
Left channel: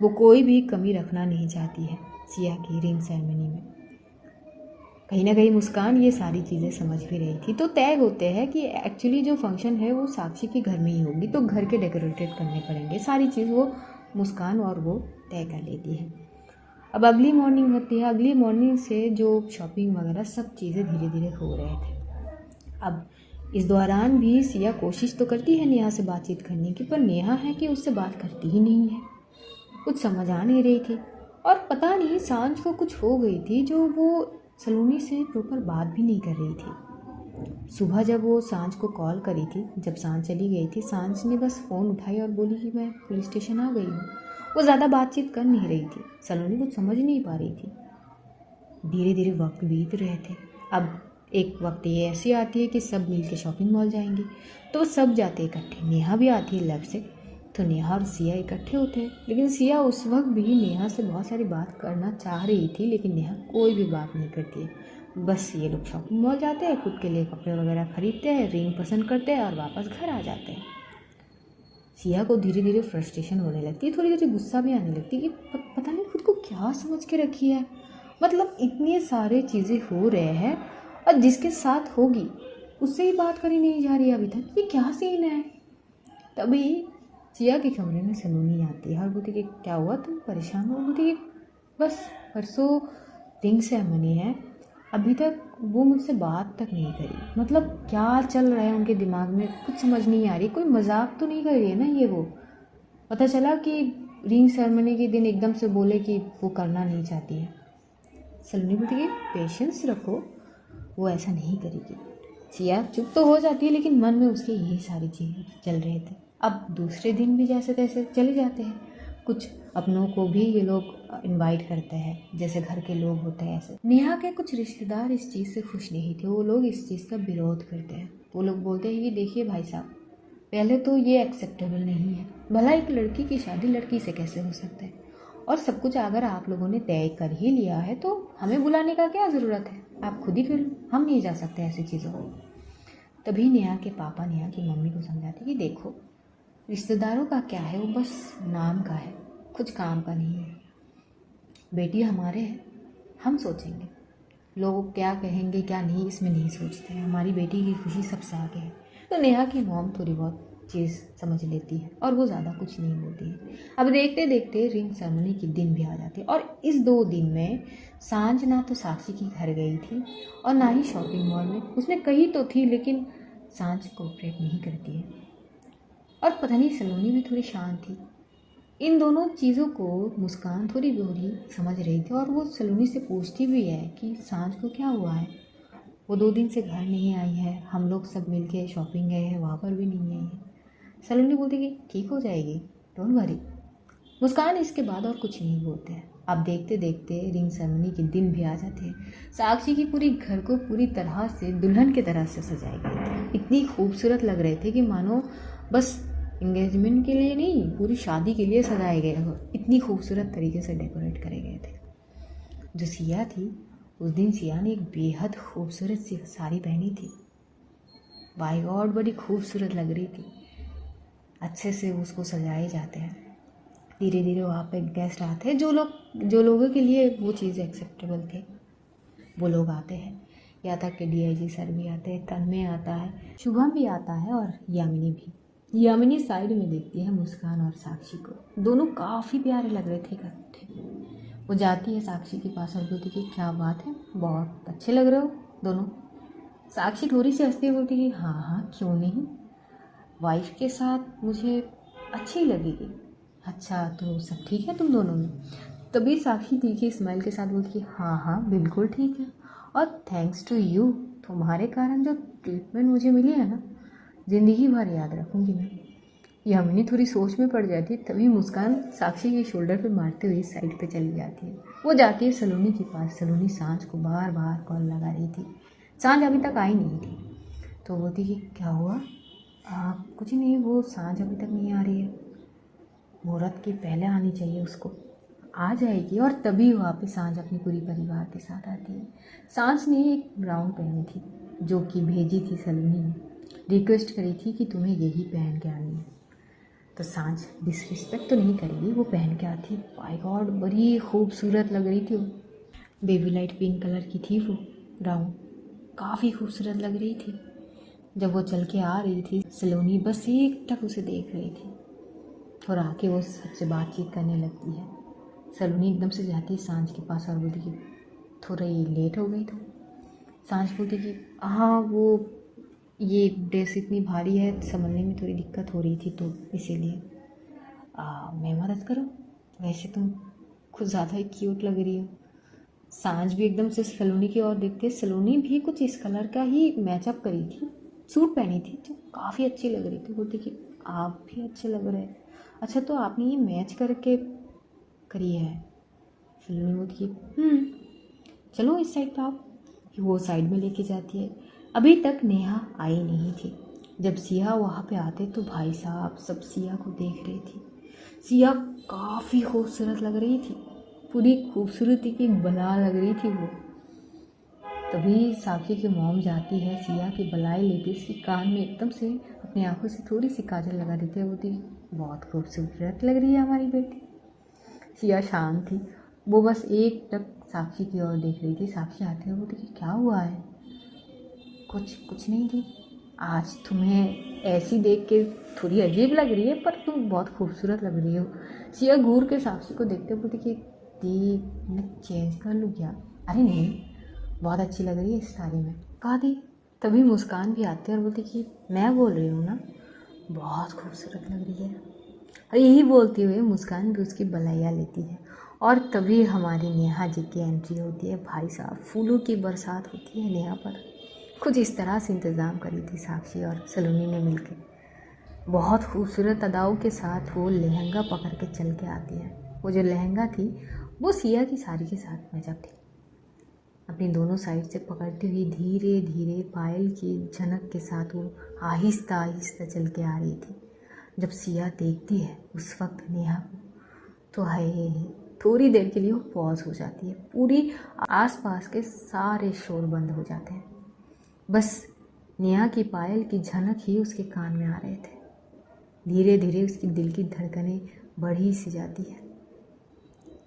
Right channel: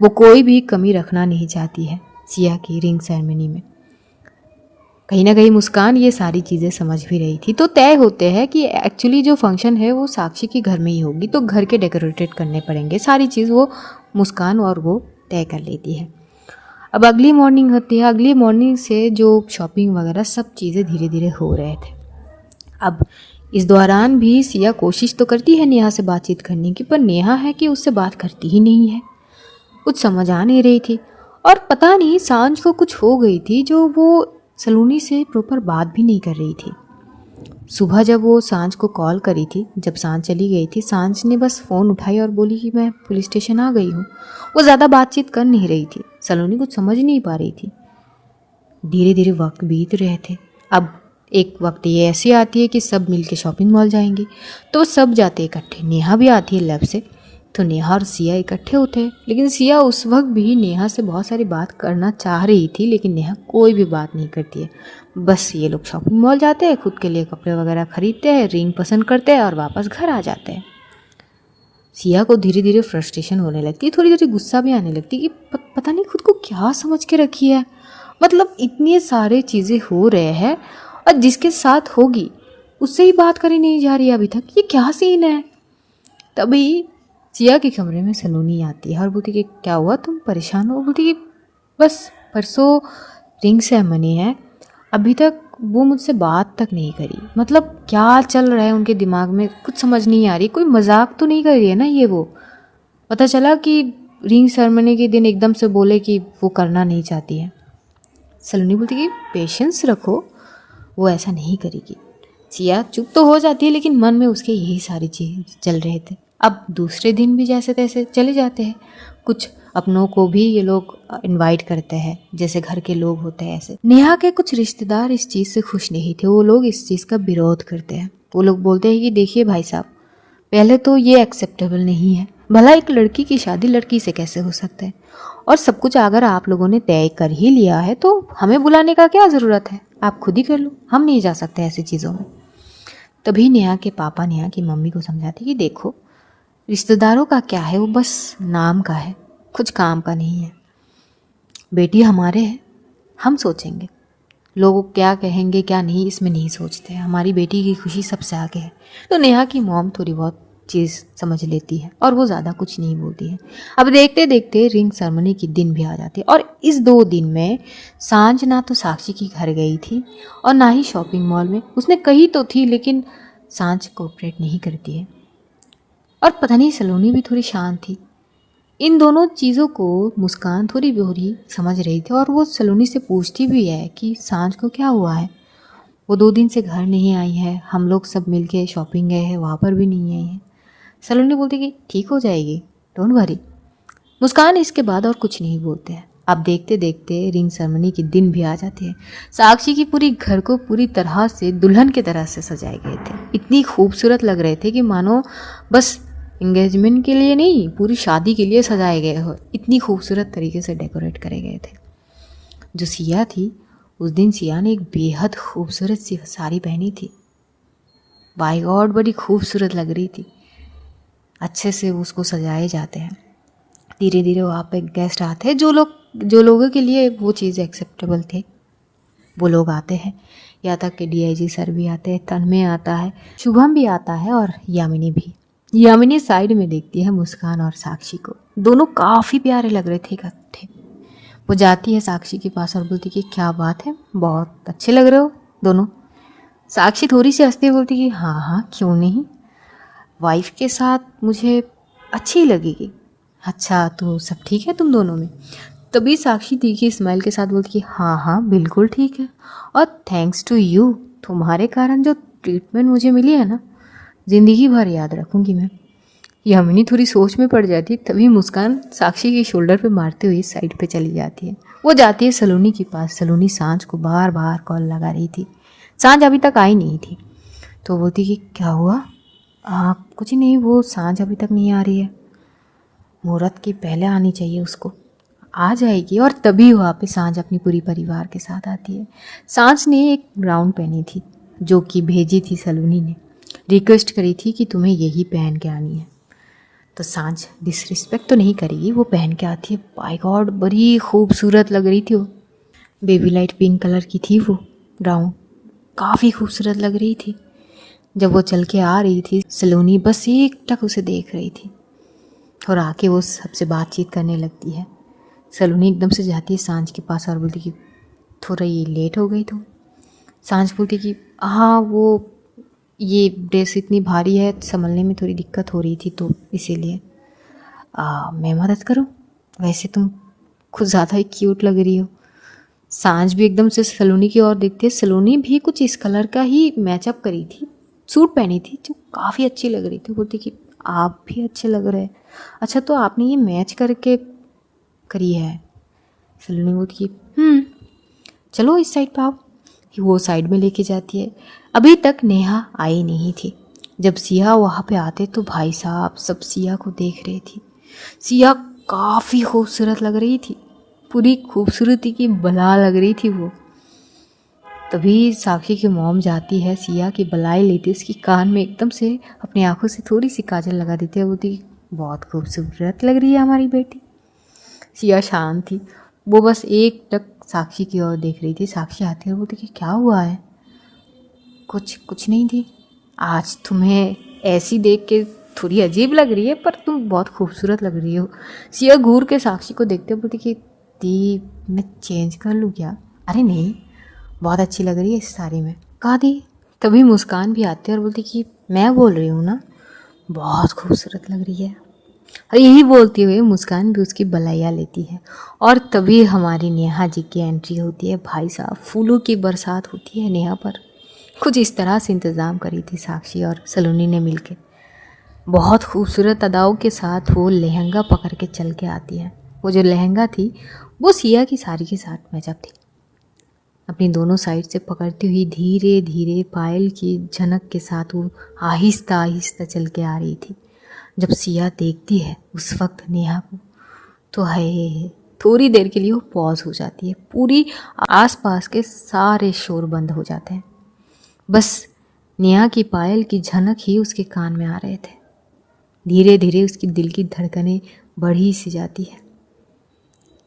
वो कोई भी कमी रखना नहीं चाहती है सिया की रिंग सेरेमनी में। कहीं ना कहीं मुस्कान ये सारी चीज़ें समझ भी रही थी। तो तय होते हैं कि एक्चुअली जो फंक्शन है वो साक्षी के घर में ही होगी, तो घर के डेकोरेटेड करने पड़ेंगे, सारी चीज़ वो मुस्कान और वो तय कर लेती है। अब अगली मॉर्निंग होती है। अगली मॉर्निंग से जो शॉपिंग वगैरह सब चीज़ें धीरे धीरे हो रहे थे। अब इस दौरान भी सिया कोशिश तो करती है नेहा से बातचीत करने की, पर नेहा है कि उससे बात करती ही नहीं है। कुछ समझ आ नहीं रही थी और पता नहीं सांझ को कुछ हो गई थी जो वो सलोनी से प्रॉपर बात भी नहीं कर रही थी। सुबह जब वो सांझ को कॉल करी थी, जब सांझ चली गई थी, सांझ ने बस फ़ोन उठाई और बोली कि मैं पुलिस स्टेशन आ गई हूँ। वो ज़्यादा बातचीत कर नहीं रही थी। सलोनी कुछ समझ नहीं पा रही थी। धीरे धीरे वक्त बीत रहे थे। अब एक वक्त ये ऐसी आती है कि सब मिलके शॉपिंग मॉल जाएंगे, तो सब जाते इकट्ठे। नेहा भी आती है लैब से, तो नेहा और सिया इकट्ठे होते हैं। लेकिन सिया उस वक्त भी नेहा से बहुत सारी बात करना चाह रही थी, लेकिन नेहा कोई भी बात नहीं करती है। बस ये लोग शॉपिंग मॉल जाते हैं, खुद के लिए कपड़े वगैरह खरीदते हैं, रिंग पसंद करते हैं और वापस घर आ जाते हैं। सिया को धीरे धीरे फ्रस्ट्रेशन होने लगती है, थोड़ी थोड़ी गुस्सा भी आने लगती है कि पता नहीं खुद को क्या समझ के रखी है। मतलब इतनी सारे चीज़ें हो रहे हैं और जिसके साथ होगी उससे ही बात करी नहीं जा रही अभी तक। ये क्या सीन है। तभी सिया के कमरे में सलोनी आती है और बोलती कि क्या हुआ, तुम परेशान हो। बोलती कि बस परसों रिंग सेरेमनी है, अभी तक वो मुझसे बात तक नहीं करी। मतलब क्या चल रहा है उनके दिमाग में कुछ समझ नहीं आ रही। कोई मजाक तो नहीं कर रही है ना ये वो। पता चला कि रिंग सेरेमनी के दिन एकदम से बोले कि वो करना नहीं चाहती है। सलोनी बोलती कि पेशेंस रखो, वो ऐसा नहीं करेगी। सिया चुप तो हो जाती है, लेकिन मन में उसके यही सारी चीज़ चल रहे थे। अब दूसरे दिन भी जैसे तैसे चले जाते हैं। कुछ अपनों को भी ये लोग इनवाइट करते हैं, जैसे घर के लोग होते हैं ऐसे। नेहा के कुछ रिश्तेदार इस चीज़ से खुश नहीं थे। वो लोग इस चीज़ का विरोध करते हैं। वो लोग बोलते हैं कि देखिए भाई साहब, पहले तो ये एक्सेप्टेबल नहीं है। भला एक लड़की की शादी लड़की से कैसे हो सकता है। और सब कुछ अगर आप लोगों ने तय कर ही लिया है तो हमें बुलाने का क्या ज़रूरत है। आप खुद ही कर लो, हम नहीं जा सकते ऐसी चीज़ों में। तभी नेहा के पापा नेहा की मम्मी को समझाते कि देखो, रिश्तेदारों का क्या है, वो बस नाम का है, कुछ काम का नहीं है। बेटी हमारे हैं, हम सोचेंगे। लोग क्या कहेंगे क्या नहीं इसमें नहीं सोचते। हमारी बेटी की खुशी सबसे आगे है। तो नेहा की मॉम थोड़ी बहुत चीज़ समझ लेती है और वो ज़्यादा कुछ नहीं बोलती है। अब देखते देखते रिंग सेरेमनी की दिन भी आ जाती है और इस 2 दिन में सांझ ना तो साक्षी के घर गई थी और ना ही शॉपिंग मॉल में। उसने कही तो थी, लेकिन सांझ कोऑपरेट नहीं करती है। और पता नहीं सलोनी भी थोड़ी शांत थी। इन दोनों चीज़ों को मुस्कान थोड़ी बोरी समझ रही थी और वो सलोनी से पूछती भी है कि सांझ को क्या हुआ है। वो 2 दिन से घर नहीं आई है, हम लोग सब मिलके शॉपिंग गए हैं, वहाँ पर भी नहीं आई है। सलोनी बोलती कि ठीक हो जाएगी, डोंट वरी। मुस्कान इसके बाद और कुछ नहीं बोलते हैं। अब देखते देखते रिंग सेरेमनी के दिन भी आ जाते हैं। साक्षी की पूरी घर को पूरी तरह से दुल्हन की तरह से सजाए गए थे। इतनी खूबसूरत लग रहे थे कि मानो बस इंगेजमेंट के लिए नहीं, पूरी शादी के लिए सजाए गए हो। इतनी खूबसूरत तरीके से डेकोरेट करे गए थे। जो सिया थी, उस दिन सिया ने एक बेहद खूबसूरत सी साड़ी पहनी थी। बाय गॉड, बड़ी खूबसूरत लग रही थी। अच्छे से उसको सजाए जाते हैं। धीरे धीरे वहाँ पे गेस्ट आते हैं, जो लोगों के लिए वो चीज़ एक्सेप्टेबल थे वो लोग आते हैं। यहाँ तक कि डीआईजी सर भी आते हैं, तन्मय आता है, शुभम भी आता है और यामिनी भी। यामिनी साइड में देखती है मुस्कान और साक्षी को। दोनों काफ़ी प्यारे लग रहे थे इकट्ठे। वो जाती है साक्षी के पास और बोलती कि क्या बात है, बहुत अच्छे लग रहे हो दोनों। साक्षी थोड़ी सी हंसती बोलती कि हाँ हाँ क्यों नहीं, वाइफ के साथ मुझे अच्छी लगेगी। अच्छा तो सब ठीक है तुम दोनों में। तभी साक्षी तीखी स्माइल के साथ बोलती कि हाँ हाँ बिल्कुल ठीक है, और थैंक्स टू यू, तुम्हारे कारण जो ट्रीटमेंट मुझे मिली है ना, ज़िंदगी भर याद रखूँगी मैं। यामिनी थोड़ी सोच में पड़ जाती। तभी मुस्कान साक्षी के शोल्डर पे मारते हुए साइड पे चली जाती है। वो जाती है सलोनी के पास। सलोनी सांझ को बार बार कॉल लगा रही थी, सांझ अभी तक आई नहीं थी। तो बोलती कि क्या हुआ। कुछ नहीं, वो सांझ अभी तक नहीं आ रही है, मुहूर्त की पहले आनी चाहिए उसको, आ जाएगी। और तभी वहाँ पे सांझ अपनी पूरी परिवार के साथ आती है। सांझ ने एक गाउन पहनी थी जो कि भेजी थी सलोनी ने, रिक्वेस्ट करी थी कि तुम्हें यही पहन के आनी है। तो सांझ डिसरिस्पेक्ट तो नहीं करेगी, वो पहन के आती है। बाय गॉड, बड़ी खूबसूरत लग रही थी वो। बेबी लाइट पिंक कलर की थी वो गाउन, काफ़ी खूबसूरत लग रही थी। जब वो चल के आ रही थी, सलोनी बस एक टक उसे देख रही थी और आके वो सबसे बातचीत करने लगती है। सलोनी एकदम से जाती है सांझ के पास और बोलती कि थोड़ा ये लेट हो गई। तो सांझ बोलती कि हाँ, वो ये ड्रेस इतनी भारी है, संभलने में थोड़ी दिक्कत हो रही थी तो इसीलिए। मैं मदद करूँ, वैसे तुम कुछ ज़्यादा ही क्यूट लग रही हो। सांझ भी एकदम से सलोनी की ओर देखती है। सलोनी भी कुछ इस कलर का ही मैचअप करी थी, सूट पहनी थी जो काफ़ी अच्छी लग रही थी। बोलती कि आप भी अच्छे लग रहे हैं। अच्छा तो आपने ये मैच करके करी है? सलोनी बोलती कि चलो इस साइड पे आओ। वो साइड में लेके जाती है। अभी तक नेहा आई नहीं थी। जब सिया वहाँ पे आते तो भाई साहब सब सिया को देख रही थी। सिया काफ़ी खूबसूरत लग रही थी, पूरी खूबसूरती की बला लग रही थी वो। तभी साक्षी की मॉम जाती है, सिया की बलाई लेती है, उसकी कान में एकदम से अपनी आंखों से थोड़ी सी काजल लगा देती है। बोलती बहुत खूबसूरत लग रही है हमारी बेटी। सिया शांत थी, वो बस एक टक साक्षी की ओर देख रही थी। साक्षी आती है, बोलती कि क्या हुआ है? कुछ नहीं थी। आज तुम्हें ऐसी देख के थोड़ी अजीब लग रही है, पर तुम बहुत खूबसूरत लग रही हो। सिया घूर के साक्षी को देखते बोलती कि दी मैं चेंज कर लूँ क्या? अरे नहीं, बहुत अच्छी लग रही है इस साड़ी में। कहा दी। तभी मुस्कान भी आती है और बोलती कि मैं बोल रही हूँ ना, बहुत खूबसूरत लग रही है। और यही बोलते हुए मुस्कान भी उसकी बलैया लेती है। और तभी हमारी नेहा जी की एंट्री होती है। भाई साहब फूलों की बरसात होती है नेहा पर। कुछ इस तरह से इंतज़ाम करी थी साक्षी और सलोनी ने मिलके। बहुत खूबसूरत अदाओं के साथ वो लहंगा पकड़ के चल के आती है। वो जो लहंगा थी वो सिया की साड़ी के साथ मैचअप थी। अपनी दोनों साइड से पकड़ती हुई धीरे धीरे पायल की झनक के साथ वो आहिस्ता आहिस्ता चल के आ रही थी। जब सिया देखती है उस वक्त नेहा को तो है थोड़ी देर के लिए वो पॉज हो जाती है। पूरी आसपास के सारे शोर बंद हो जाते हैं। बस नेहा की पायल की झनक ही उसके कान में आ रहे थे। धीरे धीरे उसकी दिल की धड़कनें बढ़ी सी जाती है।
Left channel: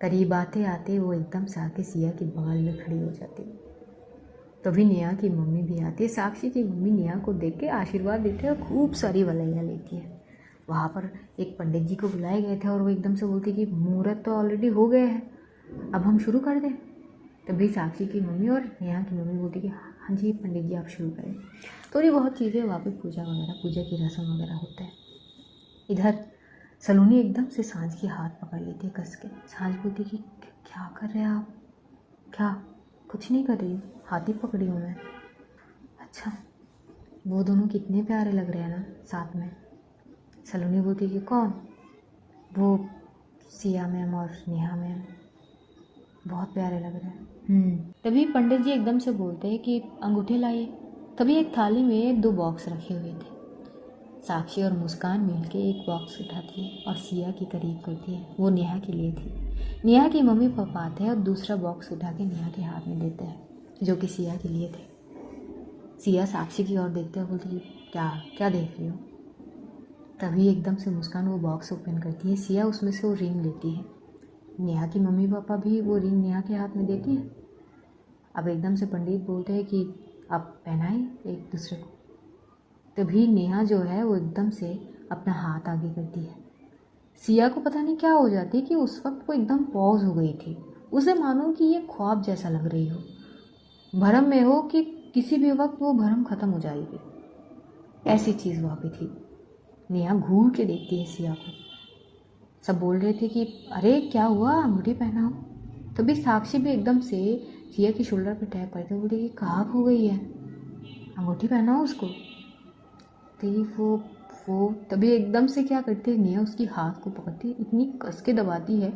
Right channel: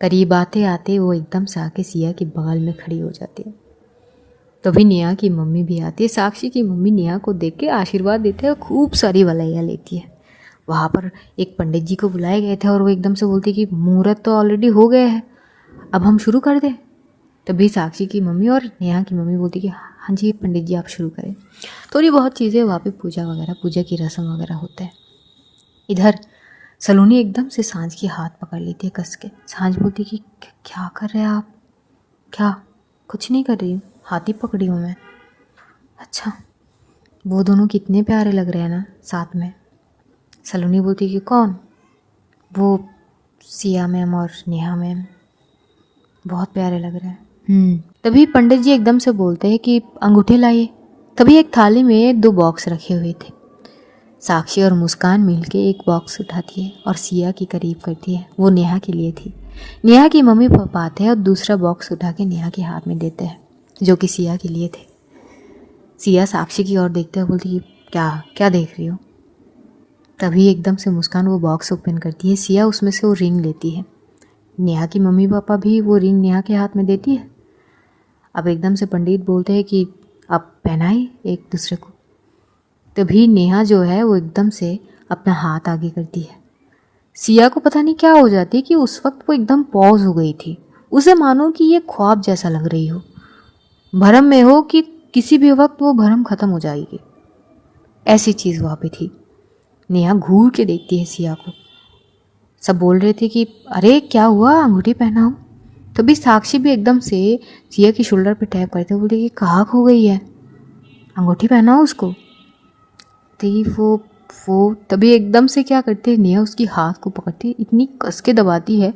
करीब आते आते वो एकदम से आके सिया के बगल में खड़ी हो जाती है। तभी नेहा की मम्मी भी आती है। साक्षी की मम्मी नेहा को देख के आशीर्वाद देते हैं और खूब सारी वलाइयाँ लेती है। वहाँ पर एक पंडित जी को बुलाए गए थे और वो एकदम से बोलती कि मुहूर्त तो ऑलरेडी हो गए हैं, अब हम शुरू कर दें। तभी साक्षी की मम्मी और नेहा की मम्मी बोलती कि हाँ जी पंडित जी आप शुरू करें। थोड़ी बहुत चीज़ें वहाँ पे पूजा की रस्म वगैरह होता है। इधर सलोनी एकदम से सांझ की हाथ पकड़ लेती है कस के। सांझ बोलती कि क्या कर रहे हैं आप? क्या? कुछ नहीं कर रही हूँ, हाथ ही पकड़ी हूँ मैं। अच्छा, वो दोनों कितने प्यारे लग रहे हैं ना साथ में। सलोनी बोलती कि कौन? वो सिया मैम और नेहा मैम, बहुत प्यारे लग रहे हैं। तभी पंडित जी एकदम से बोलते हैं कि अंगूठे लाइए। तभी एक थाली में 2 बॉक्स रखे हुए थे। साक्षी और मुस्कान मिलके एक बॉक्स उठाती है और सिया के करीब करती है। वो नेहा के लिए थी। नेहा की मम्मी पापा आते हैं और दूसरा बॉक्स उठा के नेहा के हाथ में देते हैं जो कि सिया के लिए थे। सिया साक्षी की ओर देखते हुए बोलती कि क्या क्या देख रही हो? तभी एकदम से मुस्कान वो बॉक्स ओपन करती है। सिया उसमें से वो रिंग लेती है। नेहा की मम्मी पापा भी वो रिंग नेहा के हाथ में देती है। अब एकदम से पंडित बोलते हैं कि अब पहनाए एक दूसरे को। तभी नेहा जो है वो एकदम से अपना हाथ आगे करती है। सिया को पता नहीं क्या हो जाती है कि उस वक्त वो एकदम पॉज हो गई थी। उसे मानो कि ये ख्वाब जैसा लग रही हो, भरम में हो कि किसी भी वक्त वो भरम ख़त्म हो जाएगी, ऐसी चीज़ वहाँ पे थी। नेहा घूर के देखती है सिया को। सब बोल रहे थे कि अरे क्या हुआ, अंगूठी पहनाओ। तभी साक्षी भी एकदम से सिया की शोल्डर पे टैप करते बोलती कि कहाँ खो गई है, अंगूठी पहनाओ उसको। तो वो तभी एकदम से क्या करती है, नेहा उसकी हाथ को पकड़ती है, इतनी कस के दबाती है।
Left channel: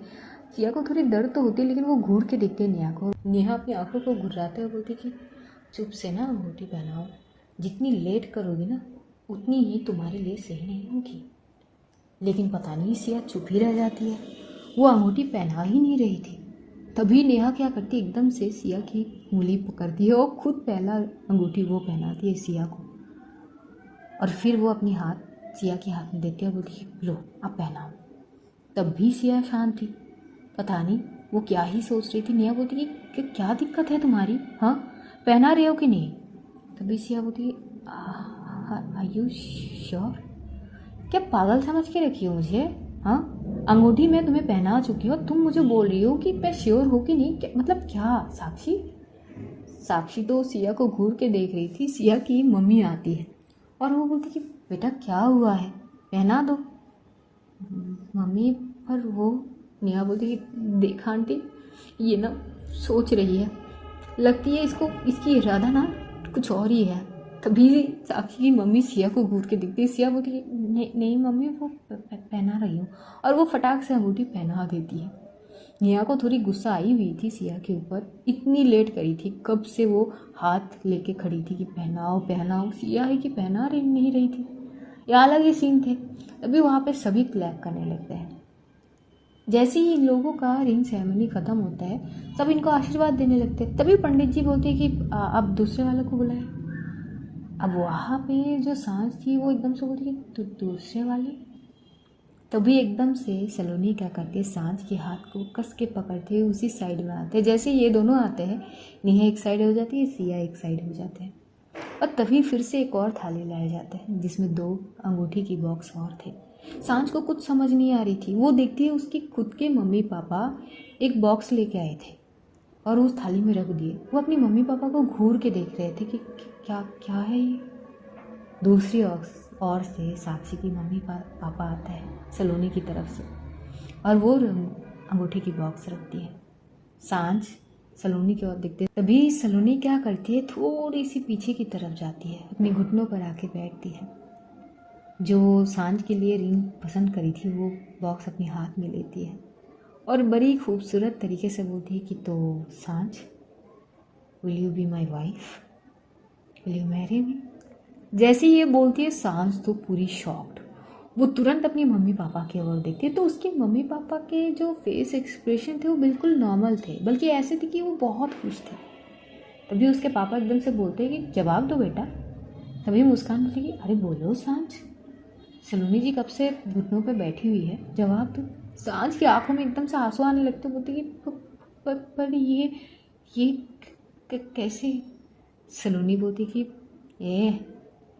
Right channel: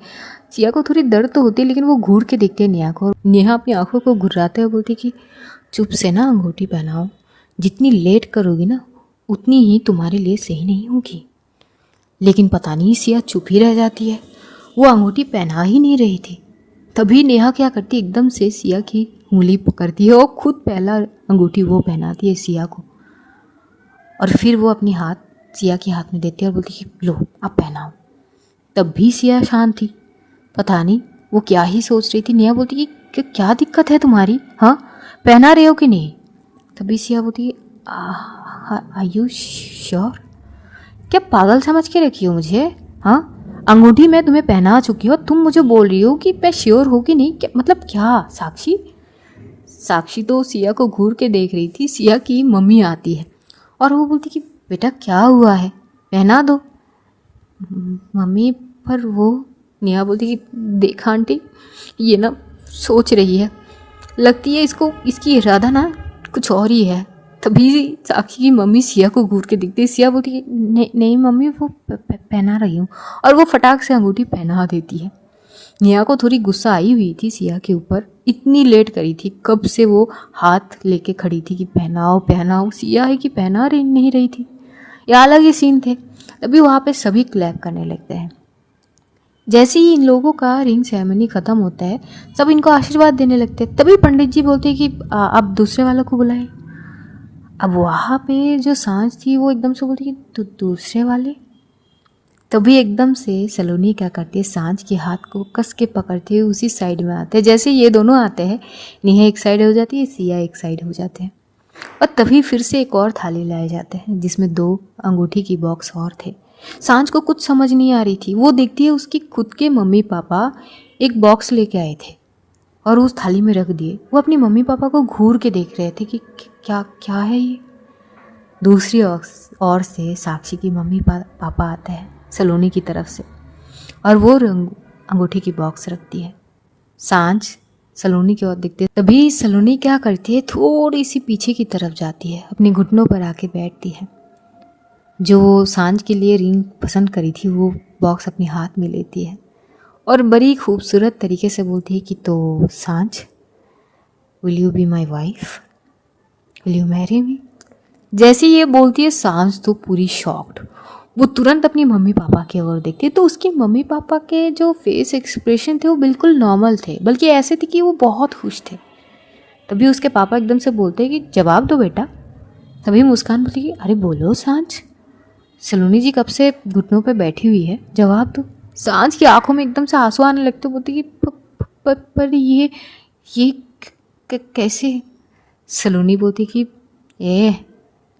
सिया को थोड़ी दर्द तो होती है लेकिन वो घूर के देखती है नेहा को। नेहा अपनी आंखों को घुराते हुए बोलती कि चुप से ना अंगूठी पहनाओ, जितनी लेट करोगी ना उतनी ही तुम्हारे लिए सही नहीं होगी। लेकिन पता नहीं सिया चुप ही रह जाती है, वो अंगूठी पहना ही नहीं रही थी। तभी नेहा क्या करती, एकदम से सिया की उंगली पकड़ती है और खुद पहला अंगूठी वो पहनाती है सिया को। और फिर वो अपनी हाथ सिया के हाथ में देती है और बोलती कि लो अब पहनाओ। तब भी सिया शांत थी, पता नहीं वो क्या ही सोच रही थी। नेहा बोलती कि क्या दिक्कत है तुम्हारी, हाँ पहना रहे हो कि नहीं? तभी सिया बोलती आर यू श्योर? क्या पागल समझ के रखी हो मुझे? हाँ अंगूठी मैं तुम्हें पहना चुकी हूँ, तुम मुझे बोल रही हो कि मैं श्योर हो कि नहीं? क्या मतलब क्या? साक्षी तो सिया को घूर के देख रही थी। सिया की मम्मी आती है और वो बोलती कि बेटा क्या हुआ है, पहना दो। मम्मी पर वो नेहा बोलती कि देखा आंटी, ये ना सोच रही है, लगती है इसको इसकी इरादा ना कुछ और ही है। तभी साक्षी की मम्मी सिया को घूर के दिखती है। सिया बोलती है नहीं नहीं मम्मी, वो पहना रही हूँ, और वो फटाक से अंगूठी पहना देती है। नेहा को थोड़ी गुस्सा आई हुई थी सिया के ऊपर, इतनी लेट करी थी, कब से वो हाथ लेके खड़ी थी कि पहनाओ पहनाओ, सिया है कि पहना रही नहीं रही थी। ये अलग ही सीन थे। तभी वहाँ पे सभी क्लैप करने लगते हैं। जैसे ही इन लोगों का रिंग सेरेमनी ख़त्म होता है, सब इनको आशीर्वाद देने लगते हैं। तभी पंडित जी बोलते हैं कि अब दूसरे वालों को बुलाए। अब वहाँ पे जो सांझ थी वो एकदम से बोलती कि दूसरे वाले। तभी एकदम से सलोनी क्या करती है, सांझ के हाथ को कस के पकड़ते हुए उसी साइड में आते हैं। जैसे ये दोनों आते हैं, नेहा एक साइड हो जाती है, सिया एक साइड हो जाते हैं। और तभी फिर से एक और थाली लाए जाते हैं जिसमें 2 अंगूठी की बॉक्स और थे। सांझ को कुछ समझ नहीं आ रही थी। वो देखती है उसकी खुद के मम्मी पापा एक बॉक्स लेके आए थे और उस थाली में रख दिए। वो अपनी मम्मी पापा को घूर के देख रहे थे कि क्या क्या है ये। दूसरी ओर से साक्षी की मम्मी पापा आते हैं सलोनी की तरफ से, और वो अंगूठी की बॉक्स रखती है। सांझ सलोनी की ओर दिखती है। तभी सलोनी क्या करती है, थोड़ी सी पीछे की तरफ जाती है, अपने घुटनों पर आके बैठती है। जो सांझ के लिए रिंग पसंद करी थी वो बॉक्स अपने हाथ में लेती है और बड़ी खूबसूरत तरीके से बोलती है कि तो सांझ, will you be my wife, will you marry me. जैसे ये बोलती है सांझ तो पूरी शॉक्ड। वो तुरंत अपनी मम्मी पापा की ओर देखती है तो उसके मम्मी पापा के जो फेस एक्सप्रेशन थे वो बिल्कुल नॉर्मल थे, बल्कि ऐसे थे कि वो बहुत खुश थे। तभी उसके पापा एकदम से बोलते हैं कि जवाब दो बेटा। तभी मुस्कान बोलती कि अरे बोलो सांझ, सलोनी जी कब से घुटनों पे बैठी हुई है, जवाब दो। सांझ की आंखों में एकदम से आंसू आने लगते, बोलती कि पर ये कैसे। सलोनी बोलती कि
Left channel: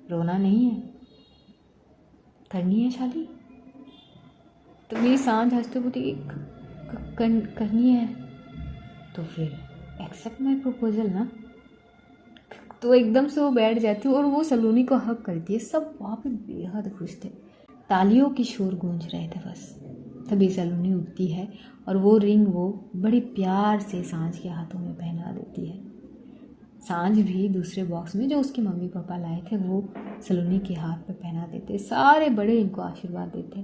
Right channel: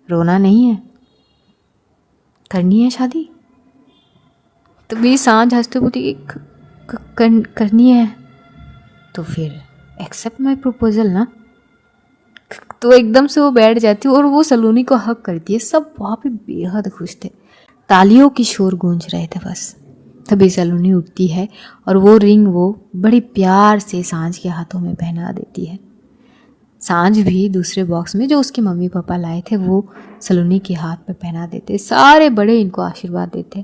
रोना नहीं है, करनी है शादी। तभी सांझ हंसते बोलती कि करनी है तो फिर एक्सेप्ट माई प्रपोजल ना। तो एकदम से वो बैठ जाती है और वो सलोनी को हक करती है। सब वहाँ पे बेहद खुश थे, तालियों की शोर गूंज रहे थे बस। तभी सलोनी उठती है और वो रिंग वो बड़ी प्यार से सांझ के हाथों में पहना देती है। सांझ भी दूसरे बॉक्स में जो उसके मम्मी पापा लाए थे वो सलोनी के हाथ पे पहना देते। सारे बड़े इनको आशीर्वाद देते।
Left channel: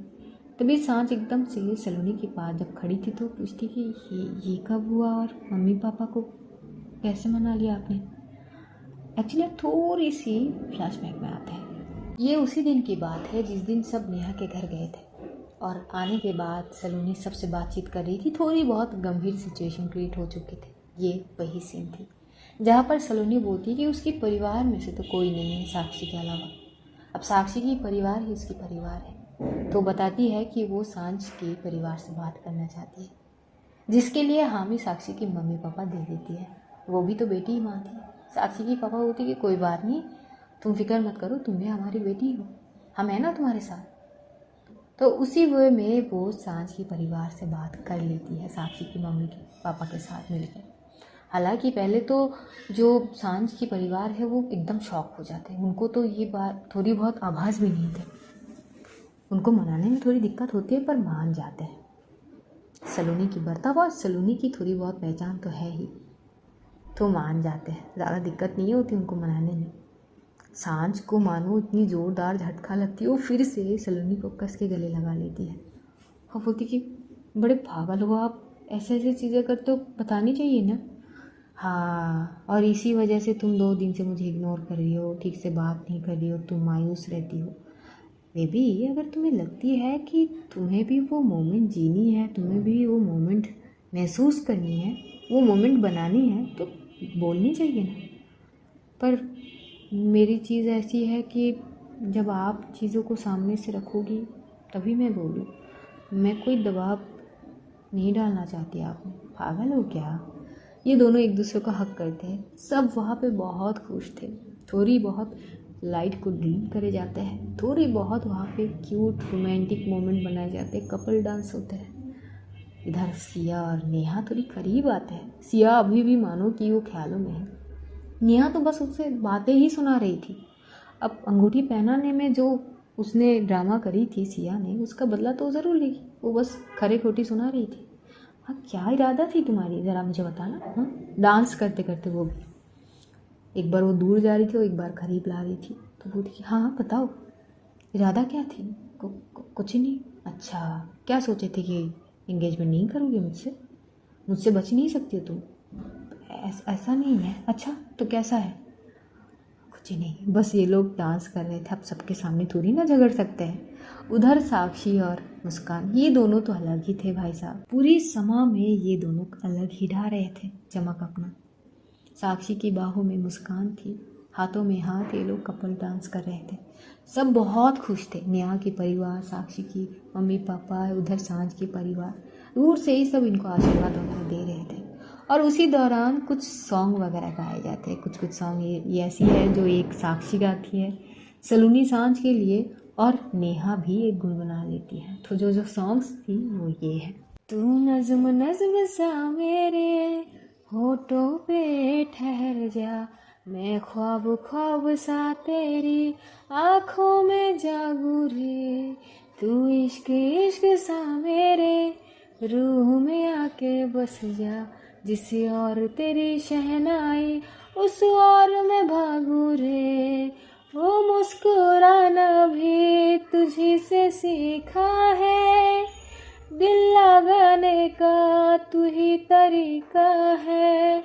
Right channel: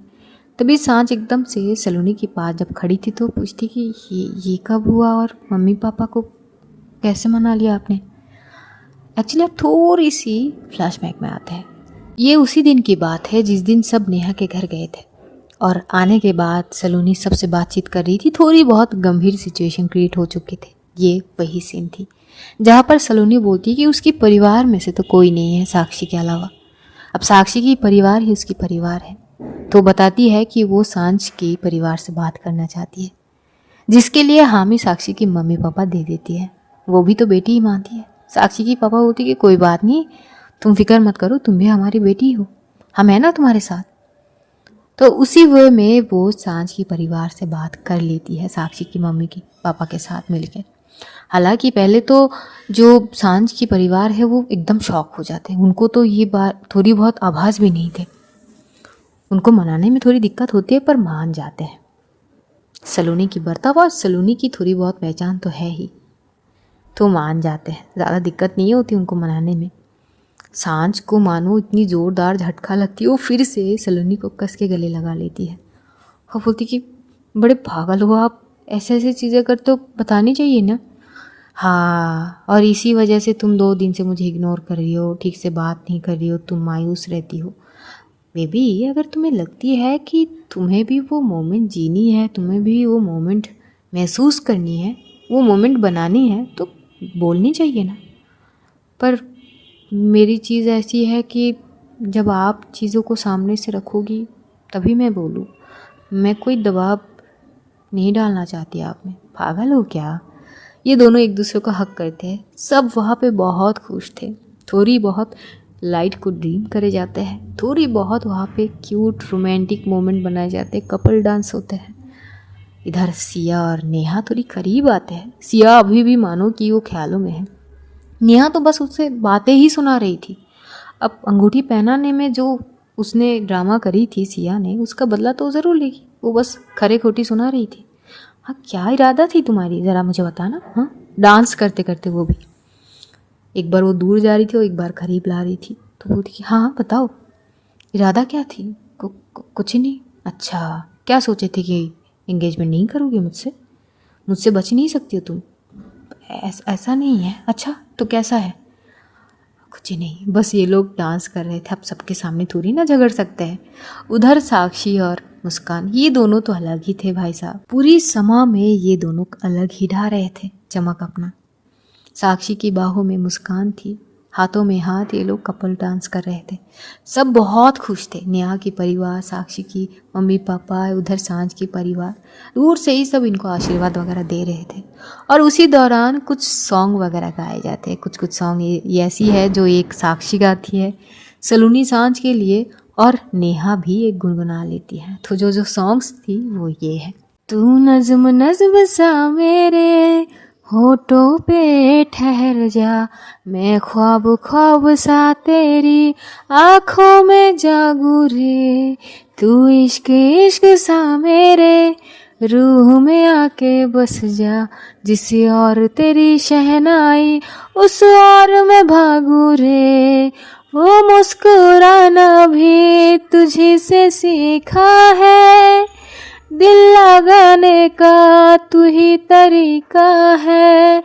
तभी सांझ एकदम से सलोनी के पास जब खड़ी थी तो पूछती कि ये कब हुआ और मम्मी पापा को कैसे मना लिया आपने। एक्चुअली आप थोड़ी सी फ्लैशबैक में आते हैं। ये उसी दिन की बात है जिस दिन सब नेहा के घर गए थे और आने के बाद सलोनी सबसे बातचीत कर रही थी। थोड़ी बहुत गंभीर सिचुएशन क्रिएट हो चुकी थी। ये वही सीन थी जहाँ पर सलोनी बोलती कि उसके परिवार में से तो कोई नहीं है साक्षी के अलावा। अब साक्षी की परिवार ही उसकी परिवार है। तो बताती है कि वो सांझ के परिवार से बात करना चाहती है, जिसके लिए हामी साक्षी की मम्मी पापा दे देती है। वो भी तो बेटी ही मानती है। साक्षी की पापा बोलती कि कोई बात नहीं, तुम फिक्र मत करो, तुम भी हमारी बेटी हो, हम है ना तुम्हारे साथ। तो उसी वे में वो सांझ की परिवार से बात कर लेती है साक्षी की मम्मी के पापा के साथ मिलकर। हालांकि पहले तो जो सांझ की परिवार है वो एकदम शॉक हो जाते हैं। उनको तो ये बात थोड़ी बहुत आभास भी नहीं थे। उनको मनाने में थोड़ी दिक्कत होती है पर मान जाते हैं। सलोनी की बर्ताव और सलोनी की थोड़ी बहुत पहचान तो है ही, तो मान जाते हैं। ज़्यादा दिक्कत नहीं होती उनको मनाने में। सांझ को मानो इतनी ज़ोरदार झटका लगती है, वो फिर से सलोनी को कस के गले लगा लेती है और बोलती कि बड़े पागल हो आप, ऐसे ऐसे चीज़ें करते हो, बतानी चाहिए ना। हाँ, और इसी वजह से तुम 2 दिन से मुझे इग्नोर कर रही हो, ठीक से बात नहीं कर रही हो, तुम मायूस रहती हो। बेबी, अगर तुम्हें लगती है कि तुम्हें भी वो मोमेंट जीनी है, तुम्हें भी वो मोमेंट महसूस करनी है, वो मोमेंट बनानी है, तो बोलनी चाहिए ना। पर मेरी चीज़ ऐसी है कि जब आप चीज़ों को सामने से रखोगी तभी मैं बोलूँ। मैं कोई दबाव नहीं डालना चाहती आप में, पागल हो क्या। ये दोनों एक दूसरे को हक करते हैं। सब वहाँ पे बहुत खुश थे। थोड़ी बहुत लाइट को ड्रीम करे जाते हैं, थोड़ी बहुत वहाँ पे क्यूट रोमांटिक मोमेंट बनाए जाते हैं, कपल डांस होते हैं। इधर सिया और नेहा थोड़ी करीब आते हैं। सिया अभी भी मानो कि वो ख्यालों में है। नेहा तो बस उससे बातें ही सुना रही थी। अब अंगूठी पहनाने में जो उसने ड्रामा करी थी सिया ने, उसका बदला तो ज़रूर लेगी। वो बस खरे खोटी सुना रही थी। हाँ, क्या इरादा थी तुम्हारी, ज़रा मुझे बताना। हाँ, डांस करते करते वो भी, एक बार वो दूर जा रही थी और एक बार करीब ला रही थी। तो बोलती कि हाँ हाँ बताओ, इरादा क्या थी। कुछ ही नहीं। अच्छा, क्या सोचे थे कि एंगेजमेंट नहीं करोगे मुझसे, मुझसे बच नहीं सकती हो तुम। ऐसा नहीं है। अच्छा तो कैसा है। कुछ ही नहीं, बस ये लोग डांस कर रहे थे, अब सबके सामने थोड़ी ना झगड़ सकते हैं। उधर साक्षी और मुस्कान, ये दोनों तो अलग ही थे भाई साहब। पूरी समा में ये दोनों अलग ही ढा रहे थे चमक अपना। साक्षी की बाहों में मुस्कान थी, हाथों में हाथ, ये लोग कपल डांस कर रहे थे। सब बहुत खुश थे। नेहा की परिवार, साक्षी की मम्मी पापा, उधर सांझ की परिवार, दूर से ही सब इनको आशीर्वाद वगैरह दे रहे थे। और उसी दौरान कुछ सॉन्ग वगैरह गाए जाते हैं। कुछ कुछ सॉन्ग ये ऐसी है जो एक साक्षी गाती है सलोनी सांझ के लिए, और नेहा भी एक गुनगुना लेती है। तो जो जो सॉन्ग्स थी वो ये है। तू नज़्म नज़्म सा मेरे होठों पे ठहर जा, मैं ख्वाब ख्वाब सा तेरी आँखों में जागू रे। तू इश्क इश्क सा मेरे रूह में आके बस जा, जिस और तेरी शहनाई उस और मैं भागू रे। वो मुस्कुराना भी तुझी से सीखा है, दिल लगाने का तू ही तरीका है।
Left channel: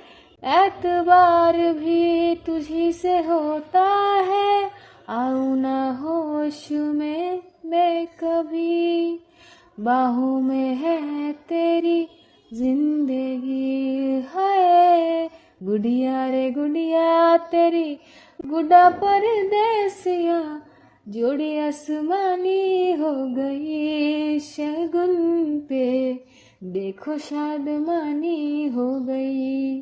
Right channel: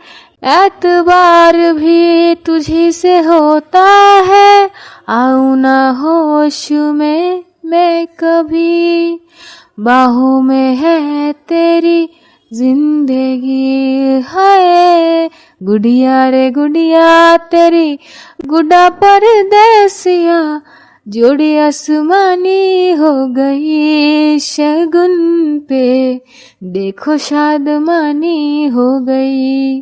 एतबार भी तुझी से होता है, आऊँ ना होश में मैं कभी। बाहों में है तेरी जिंदगी है, गुड़िया रे गुड़िया तेरी गुड्डा परदेसिया, जोड़ी आसमानी हो गई शगुन पे, देखो शादमानी हो गई।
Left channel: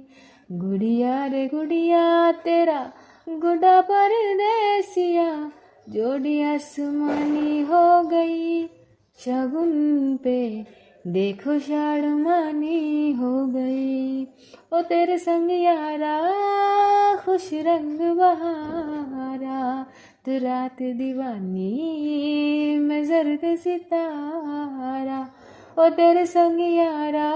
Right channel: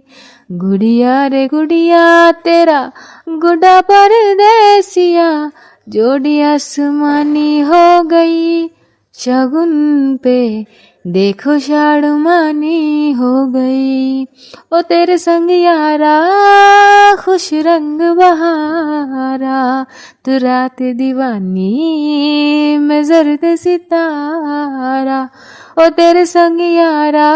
गुड़िया रे गुड़िया तेरा गुड्डा परदेसिया, जोड़ी आसमानी हो गई शगुन पे, देखो शादमानी हो गई। ओ तेरे संग यारा खुश रंग बहारा, तू रात दीवानी मैं जर्द सितारा। ओ तेरे संग यारा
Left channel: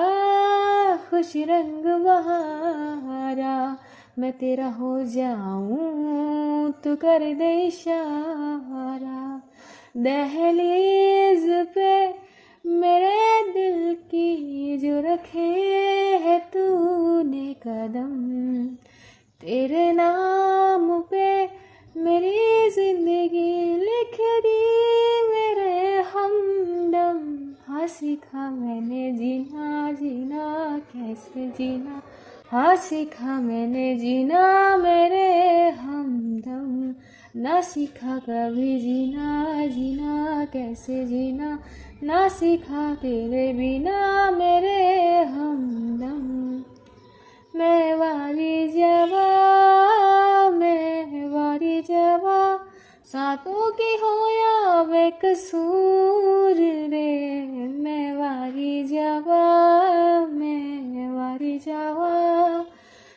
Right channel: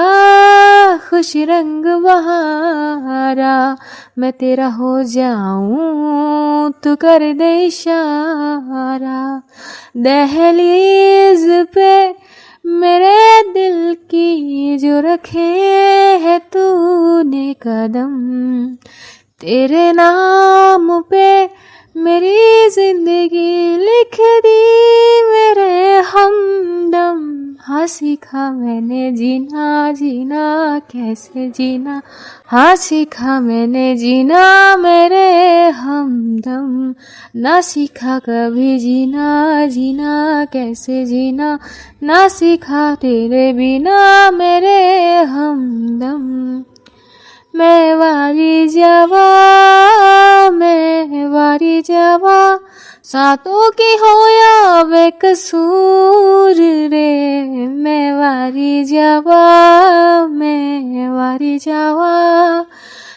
खुश रंग बहारा, मैं तेरा हो जाऊं तू कर दे इशारा। दहलीज पे मेरे दिल की जो रखे है तूने कदम, तेरे नाम पे मेरी जिंदगी लिख दी मेरे हमदम। हाँ सीखा मैंने जीना, जीना कैसे जीना, हाँ सीखा मैंने जीना मेरे हमदम। ना सीखा कभी जीना, जीना कैसे जीना, ना सीखा तेरे बिना मेरे हमदम। मैं वारी जावा, मैं वारी जावा, सातों की होया बेकसूर रे। मैं वारी जावा, मैं वारी जावा,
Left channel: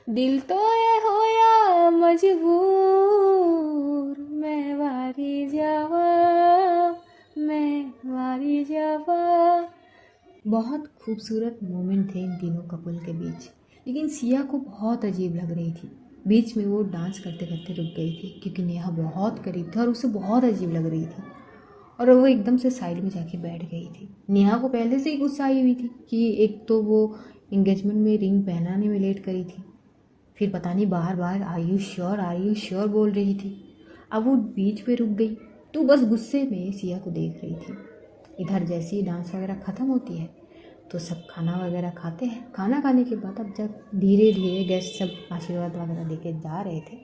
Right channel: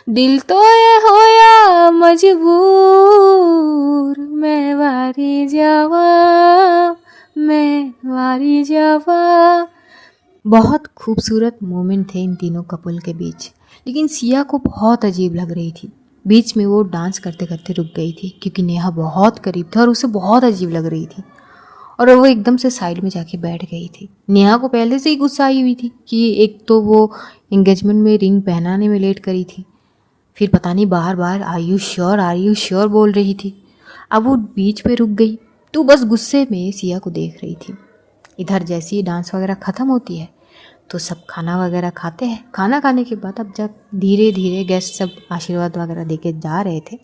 दिल तो ये होया मजबूर। मैं वारी जावा, मैं वारी जावा। बहुत खूबसूरत मोमेंट थे इन तीनों कपल के बीच, लेकिन सिया को बहुत अजीब लग रही थी। बीच में वो डांस करते करते रुक गई थी क्योंकि नेहा बहुत करीब था और उसे बहुत अजीब लग रही थी, और वो एकदम से साइड में जाके बैठ गई थी। नेहा को पहले से ही गुस्सा आई हुई थी कि एक तो वो एंगेजमेंट में रिंग पहनाने में लेट करी थी, फिर पता नहीं बार बार आर यू श्योर बोल रही थी। अब वो बीच पे रुक गई तो बस गुस्से में सिया को देख रही थी। इधर जैसे ही डांस वगैरह ख़त्म होती है तो सब खाना वगैरह खाते हैं। खाना खाने के बाद अब जब धीरे धीरे गेस्ट सब आशीर्वाद वगैरह देके जा रहे थे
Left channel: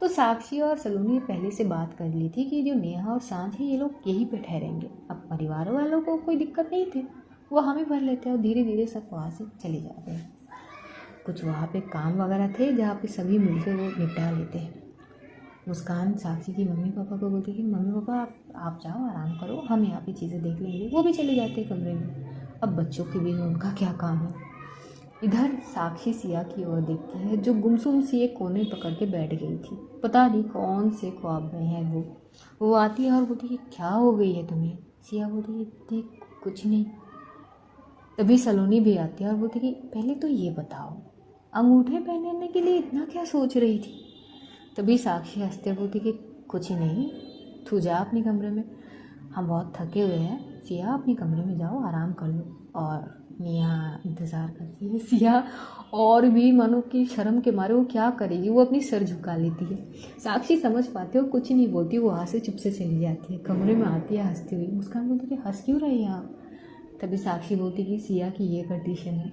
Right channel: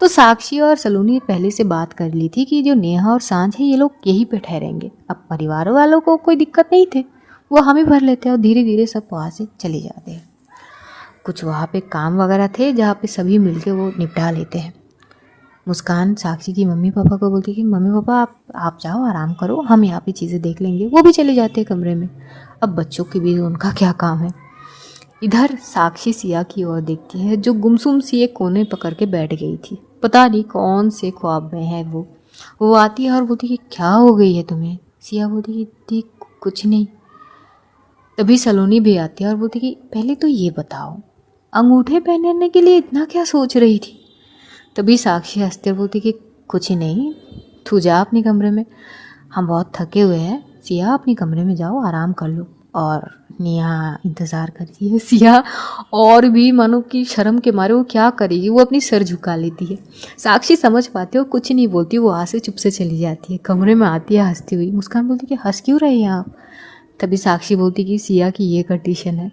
तो साक्षी और सलोनी पहले से बात कर ली थी कि जो नेहा और सांझ है ये लोग यहीं पे ठहरेंगे। अब परिवार वालों को कोई दिक्कत नहीं थे, वो हम ही भर लेते हैं और धीरे धीरे सब वहाँ से चले जाते हैं। कुछ वहाँ पे काम वगैरह थे जहाँ पे सभी मिलके वो निपटा लेते हैं। मुस्कान साक्षी की मम्मी पापा को बोलती कि मम्मी पापा आप जाओ आराम करो, हम यहाँ पे चीज़ें देख लेंगे। वो भी चले जाते हैं कमरे में। अब बच्चों के भी उनका क्या काम है। इधर साक्षी सिया की ओर देखती है जो गुमसुम सी एक कोने पकड़ के बैठ गई थी। पता नहीं कौन से ख्वाब में है वो आती है और बोलती कि क्या हो गई है तुम्हें। सिया बोलती कि देख कुछ नहीं। तभी सलोनी भी आती है और बोलती कि पहले तो ये बताओ अंगूठे पहनने के लिए इतना क्या सोच रही थी। तभी साक्षी हंसते हुए बोलती कि कुछ ही नहीं, तू जा अपने कमरे में, हम बहुत थके हुए हैं। सिया अपने कमरे में जाओ, आराम कर लो। और नेहा इंतज़ार करती है। सिया और भी मानो कि शर्म के मारे वो क्या करेगी, वो अपनी सर झुका लेती है। साक्षी समझ पाती है, वो कुछ नहीं बोलती, वो वहाँ से चुप से चली जाती है। कमरे में आती है हंसती हुई। मुस्कान बोलती कि हंस क्यों रहे हैं आप। तभी साक्षी बोलती कि सिया की ये कंडीशन है।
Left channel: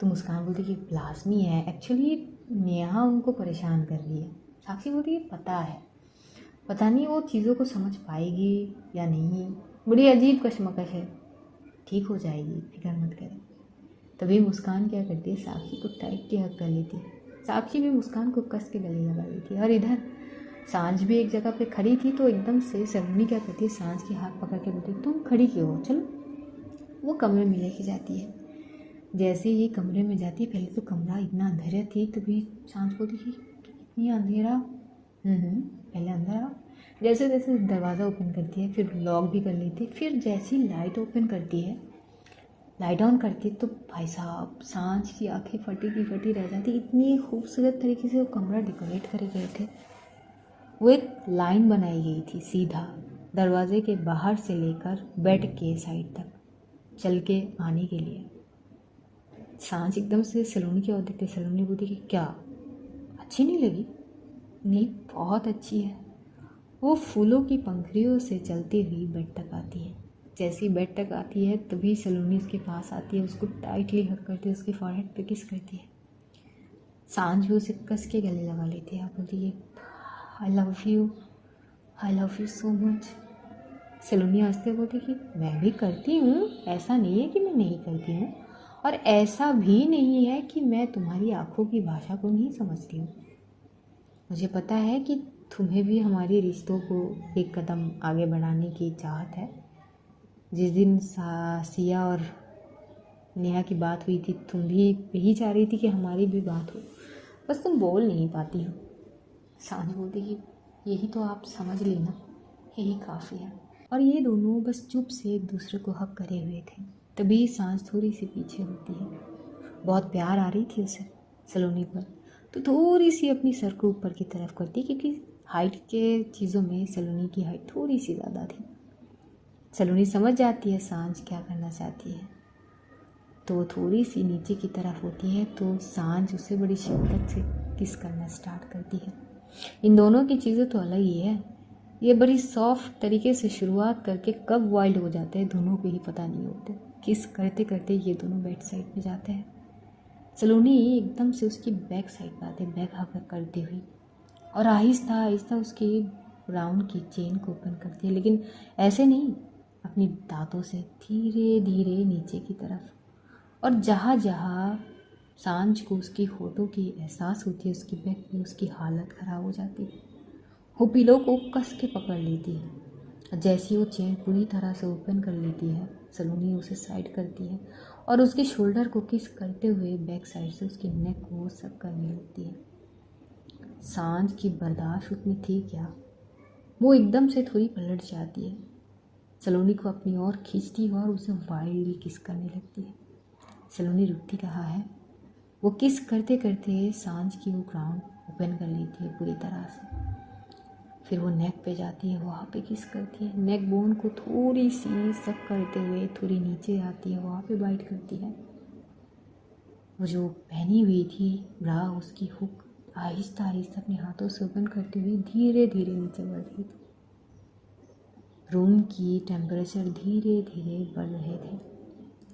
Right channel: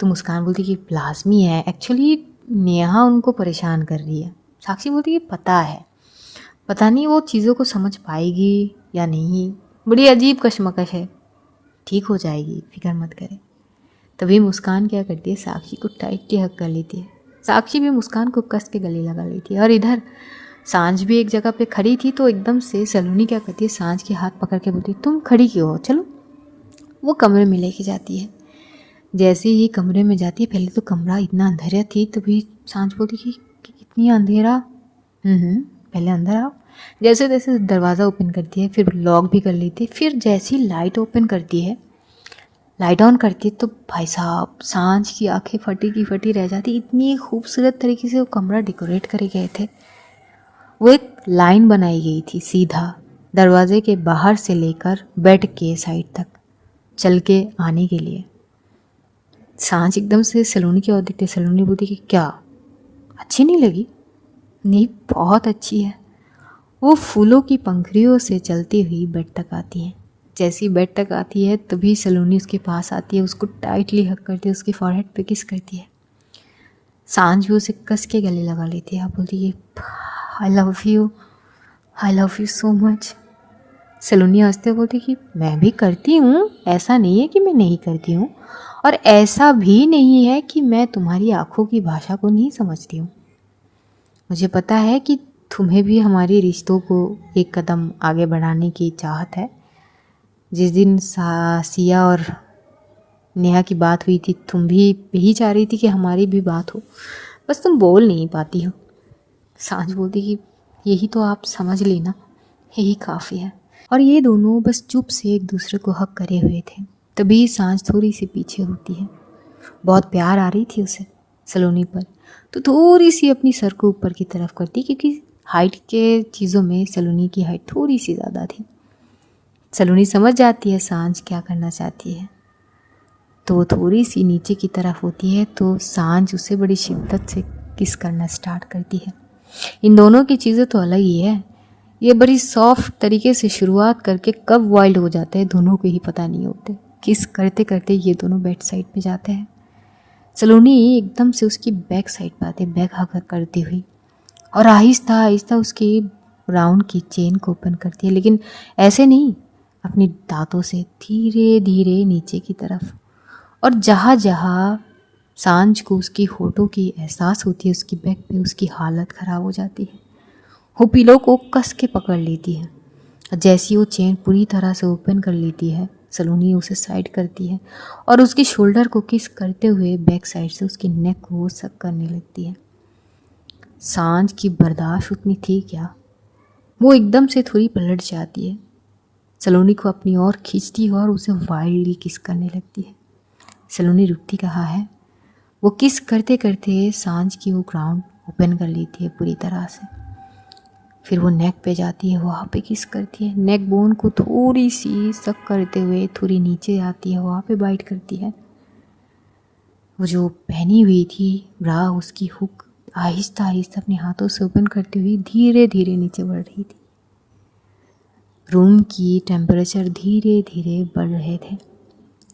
तो मुस्कान बोलती कि लाजमी है, एक्चुअली नेहा उनको परेशान कर रही है। साक्षी बोलती कि पता है, पता नहीं वो चीज़ों को समझ पाएगी या नहीं, बड़ी अजीब कश्मकश है, ठीक हो जाएगी, फिक्र मत करें। तभी मुस्कान क्या करती है, साक्षी को टाइटली हक कर लेती है। साक्षी भी मुस्कान को कस के गले लगा लेती है। और इधर सांझ भी एक जगह पे खड़ी थी, तो एकदम से सलोनी क्या करती है, सांझ के हाथ पकड़ के बोलती तुम खड़ी क्यों हो, चलो। वो कमरे में लेके जाती है। जैसे ही कमरे में जाती है, पहले तो कमरा इतना अंधेरा थी, तभी सांझ बोलती कि कितनी अंधेरा, पहले अंदर आओ। जैसे जैसे दरवाज़ा ओपन करती है, फिर लॉक भी कर लेती है, फिर जैसी लाइट ओपन करती है, लाइट ऑन करती है, तो भाई साहब सांझ की आंखें फटी की फटी रह जाती। इतनी खूबसूरत तरीके से वो कमरा डेकोरेट करे गए थे। वो एक लाइन बनाई गई थी सीधा दरवाजे के बाहर से लेकर बेड के साइड तक चल के आने के लिए। सांझ एकदम से सलोनी की ओर देखते, सलोनी बोलती कि क्या अच्छी नहीं लगी। नहीं, बहुत अच्छी है। वो फूलों की पंखुड़ियों से चलती हुई बेड तक आती है। जैसी बेड तक आती है, तभी सलोनी उसके पास आती है, उसको टाइटली हक करती है, उसके फॉरहेड पे किस करती है। सांझ भी उसे कस के गले लगा लेती है। बोलती है I love you so much. Saloni हंसते बोलती कि मैं भी करती हूँ, ऐसा नहीं है कि मैं नहीं करती हूँ, और ऐसा भी नहीं है कि मैं तुम्हारी आंखों की भाषा को नहीं समझती हूँ। मुझे पता है कि तुम्हें भी हमारे रिश्तों को एक कदम आगे बढ़ाने की चाहत है। जिस दिन सिया और नेहा की बात हुई थी, तुम भी यही चाह रही थी कि हमारी भी बात हो, बस तुम बोल नहीं पाती हो। सांझ बोलती कि यही तो आप समझ लेना, यही काफ़ी है। और ये दोनों बस चुप से एक दूसरे को हक करे हुए थे। तभी सांझ थोड़ी सी पीछे होती है। बहुत प्यार आ रही थी उसे सलोनी पर, तो थोड़ी सी अपनी सर को ऊपर की तरफ करती, क्योंकि हाइट के चीज़ों में सलोनी की हाइट थोड़ी सी ज़्यादा थी। सलोनी समझ जाती है सांझ क्या करना चाहती है, तो वो थोड़ी सी नीचे की तरफ होती है, तो सांझ उसे बड़ी शिद्दत से किस करना स्टार्ट करती है। इन दोनों की चीज़ें तो अलग ही है। ये बड़ी सॉफ्ट तरीके से शुरुआत करके कब वाइल्ड हो जाते हैं दोनों को ही पता नहीं होते। किस करते करते ये दोनों बेड साइड पे जाते हैं। सलोनी एकदम से उसकी बैक साइड पे आते, बैक हक करती हुई, और आहिस्ता आहिस्ता उसकी राउंड की चेन को ओपन करती है, लेकिन ऐसे नहीं, अपने दांतों से धीरे धीरे नीचे की तरफ। और जहाँ जहाँ सांझ को उसकी होठों की एहसास होती है उसकी बैक पे, उसकी हालत ख़राब हो जाती है। वो पिलो को कस के पकड़ लेती है। जैसी वो चेन पूरी तरह से ओपन कर लेती है, सलोनी उसे साइड करती है और उसकी शोल्डर को किस करते हुए बैक साइड से उसकी नेक को सक करने लगती है। सांझ की बर्दाश्त उतनी थी क्या, वो एकदम से थोड़ी पलट जाती है, सलोनी को अपनी ओर खींचती है और उसे वाइल्डली किस करने लगती है। सलोनी रुकती कहाँ है, वो किस करते करते सांझ की वो ग्राउंड ओपन कर लेती है पूरी तरह से। फिर वो नेक पे जाती है, वहाँ पे किस करती है, नेक बोन को थोड़ी सी सक करते हुए थोड़ी नीचे आती है, वहाँ पे बाइट करती है। वो जो पहनी हुई थी ब्रा, उसकी हुक आहिस्ता आहिस्ता अपने हाथों से ओपन करती हुई धीरे धीरे नीचे बढ़ रही थी। रूम की टेम्परेचर धीरे धीरे बढ़ रहे थे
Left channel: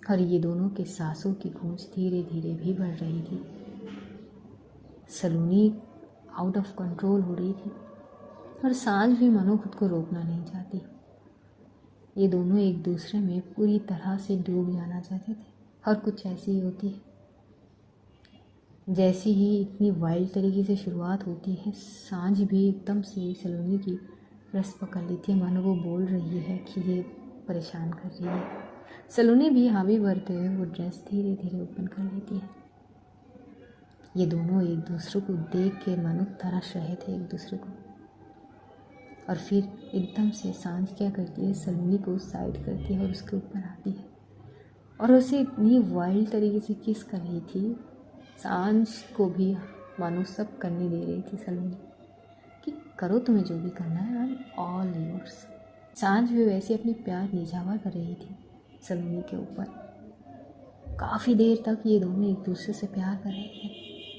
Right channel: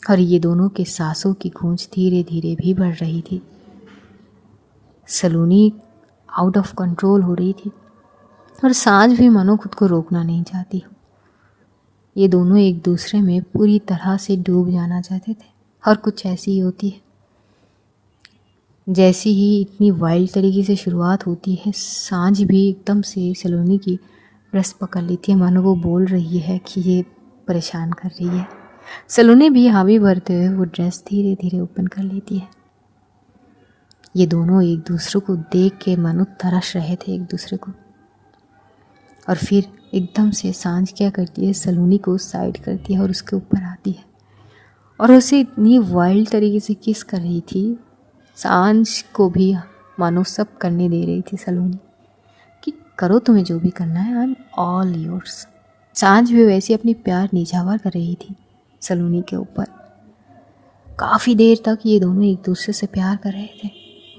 और ये दोनों के सांसों की गूंज धीरे धीरे भी बढ़ रही थी। सलोनी आउट ऑफ कंट्रोल हो रही थी और सांझ भी मानो खुद को रोकना नहीं चाहती। ये दोनों एक दूसरे में पूरी तरह से डूब जाना चाहते थे और कुछ ऐसी ही होती है। जैसी ही इतनी वाइल्ड तरीके से शुरुआत होती है, सांझ भी एकदम से सलोनी की ब्रेस्ट पकड़ लेती है, मानो वो बोल रही है कि ये परेशान कर रही है। सलोनी भी हामी भरते हुए वो ड्रेस धीरे धीरे ओपन कर लेती है। ये दोनों एक दूसरे को देख के मानो तरस रहे थे एक दूसरे को। और फिर एकदम से सांझ क्या करती है, सलोनी को साइड करती है और उसके ऊपर आती है और उसे इतनी वाइल्ड तरीके से किस कर रही थी। सांझ को भी मानो सब करने दे रही थी सलोनी कि करो, तुम्हें जो भी करना है, आई एम ऑल योर्स। सांझ भी वैसे अपनी प्यार निझावर कर रही थी सलोनी के ऊपर। काफ़ी देर तक ये दोनों एक दूसरे से प्यार कर रहे थे।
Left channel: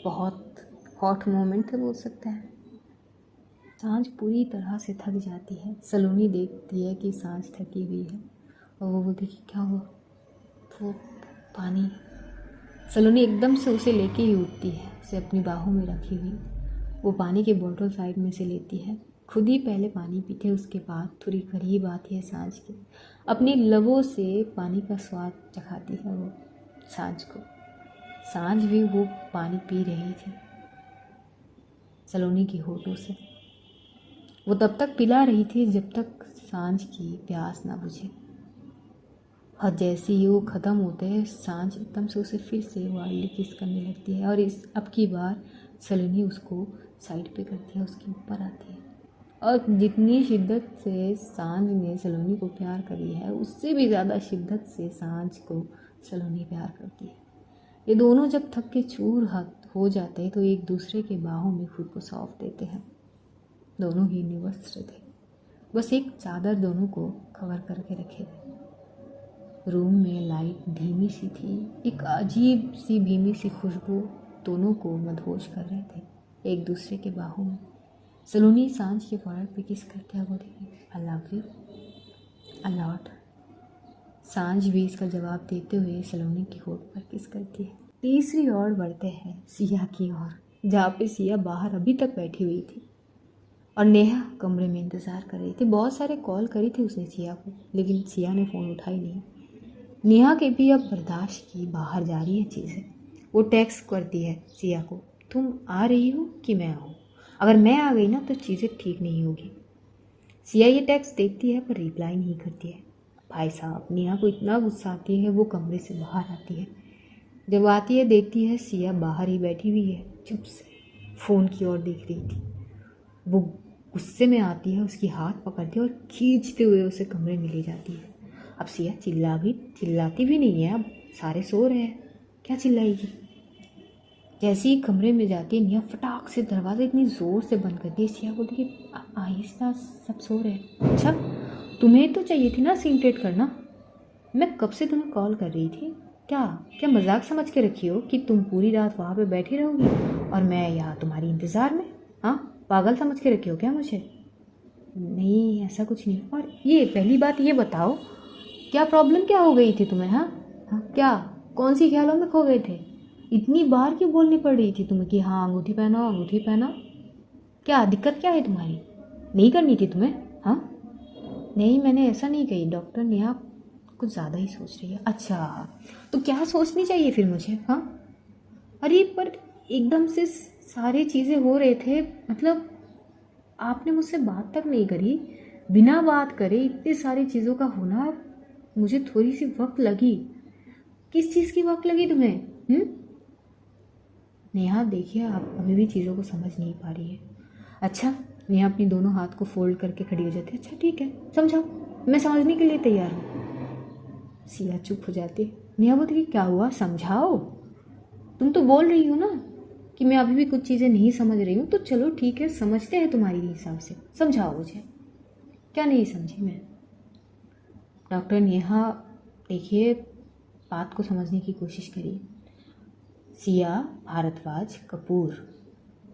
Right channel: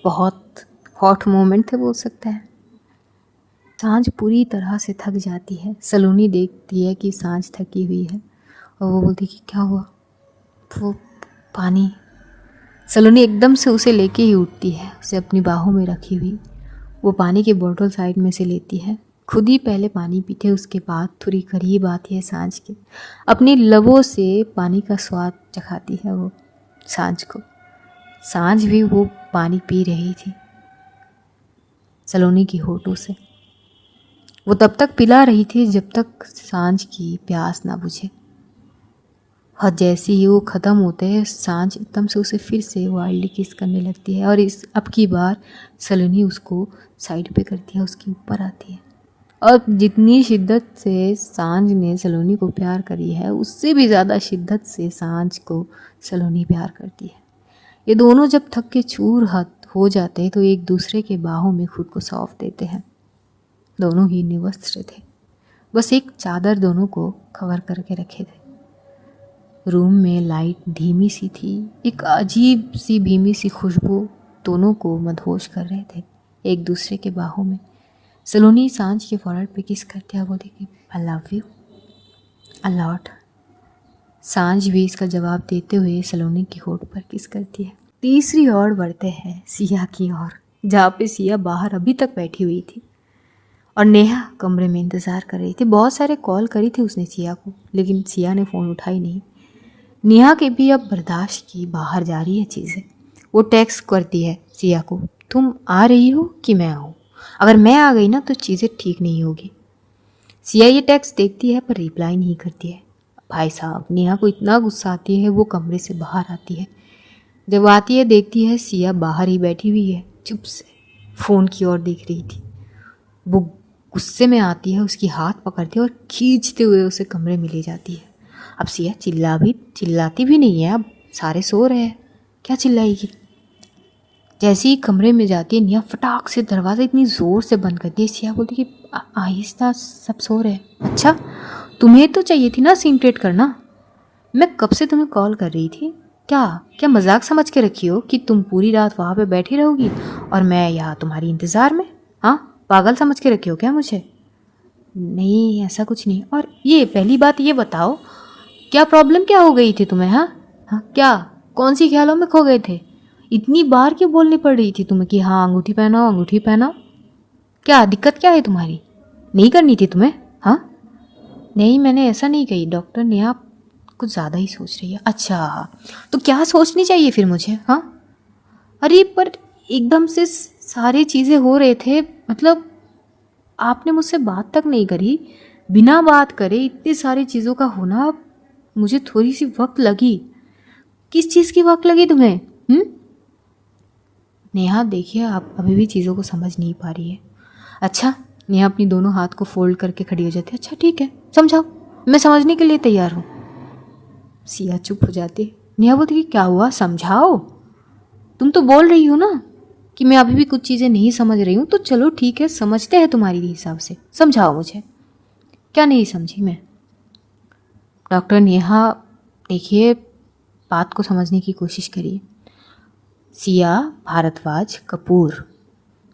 बहुत हॉट मोमेंट थे बोल सकते हैं। सांझ पूरी तरह से थक जाती है। सलोनी देखती है कि सांझ थकी हुई है और वो बोलती कि क्या हुआ? वो पानी। सलोनी एकदम से उसे लेके ही उठती है, उसे अपनी बाहों में रखी हुई। वो पानी की बोतल साइड में से लेती है, खुद ही पहले पानी पीते, उसके बाद थोड़ी करीब आती है सांझ के, अपनी लबों से पानी का स्वाद चखाती है वो सांझ को। सांझ भी वो पानी पी रही थी सलोनी की होठों से। वो तब तक पिला रही थी जब तक सांझ की प्यास ना बुझे। और जैसे ही वो ख़त्म होते हैं, सांझ एकदम से उसे फिर से वाइल्डली किस करने लगती है और इस अब की बार सलोनी उसको साइड पे करती है, उसके ऊपर आती है। और जितनी शिद्दत से सांझ ने सलोनी को प्यार करी है, उससे भी ज़्यादा शिद्दत से सांझ को सलोनी प्यार करती है। ये दोनों जब थक के चूर हो जाते हैं तो एक दूसरे के बाहों में खुद को सौंप देते हैं। दोनों ही निवस्त्र थे, बस एक चादर दोनों को कवर करके रखे थे। रूम में लाइट धीमी सी थी, एक अजीब सी भीमी सी खुशबू दोनों को मदहोश कर रहे थे एक दूसरे के बाहों में। सलोनी सांझ के फॉरहेड पे किस करते हैं, बोलती कि आई लव यू अ लॉट। सांझ भी इसका जवाब देते हुए सलोनी की होठ पर किस करती है। तीसरी ओर बढ़ते हैं सिया की ओर, जहाँ पे सिया बाहर अभी तक बैठी हुई थी और नेहा कमरे में इंतज़ार कर रही थी। बहुत सारे कॉल करी थी उसने सिया को, लेकिन सिया ने फ़ोन उठाई नहीं। नेहा के भी अब बर्दाश्त की बाहर जा रही है चीज़ें। वो टेक्स्ट करती है सिया को, तुम आ रही हो कि मैं आऊँ? अगर मैं आ गई ना तो चीज़ें ठीक नहीं होगी। सिया ये टेक्स्ट देखती है पर रिप्लाई नहीं करती है। भाई साहब, नेहा को इतना गुस्सा आती है, वो कमरे से बाहर आती है। जब आती है देखती है सिया बाहर ही बैठी हुई है, चुप से फ़ोन की ओर देख रही थी। वो गुस्से में आती है, उसकी हाथ पकड़ती है और खींचते हुए उसे कमरे में ले जाती है। अब सिया चिल्लाती भी नहीं है, अब सारे सो रहे हैं, क्या चिल्लाएगी। जैसे ही कमरे में जाती है, नेहा फटाक से दरवाज़ा इतनी ज़ोर से बंद करती है। सिया बोलती कि आहिस्ता, सब सो रहे हैं। अच्छा, तुम्हें तो चाहिए थी ना सीन क्रिएट करना। मैं कब से तुम्हें कॉल कर रही थी। क्या मजाक समझ के रखी हो कि तुम पूरी रात वहाँ पे बैठी रहोगी और मैं यहाँ तुम्हारी इंतज़ार में? हाँ, पागल समझ के रखी हो क्या मुझे? नहीं, ऐसा कुछ नहीं। और ये पहली बात ये बताओ, क्या प्रॉब्लम क्या हो गई थी तुम्हें? हाँ, क्या कौन सी ख्यालों में खो गए थे? इतनी बार क्यों बोलनी पड़ रही थी तुम्हें कि हाँ अंगूठी पहनाओ, अंगूठी पहनाओ? क्या दिक्कत क्या है तुम्हारी? नहीं करनी थी तुम्हें? हाँ नहीं, मैंने ऐसा नहीं कही। डॉक्टर ने आप कुछ ज़्यादा ही सोच रही है। अच्छा, तो क्या सोचनी चाहिए फिर मुझे? हाँ, अरे पर एकदम से सारी चीज़ें हो रहे थे, मतलब आपने मुझसे बात तक नहीं करी, बिना बात करे इतनी सारी चीज़ों का होना, मुझे थोड़ी सी वक्त लगी। किस चीज़ की वक्त लगी तुम्हें? नेहा देखिए, आप अभी भी चीज़ों को समझ नहीं पा रही है। अच्छा, नेहा अपनी दोनों हाथ को फोल्ड करके खड़ी हो जाती है। अच्छा ठीक है, समझाओ, मैं समझने के लिए तैयार हूँ। सिया चुप हो जाती है। नेहा बोलती कि क्या हुआ, समझाओ। तुम तो बोल रही हो ना कि मैं अभी भी कुछ चीज़ें नहीं समझ रही हूँ, तो चलो ठीक है, समझते हैं तुम्हारी हिसाब से, समझाओ मुझे, क्या नहीं समझी मैं? डॉक्टर नेहा देखिए, बात को समझने की कोशिश करिए। सिया भारद्वाज कपूर,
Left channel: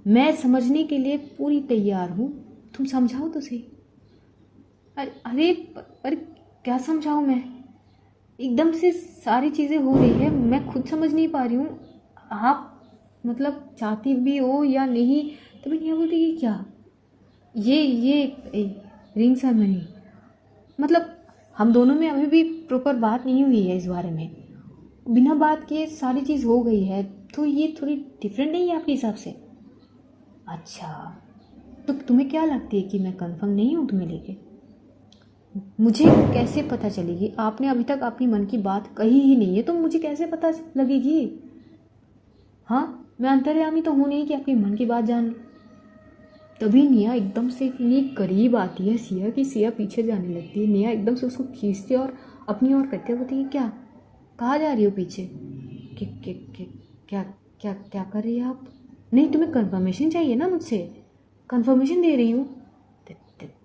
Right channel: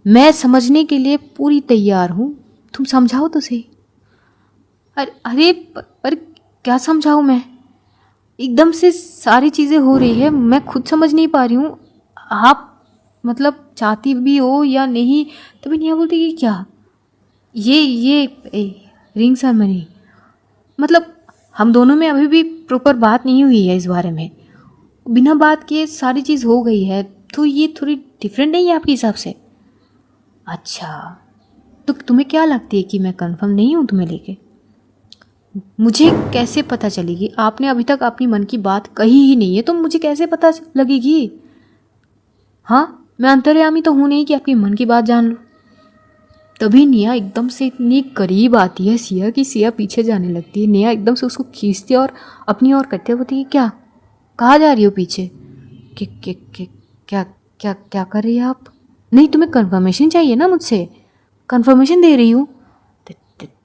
मैं समझने के लिए पूरी तैयार हूँ, तुम समझाओ तो सही। अरे पर क्या समझाऊँ मैं? एकदम से सारी चीज़ें हो रही है, मैं खुद समझ नहीं पा रही हूँ। आप मतलब चाहती भी हो या नहीं? तभी नेहा बोलती कि क्या ये रिंग सेरेमनी, मतलब हम दोनों में अभी भी प्रॉपर बात नहीं हुई है इस बारे में, बिना बात के सारी चीज़ हो गई है, तो ये थोड़ी डिफरेंट नहीं है आपके हिसाब से? अच्छा, तो तुम्हें क्या लगती है कि मैं कंफर्म नहीं हूँ तुम्हें लेके? मुझे कैसे पता चलेगी? आपने अभी तक अपनी मन की बात कही ही नहीं है, तो मुझे कैसे पता लगेगी? हाँ, मैं अंतर्यामी तो हूँ नहीं कि आपके मन की बात जान लूँ। तभी नेहा एकदम से इतनी करीब आती है सिया की सिया पीछे जाने लगती है। नेहा एकदम से उसको खींचती है और अपनी ओर करते हुए बोलती है, क्या कहाँ जा रही हो पीछे? क्या क्या क्या कर रही है आप? नहीं, तुम्हें कंफर्मेशन चाहिए ना मुझसे, कंफर्मेशन दे रही हूँ।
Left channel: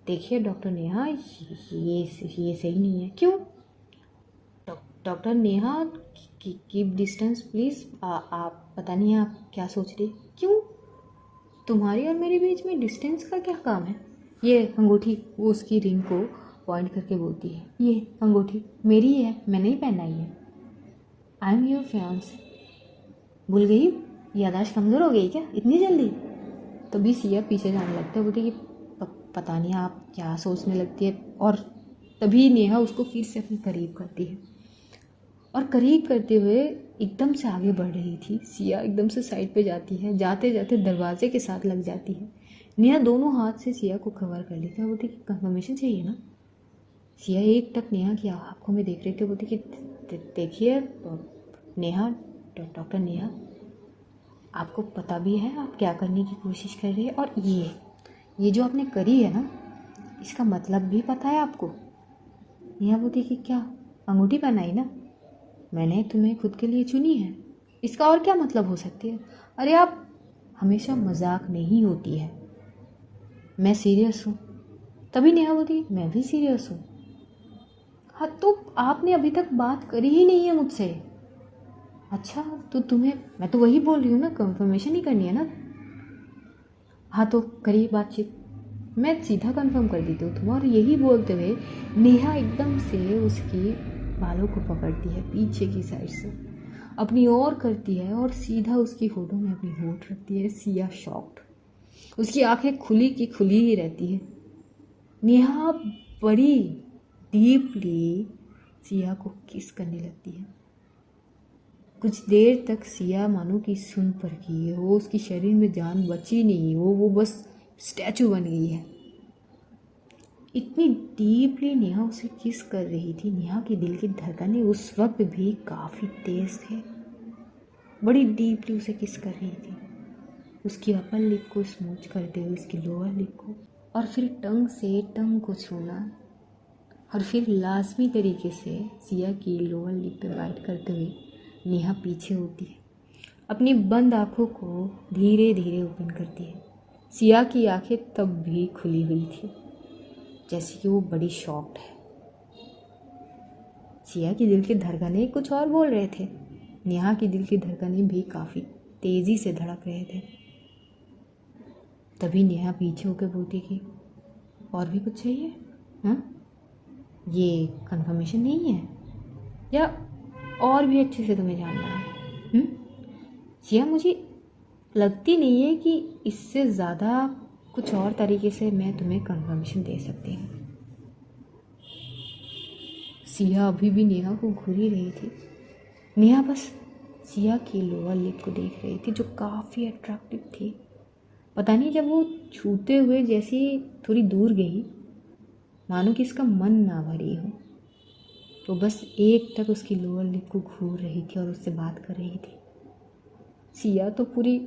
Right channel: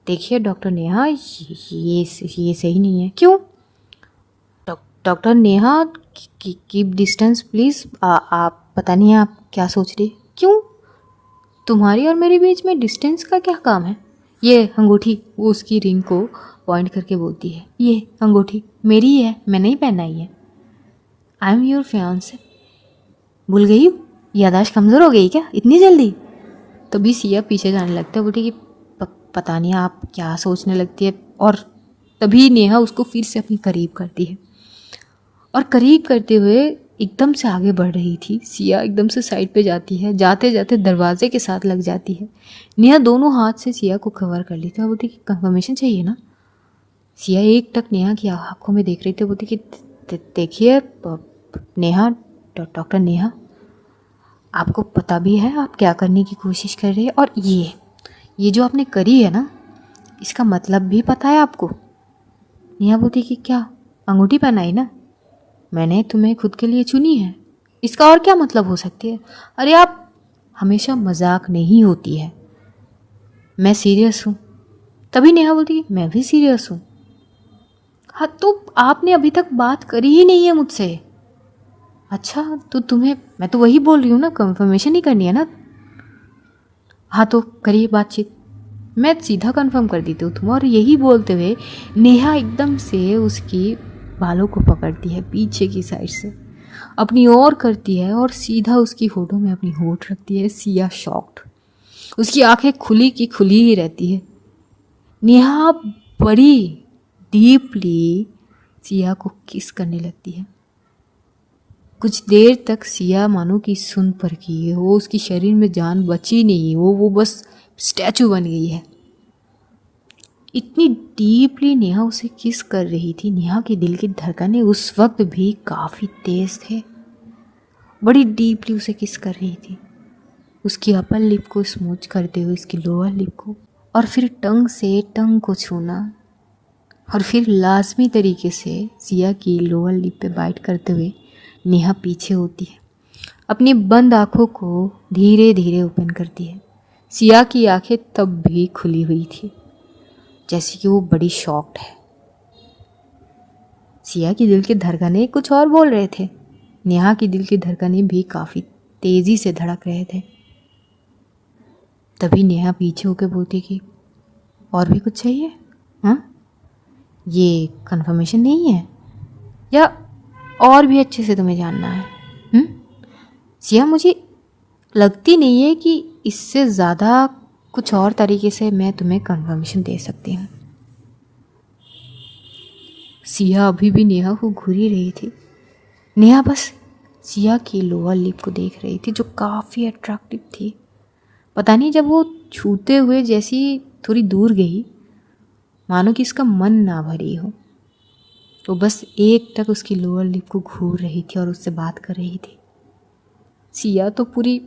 देखिए डॉक्टर नेहा, ये सही नहीं है। क्यों? Doctor Neha, keep distance please. आप पता नहीं आप क्या सोच रही। क्यों? तुम्हारी और मेरे बीच में डिस्टेंस का क्या काम है? ये अंगूठी, वो उसकी रिंग को पॉइंट करके बोलती है, ये अंगूठी मेरी ही है, मैंने ही पहनाई है। I am your fiance. भूल गई हूँ? यादाश्त कमज़ोर हो गई क्या इतनी जल्दी? तभी सिया पीछे जाने लगता है, बोलती कि पता नहीं आप क्या सोचने लगती है। और तभी नेहा उसको फिर से अपनी करीब करती है और करीब करते हुए एकदम से आगे बढ़ रही थी। सिया एकदम से साइड पे जाती है, जाते जाते दरवाजे के साथ लग जाती है। नेहा दोनों हाथ से सिया को कवर कर लेती है और बोलती कि कंफर्मेशन चाहिए ना। सिया एक टक नेहा की आंखों में देख रही थी, बोलती कि देखिए नेहा, डॉक्टर नेहा, आपको पता भी है आप क्या करने की कोशिश कर रहे हैं, और ये जो आपने करी है ना, इसका मतलब भी पता है आपको? नेहा बोलती कि क्या? अंगूठी पहनाई ना, मैंने तुम्हें खुद के लिए चुनी है, इसका और क्या मतलब हो सकती है? अरे आप, हमेशा मजाक नहीं होती है, मैं सीरियस हूँ। तभी नेहा बोलती मैं भी सीरियस हूँ। हाँ तो आपने अभी तक बात करी ही नहीं है मुझसे। अच्छा तो तुम्हें, मैं तो वही बोल रही हूँ ना, कंफर्मेशन ही करनी है ना। हाँ तो करिए बातचीत, मैं सीधा कंफर्म कर देती हूँ तुम। और यही बोलते हुए नेहा एकदम से उसकी बालों को पकड़ती है पीछे की साइड से, अपनी ओर करती है और सीधा उसकी होठों में अपनी होठ रखती है। सिया शॉक्ड, उसकी आंखें खुली की खुली ही रहती है। नेहा बड़ी डीपली सिया को किस करने लगती है। कुछ देर तक सिया मानो कि सुन पर की है, वो उसकी शरीर में जान बची नहीं, वो बस स्टैचू बन गई है। इतनी डीपली नेहा उसे किस कर रही थी। नेहा के दिल की धड़कनें उस वक्त भी काफ़ी तेज थे, बड़ी डीपली उसे किस कर रही थी, उसकी अपर लिप को स्मूच करते हुए उसकी लोअर लिप को, और फिर टंग से टंग को छूना, और फिर लाजमी तरीके से सिया की लोअर लिप पे बाइट करते हुए नेहा पीछे होती है, अपनी बंद आँखों को धीरे धीरे ओपन करती है। सिया की आंखें तब भी खुली हुई थी, जैसे कि वो बड़ी शॉक्ड है। सिया की दिल की धड़कनें कुछ और बोल रहे थे, नेहा की दिल की धड़कनें भी काफ़ी तेज़ी से धड़क रहे थे। तभी नेहा पीछे होकर बोलती कि और भी कुछ चाहिए? हाँ, ये कंफर्मेशन नहीं है या और भी अच्छे से तुम्हें जानना है? सिया, मुझे लगती नहीं है कि इससे ज़्यादा कुछ और तरीके से मैं तुम्हें कंफर्मेशन दे सकती हूँ। सिया अभी भी नेहा को घूरी रही थी। नेहा बस सिया की लोअर लिप को देख रही थी जो काफ़ी अट्रैक्टिव थी। पता नहीं जब वो छूते हुए जैसी थोड़ी दूर गई, मानो कि इसका मन ना भरी हो, तो बस एक टक उसकी लोअर लिप को घूर रही थी और उससे बात कर रही थी। सिया तो पूरी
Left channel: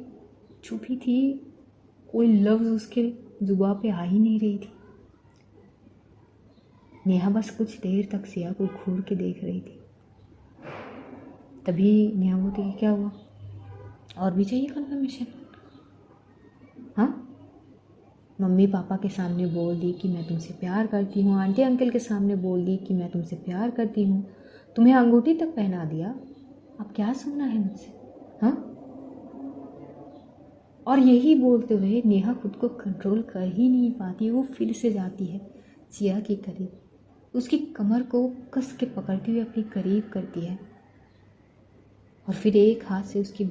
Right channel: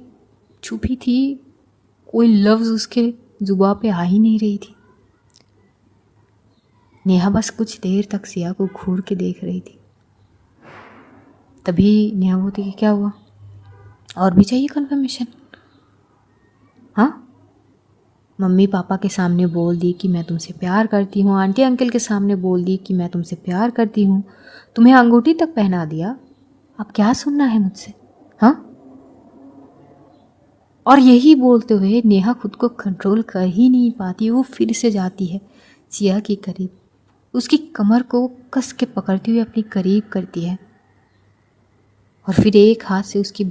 छुपी थी, कोई लफ्ज़ उसके जुबान पे आ ही नहीं रही थी। नेहा बस कुछ देर तक सिया को घूर के देख रही थी। तभी नेहा बोलती कि क्या हुआ, और भी चाहिए कंफर्मेशन? हाँ, मम्मी पापा के सामने बोल दी कि मैं तुमसे प्यार करती हूँ, आंटी अंकल के सामने बोल दी कि मैं तुमसे प्यार करती हूँ, तुम्हें अंगूठी तक पहना दिया, अब क्या सुनना है मुझसे? हाँ। और यही बोलते हुए नेहा खुद को कंट्रोल कर ही नहीं पाती, वो फिर से जाती है सिया के करीब, उसकी कमर को कस के पकड़ती हुई अपनी करीब करती है और फिर एक हाथ से उसकी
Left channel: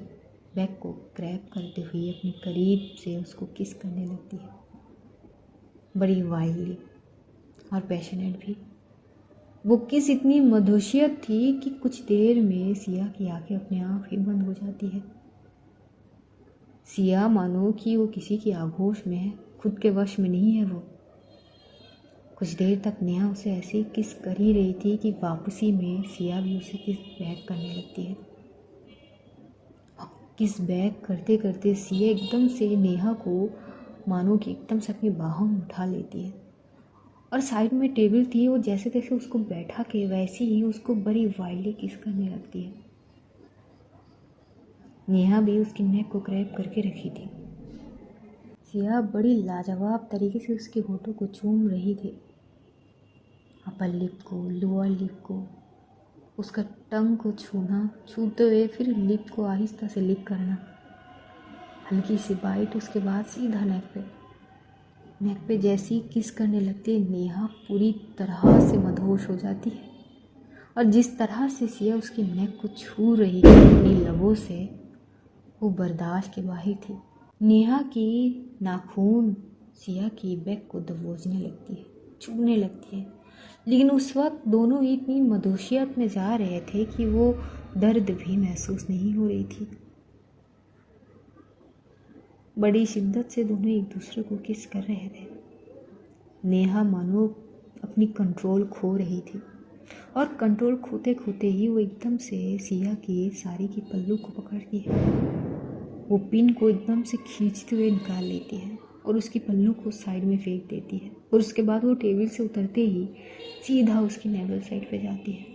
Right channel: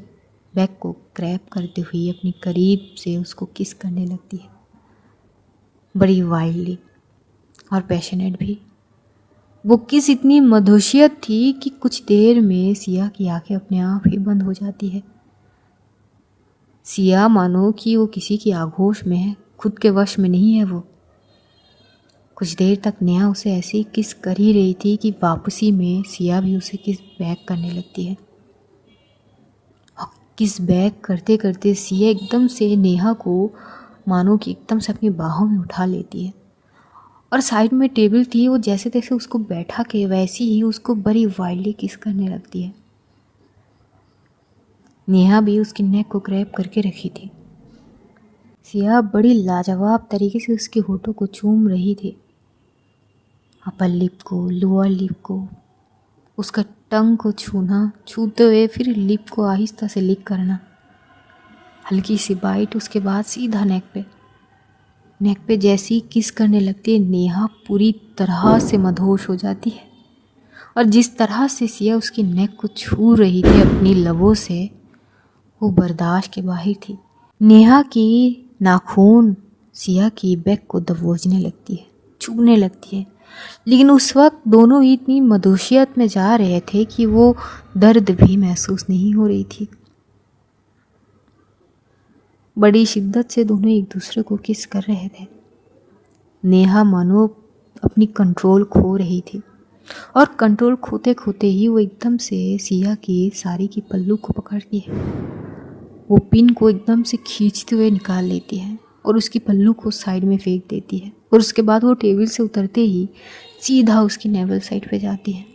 बैक को ग्रैब करते हुए अपनी करीब से उसको किस करने लगती है, बड़ी वाइल्डली और पैशनेट भी। वो किस इतनी मधुशियत थी कि कुछ देर में सिया की आंखें अपने आप ही बंद हो जाती है। सिया मानो कि वो किसी की आगोश में है, खुद के वश में नहीं है वो। कुछ देर तक नेहा उसे ऐसे ही किस कर ही रही थी कि वापसी में सिया भी उसे किस बैक करने लगती है। किस बैक करते करते सिया एकदम से नेहा को मानो कि एकदम से अपनी बाहों में उठा लेती है और साइड में टेबल थी, वो जैसे तैसे उसको बैठा के वैसे ही उसको बड़ी वाइल्डली किस करने लगती है। नेहा भी उसकी नेक को ग्रैब करके रखी थी। सिया बड़ी लाजवाब तरीके से उसके होठों को चूम रही थी, अपर लिप को, लोअर लिप को, उसका टंग को छूना, छूते हुए फिर लिप को आहिस्ता से लिक करना, हल्की सी बाइट, उसके बाद सीधा नेक पे जैसी किस करने लगती है नेहा पूरी तरह से मदहोश हो जाती है। और जिस तरह से सिया उसकी नेक को छू रही थी अपनी लबों से, वो बर्दाश्त के बाहर थी। नेहा की नाखून सिया की बैक को दबोचने लगती है, छूने लगती है, लेकिन उस वक्त दोनों ही इतनी मदोशियत में जा रहे थे कि वो दर्द भी महसूस नहीं हो रही थी। बड़ी शिद्दत से दोनों एक दूसरे को किस कर रहे थे। नेहा मानो अपनी कंट्रोल खो रही थी और कंट्रोल खोते खोते ही वो एकदम से सिया की साड़ी की पल्लू को पकड़ती है, वो पिन को एकदम से खींचते हुए निकाल लेती है और उसकी पल्लू को साइड में फेंक देती है। और उसके बाद वो टेबल से उतरते ही सीधा उसकी नेवल साइड पे जाती है,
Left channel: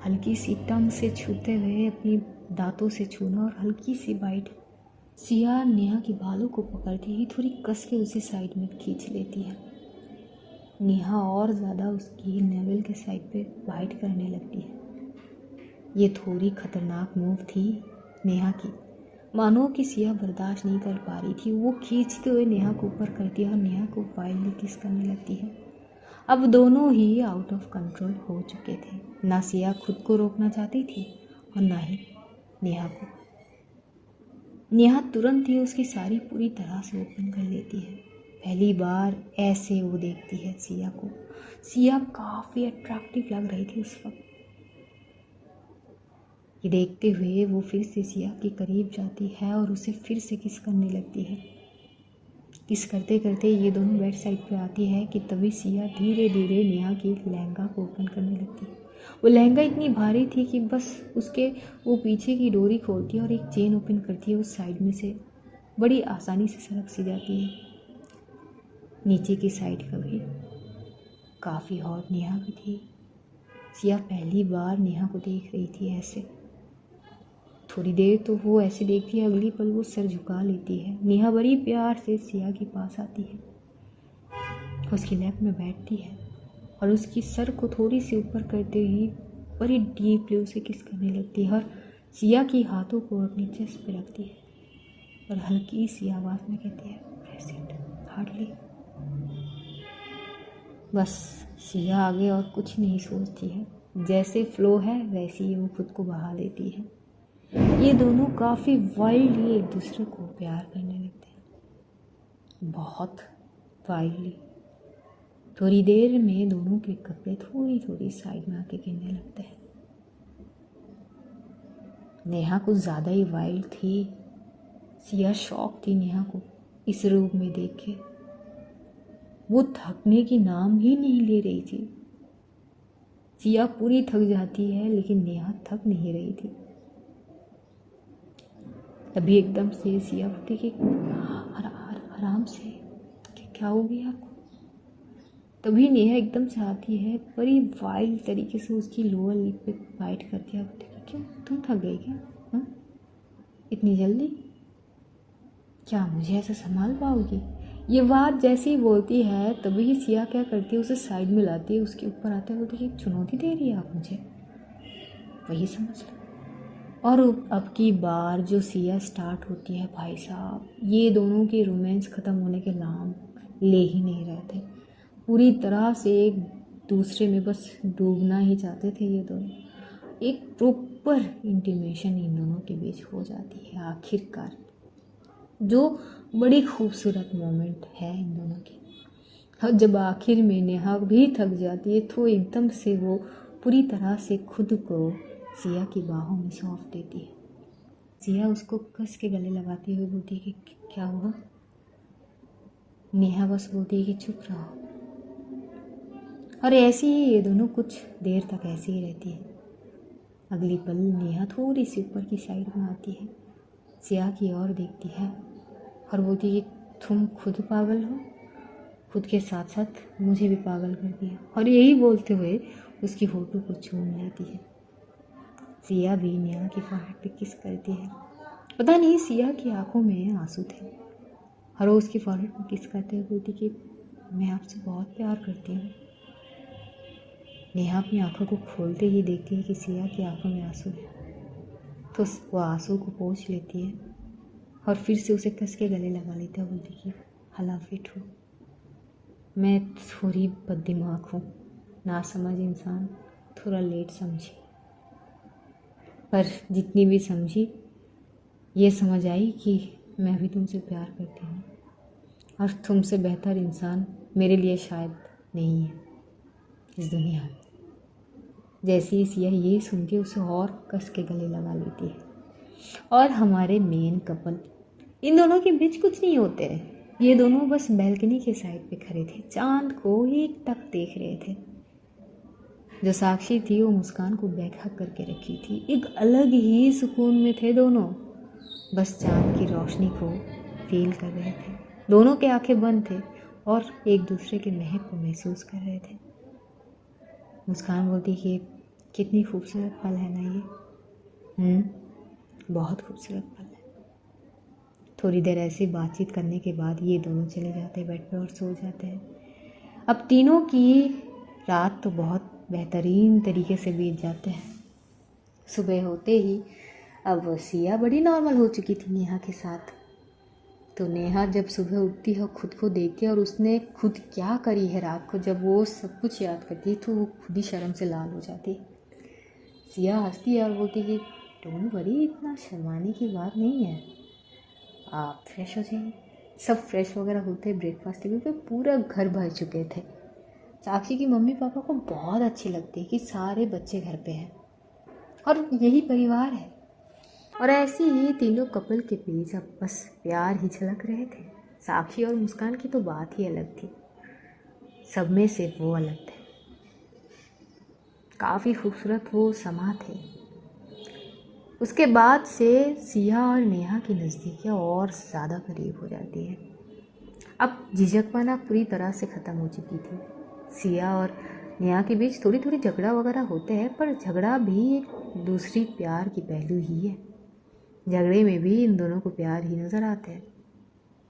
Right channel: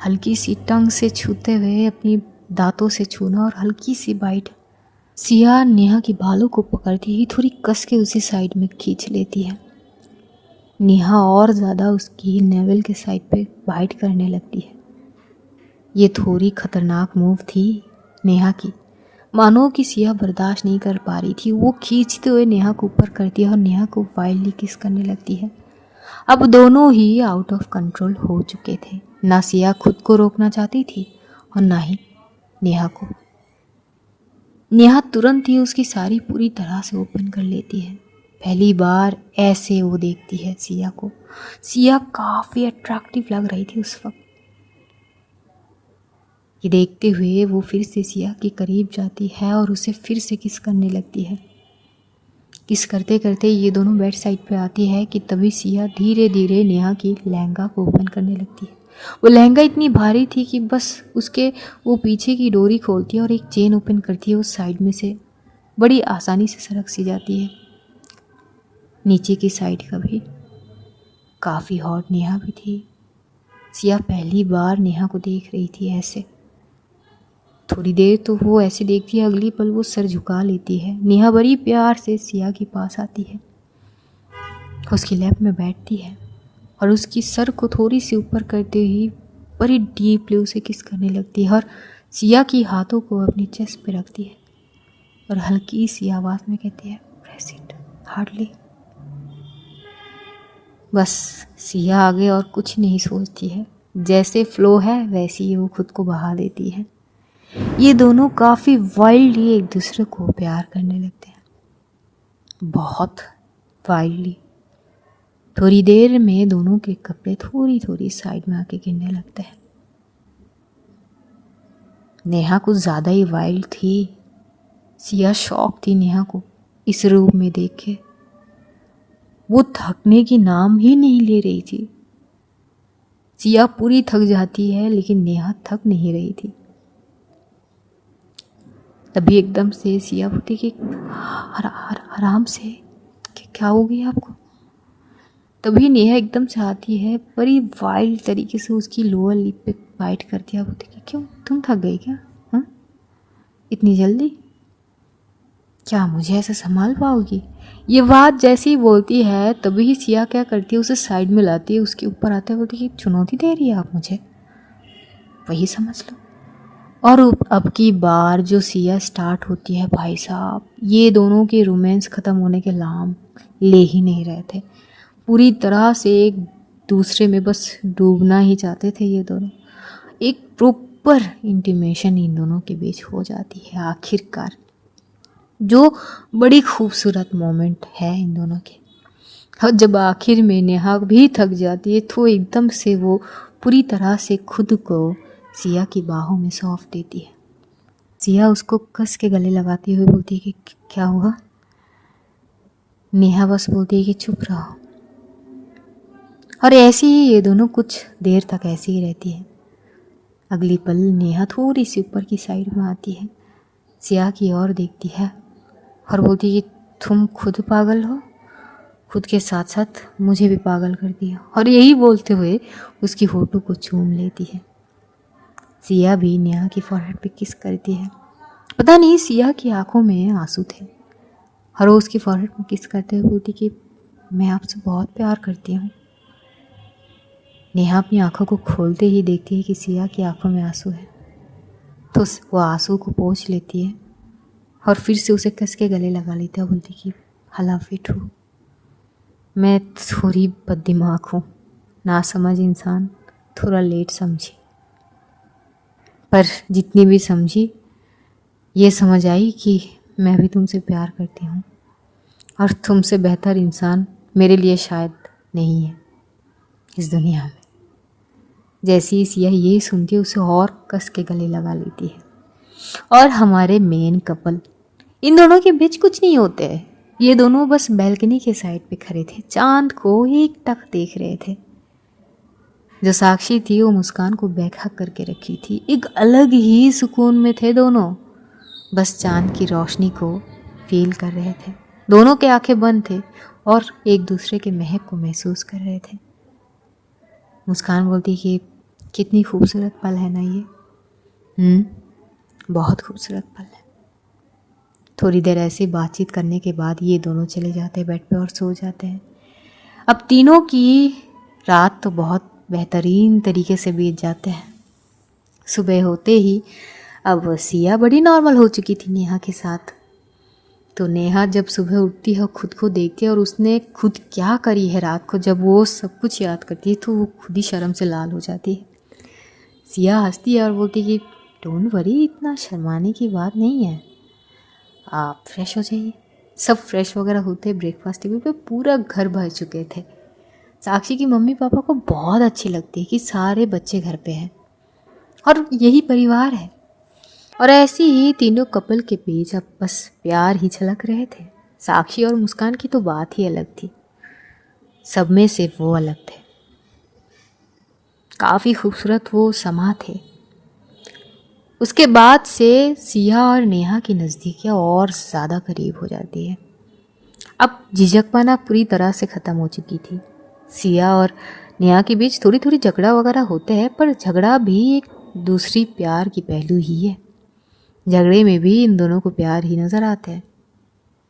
हल्की सी टंग से छूते हुए अपनी दांतों से छूना और हल्की सी बाइट। सिया नेहा की बालों को पकड़ती ही थोड़ी कस के उसी साइड में खींच लेती है। नेहा और ज़्यादा उसकी नेवल के साइड पे बाइट करने लगती है। ये थोड़ी खतरनाक मूव थी नेहा की, मानो कि सिया बर्दाश्त नहीं कर पा रही थी। वो खींचते हुए नेहा को ऊपर करती है और नेहा को वाइल्डली किस करने लगती है। अब दोनों ही आउट ऑफ कंट्रोल हो चुके थे, ना सिया खुद को रोकना चाहती थी और ना ही नेहा को। नेहा तुरंत ही उसकी साड़ी पूरी तरह से ओपन कर लेती है। पहली बार ऐसे वो देखती है सिया को। सिया काफ़ी अट्रैक्टिव लग रही थी उस वक्त। ये देखते हुए वो फिर से सिया के करीब जाती है और उसे फिर से किस करने लगती है। किस करते करते ये दोनों बेड साइड पे आती है कि तभी सिया धीरे धीरे नेहा की लहंगा को ओपन करने लगती है। वो लहंगा इतनी भारी थी कि बस उसके वो पीछे की डोरी खोलती है और एक चेन ओपन करती है, उस साइड में से बड़ी आसानी से सरक सी जाती है। नीचे की साइड का भी काफ़ी हॉट नेहा भी थी। सिया पहली बार नेहा को देख रही थी ऐसे। थोड़ी देर तो वो ऐसे देखती है, अगली पल वो सर झुका लेती है। नेहा बड़ी प्यार से सिया के पास आती है, उसकी लैप में बैठती है और उसकी सर को थोड़ी सी ऊपर करते ही बड़ी डीपली उसे किस करने लगती है और सिया की हाथों को अपनी चेस्ट पे रखती है और हल्की सी आवाज़ में कहती है प्रेस इट हार्डली। बस सिया आगे और कुछ नहीं सोचती है, जैसे फ्लो है वैसे ही वो खुद को बहा देती है। ये दोनों काफ़ी वाइल्डली एक दूसरे को प्यार करने लगते हैं, बहुत वाइल्डली। थोड़ी देर में दोनों के कपड़े थोड़ी थोड़ी साइड में आके गिरने लगते हैं। नेहा कुछ ज़्यादा ही वाइल्ड थी। सिया शॉक थी नेहा को इस रूप में देख के। वो थकने की नाम ही नहीं ले रही थी। सिया पूरी थक जाती है लेकिन नेहा थक नहीं रही थी। तभी एकदम से सिया बोलती कि आराम से, क्या हो गया आपको? तभी नेहा एकदम से आती है, बड़ी वाइल्ड तरीके से उसकी लोअर लिप पे बाइट करती है। बोलती कि क्यों, तुम थक गई क्या? हाँ, इतनी जल्दी? क्या मुझे ऐसे संभाल पाओगी? ये बात जैसे ही बोलती है तभी सिया क्या करती है, उसे साइड में लाती है, उसके ऊपर आते है, बोलती है कि चुनौती दे रही है आप मुझे, वही समझ लो। और अब की बार जो सिया स्टार्ट होती है, भाई साहब ये दोनों के रोमांस ख़त्म होने के नाम ले ही नहीं रहे थे। पूरी तरह से एक दूसरे में बस डूबना ही चाहते थे ये दोनों। एक प्रॉपर इंटीमेशन इन दोनों के बीच हो जाती है आखिरकार, जो बड़ी खूबसूरत मोमेंट है इन दोनों के। और जब आखिर में नेहा भी थक जाती है तो एकदम से वो पूरी तरह से खुद को सिया की बाहों में सौंप देती है। सिया उसको कस के गले लगाती हुए बोलती है कि क्या हुआ? नेहा बस बोलती है कि चुप रहो। और ऐसे ही ये दोनों कुछ देर तक ऐसे ही रहती है। अगली पल नेहा थोड़ी सी ऊपर की साइड में आती है, सिया की ओर देखती है और बोलती है कि तुम खुद पागल हो, खुद के साथ साथ मुझे भी पागल कर दिया। और यही बोलते हुए उसकी होठों को चूम लेती है। सिया भी नेहा की फोरहेड पे किस करती है। पता नहीं सिया की आंखों में आंसू थे और वो उसकी फोरहेड पे किस करते हुए बोलती कि मैं आपसे बहुत प्यार करती हूँ। नेहा अपनी आंखों को खोलते ही देखती है कि सिया की आंखों में आंसू है, तो वो आंसू को पोंछ लेती है और फिर से उसे कस के गले लगा लेती है। बोलती कि हलाफिट हूँ, मैं थोड़ी बददिमाग हूँ, ना समझ इंसान, थोड़ा लेट समझी, पर जितनी भी समझी ये समझ आई कि मैं भी तुमसे प्यार करती हूँ और तुमसे बेहतर इंसान मेरे लिए शायद नहीं है इस दुनिया में। जैसी ही सिया यही सुनती है उसे और कस के गले लगा लेती है। और हमारे मेन कपल, इन दोनों के बीच कुछ नहीं होते है, ये दोनों बस बैल्कनी के साइड पे खड़े थे, चांद को एक टक देख रहे थे। जो साक्षी थी वो मुस्कान को बैठा करके रखी थी, एक अलग ही सुकून में थे दोनों, बस चांद की रोशनी को फील कर रहे थे। दोनों के आंखें बंद थे और एक दूसरे के महक को महसूस कर रहे थे। मुस्कान बोलती कि कितनी खूबसूरत पल है ना ये। बहुत खूबसूरत पल है। थोड़ी देर ऐसी बातचीत करने के बाद ये दोनों चले जाते हैं बेड पे और सो जाते हैं। अब तीनों की रात तो बहुत बेहतरीन तरीके से बीत जाते हैं। सुबह होते ही अब सिया बड़ी नॉर्मल हो चुकी थी नेहा के साथ। तो नेहा जब सुबह उठती है खुद को देखती है और उसने खुद क्या करी है रात को, जब वो सब कुछ याद करती है तो वो खुद ही शर्म से लाल हो जाती है। सिया हंसती है और बोलती है कि डोंट वरी, इतना शर्माने की बात नहीं है, आप फ्रेश हो जाइए। सब फ्रेश वगैरह होते ब्रेकफास्ट टेबल पे पूरा घर भर चुके थे। साक्षी की मम्मी पापा को बहुत अच्छी लगती है कि सारे बच्चे घर पे हैं और यही परिवार है। और ऐसे ही तीनों कपल के बीच अब बस प्यार ही झलक रहे थे। साक्षी और मुस्कान की तो बात ही अलग थी, सब में से वो अलग थे, काफ़ी खूबसूरत वो समा थे। उसके बाद से सिया और नेहा की नज़दीकियाँ और ज़्यादा करीब हो जाती है। अब झिझकपना पूरी तरह से ख़त्म हो चुकी थी। सिया और नेहा के बीच थोड़ी थोड़ी झगड़ा वगैरह होते हैं, पर झगड़ा भी एक दूसरी प्यार की पहलू ही है। झगड़े में भी इन दोनों को प्यार ही नज़र आता है,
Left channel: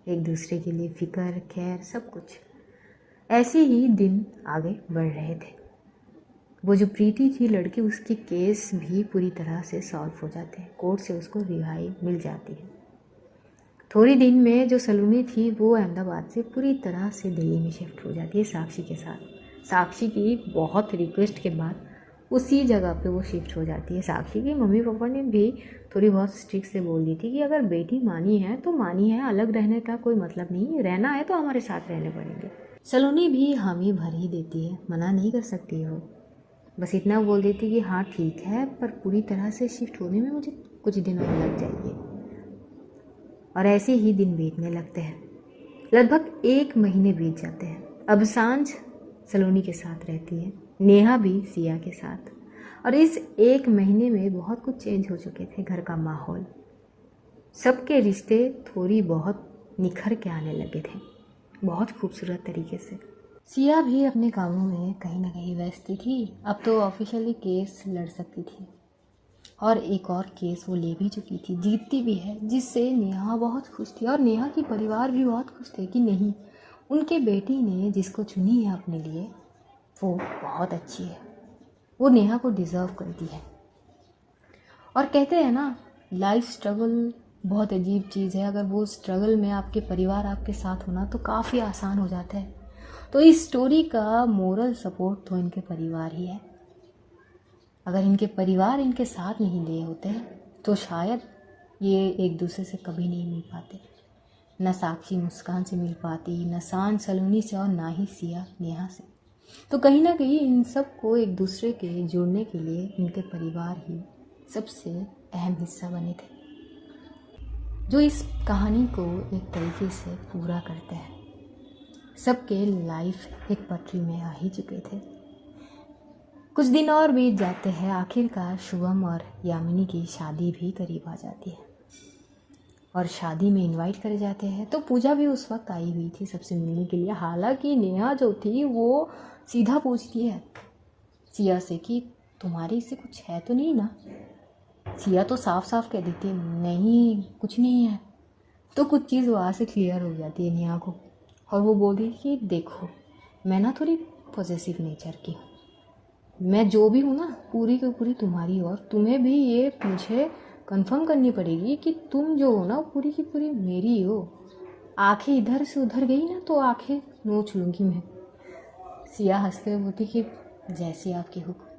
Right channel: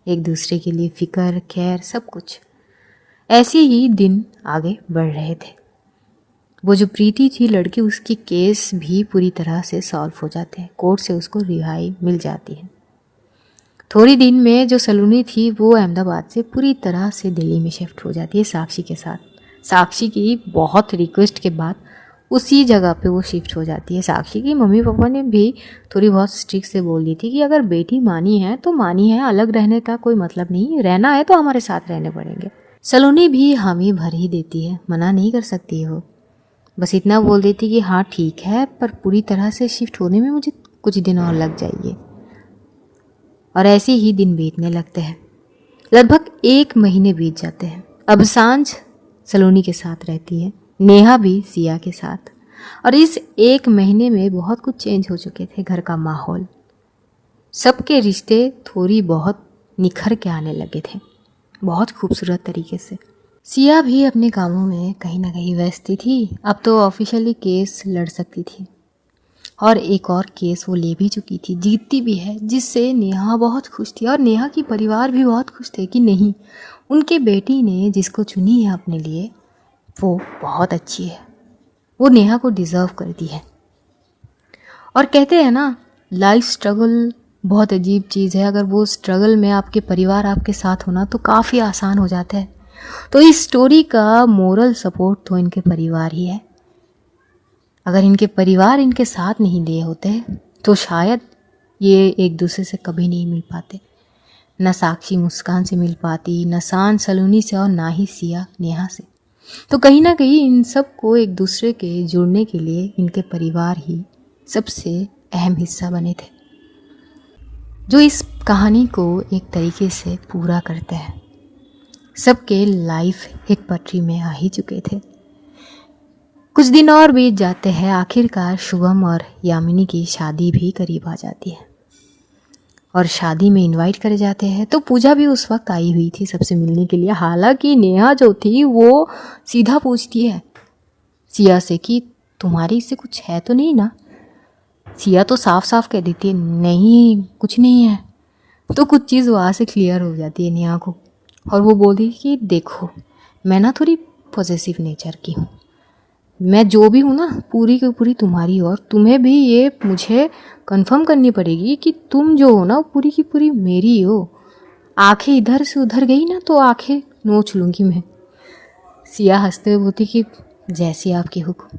एक दूसरे के लिए फिक्र खैर सब कुछ। ऐसे ही दिन आगे बढ़ रहे थे। वो जो प्रीति थी लड़की, उसकी केस भी पूरी तरह से सॉल्व हो जाते हैं, कोर्ट से उसको रिहाई मिल जाती है। थोड़ी दिन में जो सलोनी थी वो अहमदाबाद से पूरी तरह से दिल्ली में शिफ्ट हो जाती है साक्षी के साथ। साक्षी की बहुत रिक्वेस्ट के बाद उसी जगह पे वो शिफ्ट हो जाती है। साक्षी की मम्मी पापा ने भी थोड़ी बहुत स्ट्रिक्ट से बोल दी थी कि अगर बेटी मानी है तो मानी है, अलग रहने का कोई मतलब नहीं, रहना है तो हमारे साथ रहने पड़ेंगे। सलोनी भी हामी भर ही देती है, मना नहीं कर सकती है वो, बस इतना बोल देती कि हाँ ठीक है, पर पूरी तरह से शिफ्ट होने में मुझे कुछ दिन और लग जाइए। और ऐसे ही दिन बीतने लगते हैं। लगभग 1 महीने बीत जाते हैं। अब सांझ सलोनी के साथ रहती है, नेहा भी सिया के साथ। और इस 1 महीने में बहुत कुछ चेंज हो चुके थे। घर का माहौल, सबके रिश्ते थोड़ी बहुत निखर के आने लगे थे, बहुत खूबसूरत तरीके से। सिया भी अपने कामों में कहीं ना कहीं व्यस्त थी। अब तो ऑफिशियली केस लड़ सकती थी और एक और केस वो ले भी चुकी थी, जीतती भी है, जिससे नेहा बहुत खुश थी। और नेहा की परिवार भी बहुत खुश थे कि नहीं, उनके बेटी ने जिसको चुनी है अपने लिए वो बहुत अच्छी है, वो नेहा को डिज़र्व करती है। और कहते हैं ना, लाइफ स्ट्रगल बहुत अजीब चीज़ है। अगर वो स्ट्रगल में आपके परिवार आपके साथ होना तो काफ़ी आसान हो जाता है। तो इस स्टोरी का मोरल सपोर्ट तो इनके परिवार ही है। अगर इनके परिवार इनके साथ नहीं दिए होते तो शायद ये एक दूसरे से कभी नहीं मिल पाते। न साक्षी मुस्कान से मिल पाती, न शान सलोनी से, और ना ही सिया नेहा से। तो कहीं ना कहीं इन सब को एक दूसरे के जुड़ने के लिए इनके परिवार ही सबसे अहम हिस्सा बने थे, जो इस कहानी को एक तरीके से पूरा करते हैं। सबके लाइफ एक पटरी में आ ही चुके थे। कुछ दिन और बीत जाते हैं, आखिरकार शुभम और यामिनी की शादी भी करीब आ जाती है और शादी में इनवाइट करे जाते हैं। तो पूजा भी उस वक्त आई हुई थी सबसे मिलने के लिए। हालांकि नेहा जो थी वो सीधा पूछती है सिया से कि तुम्हारी इससे कुछ है तो नहीं ना। सिया तो साफ साफ कह देती है नहीं कुछ नहीं है। तो कुछ चीज़ वहाँ से क्लियर हो जाती है नेहा को और वो बोलती है कि देखो मैं ना थोड़ी पॉसेसिव नेचर की हूँ, मैं जो भी हूँ ना पूरी की पूरी तुम्हारी, और तुम्हें भी ये मुझे कंफर्म करनी पड़ेगी कि तुम जो हो ना पूरी की पूरी मेरी हो। आंखें इधर से उधर गई ना तो आंखें नोच लूँगी मैं। सिया हंसते हुए बोलती कि जैसी आपकी हुक्म।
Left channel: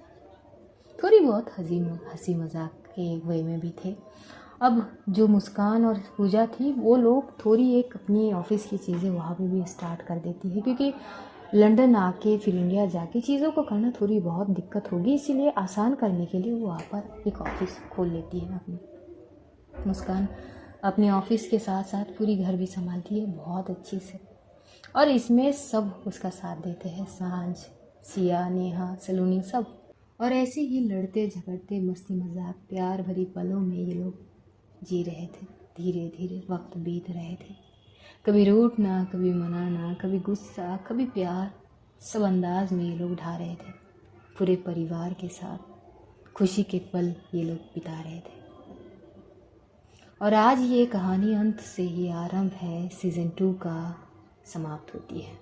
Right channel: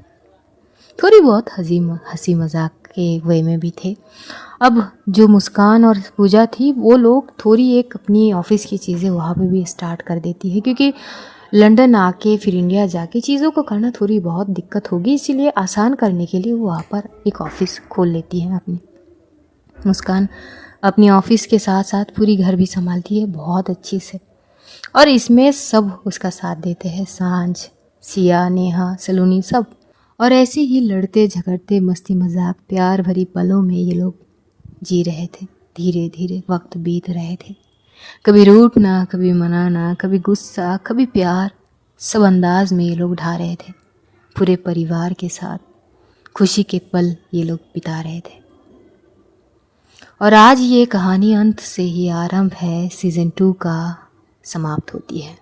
थोड़ी बहुत हंसी मजाक के वे में भी थे। अब जो मुस्कान और पूजा थी वो लोग थोड़ी एक अपनी ऑफिस की चीज़ें वहाँ पे भी स्टार्ट कर देती है, क्योंकि लंदन आके फिर इंडिया जाके चीज़ों को करना थोड़ी बहुत दिक्कत होगी, इसीलिए आसान करने के लिए वो वहाँ पर एक ऑफ़िस खोल लेती है अपनी। मुस्कान अपनी ऑफिस के साथ साथ पूरी घर भी संभालती है बहुत अच्छी से, और इसमें सब उसका साथ देते हैं, सांझ, सिया, नेहा, सलोनी, सब। और ऐसे ही लड़ते झगड़ते मस्ती मजाक प्यार भरी पलों में ये लोग जी रहे थे। धीरे धीरे वक्त बीत रहे थे, कभी रूठना, कभी मनाना, कभी गुस्सा, कभी प्यार, सब अंदाज में ये लोग ढा रहे थे। पूरे परिवार के साथ खुशी के पल ये लोग बिता रहे थे। और आज ये कहानी अंत से ही आरंभ है, सीज़न 2 का समाप्त होती है।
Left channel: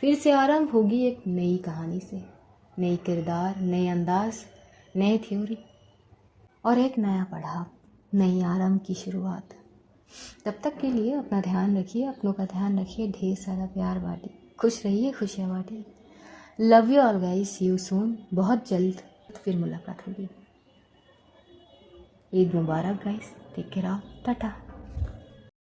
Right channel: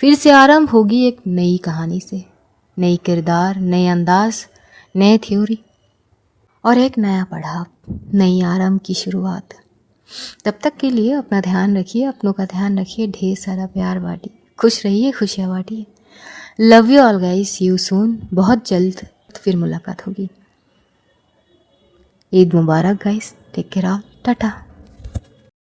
फिर से आरंभ होगी एक नई कहानी से, नई किरदार, नए अंदाज, नए थ्योरी और एक नया पड़ाव, नई आरंभ की शुरुआत। तब तक के लिए अपना ध्यान रखिए, अपनों का ध्यान रखिए, ढेर सारा प्यार बांटिए, खुश रहिए, खुशियाँ बांटिए। Love you all guys, see you soon. बहुत जल्द फिर मुलाकात होगी। ईद मुबारक guys, take care all, Tata.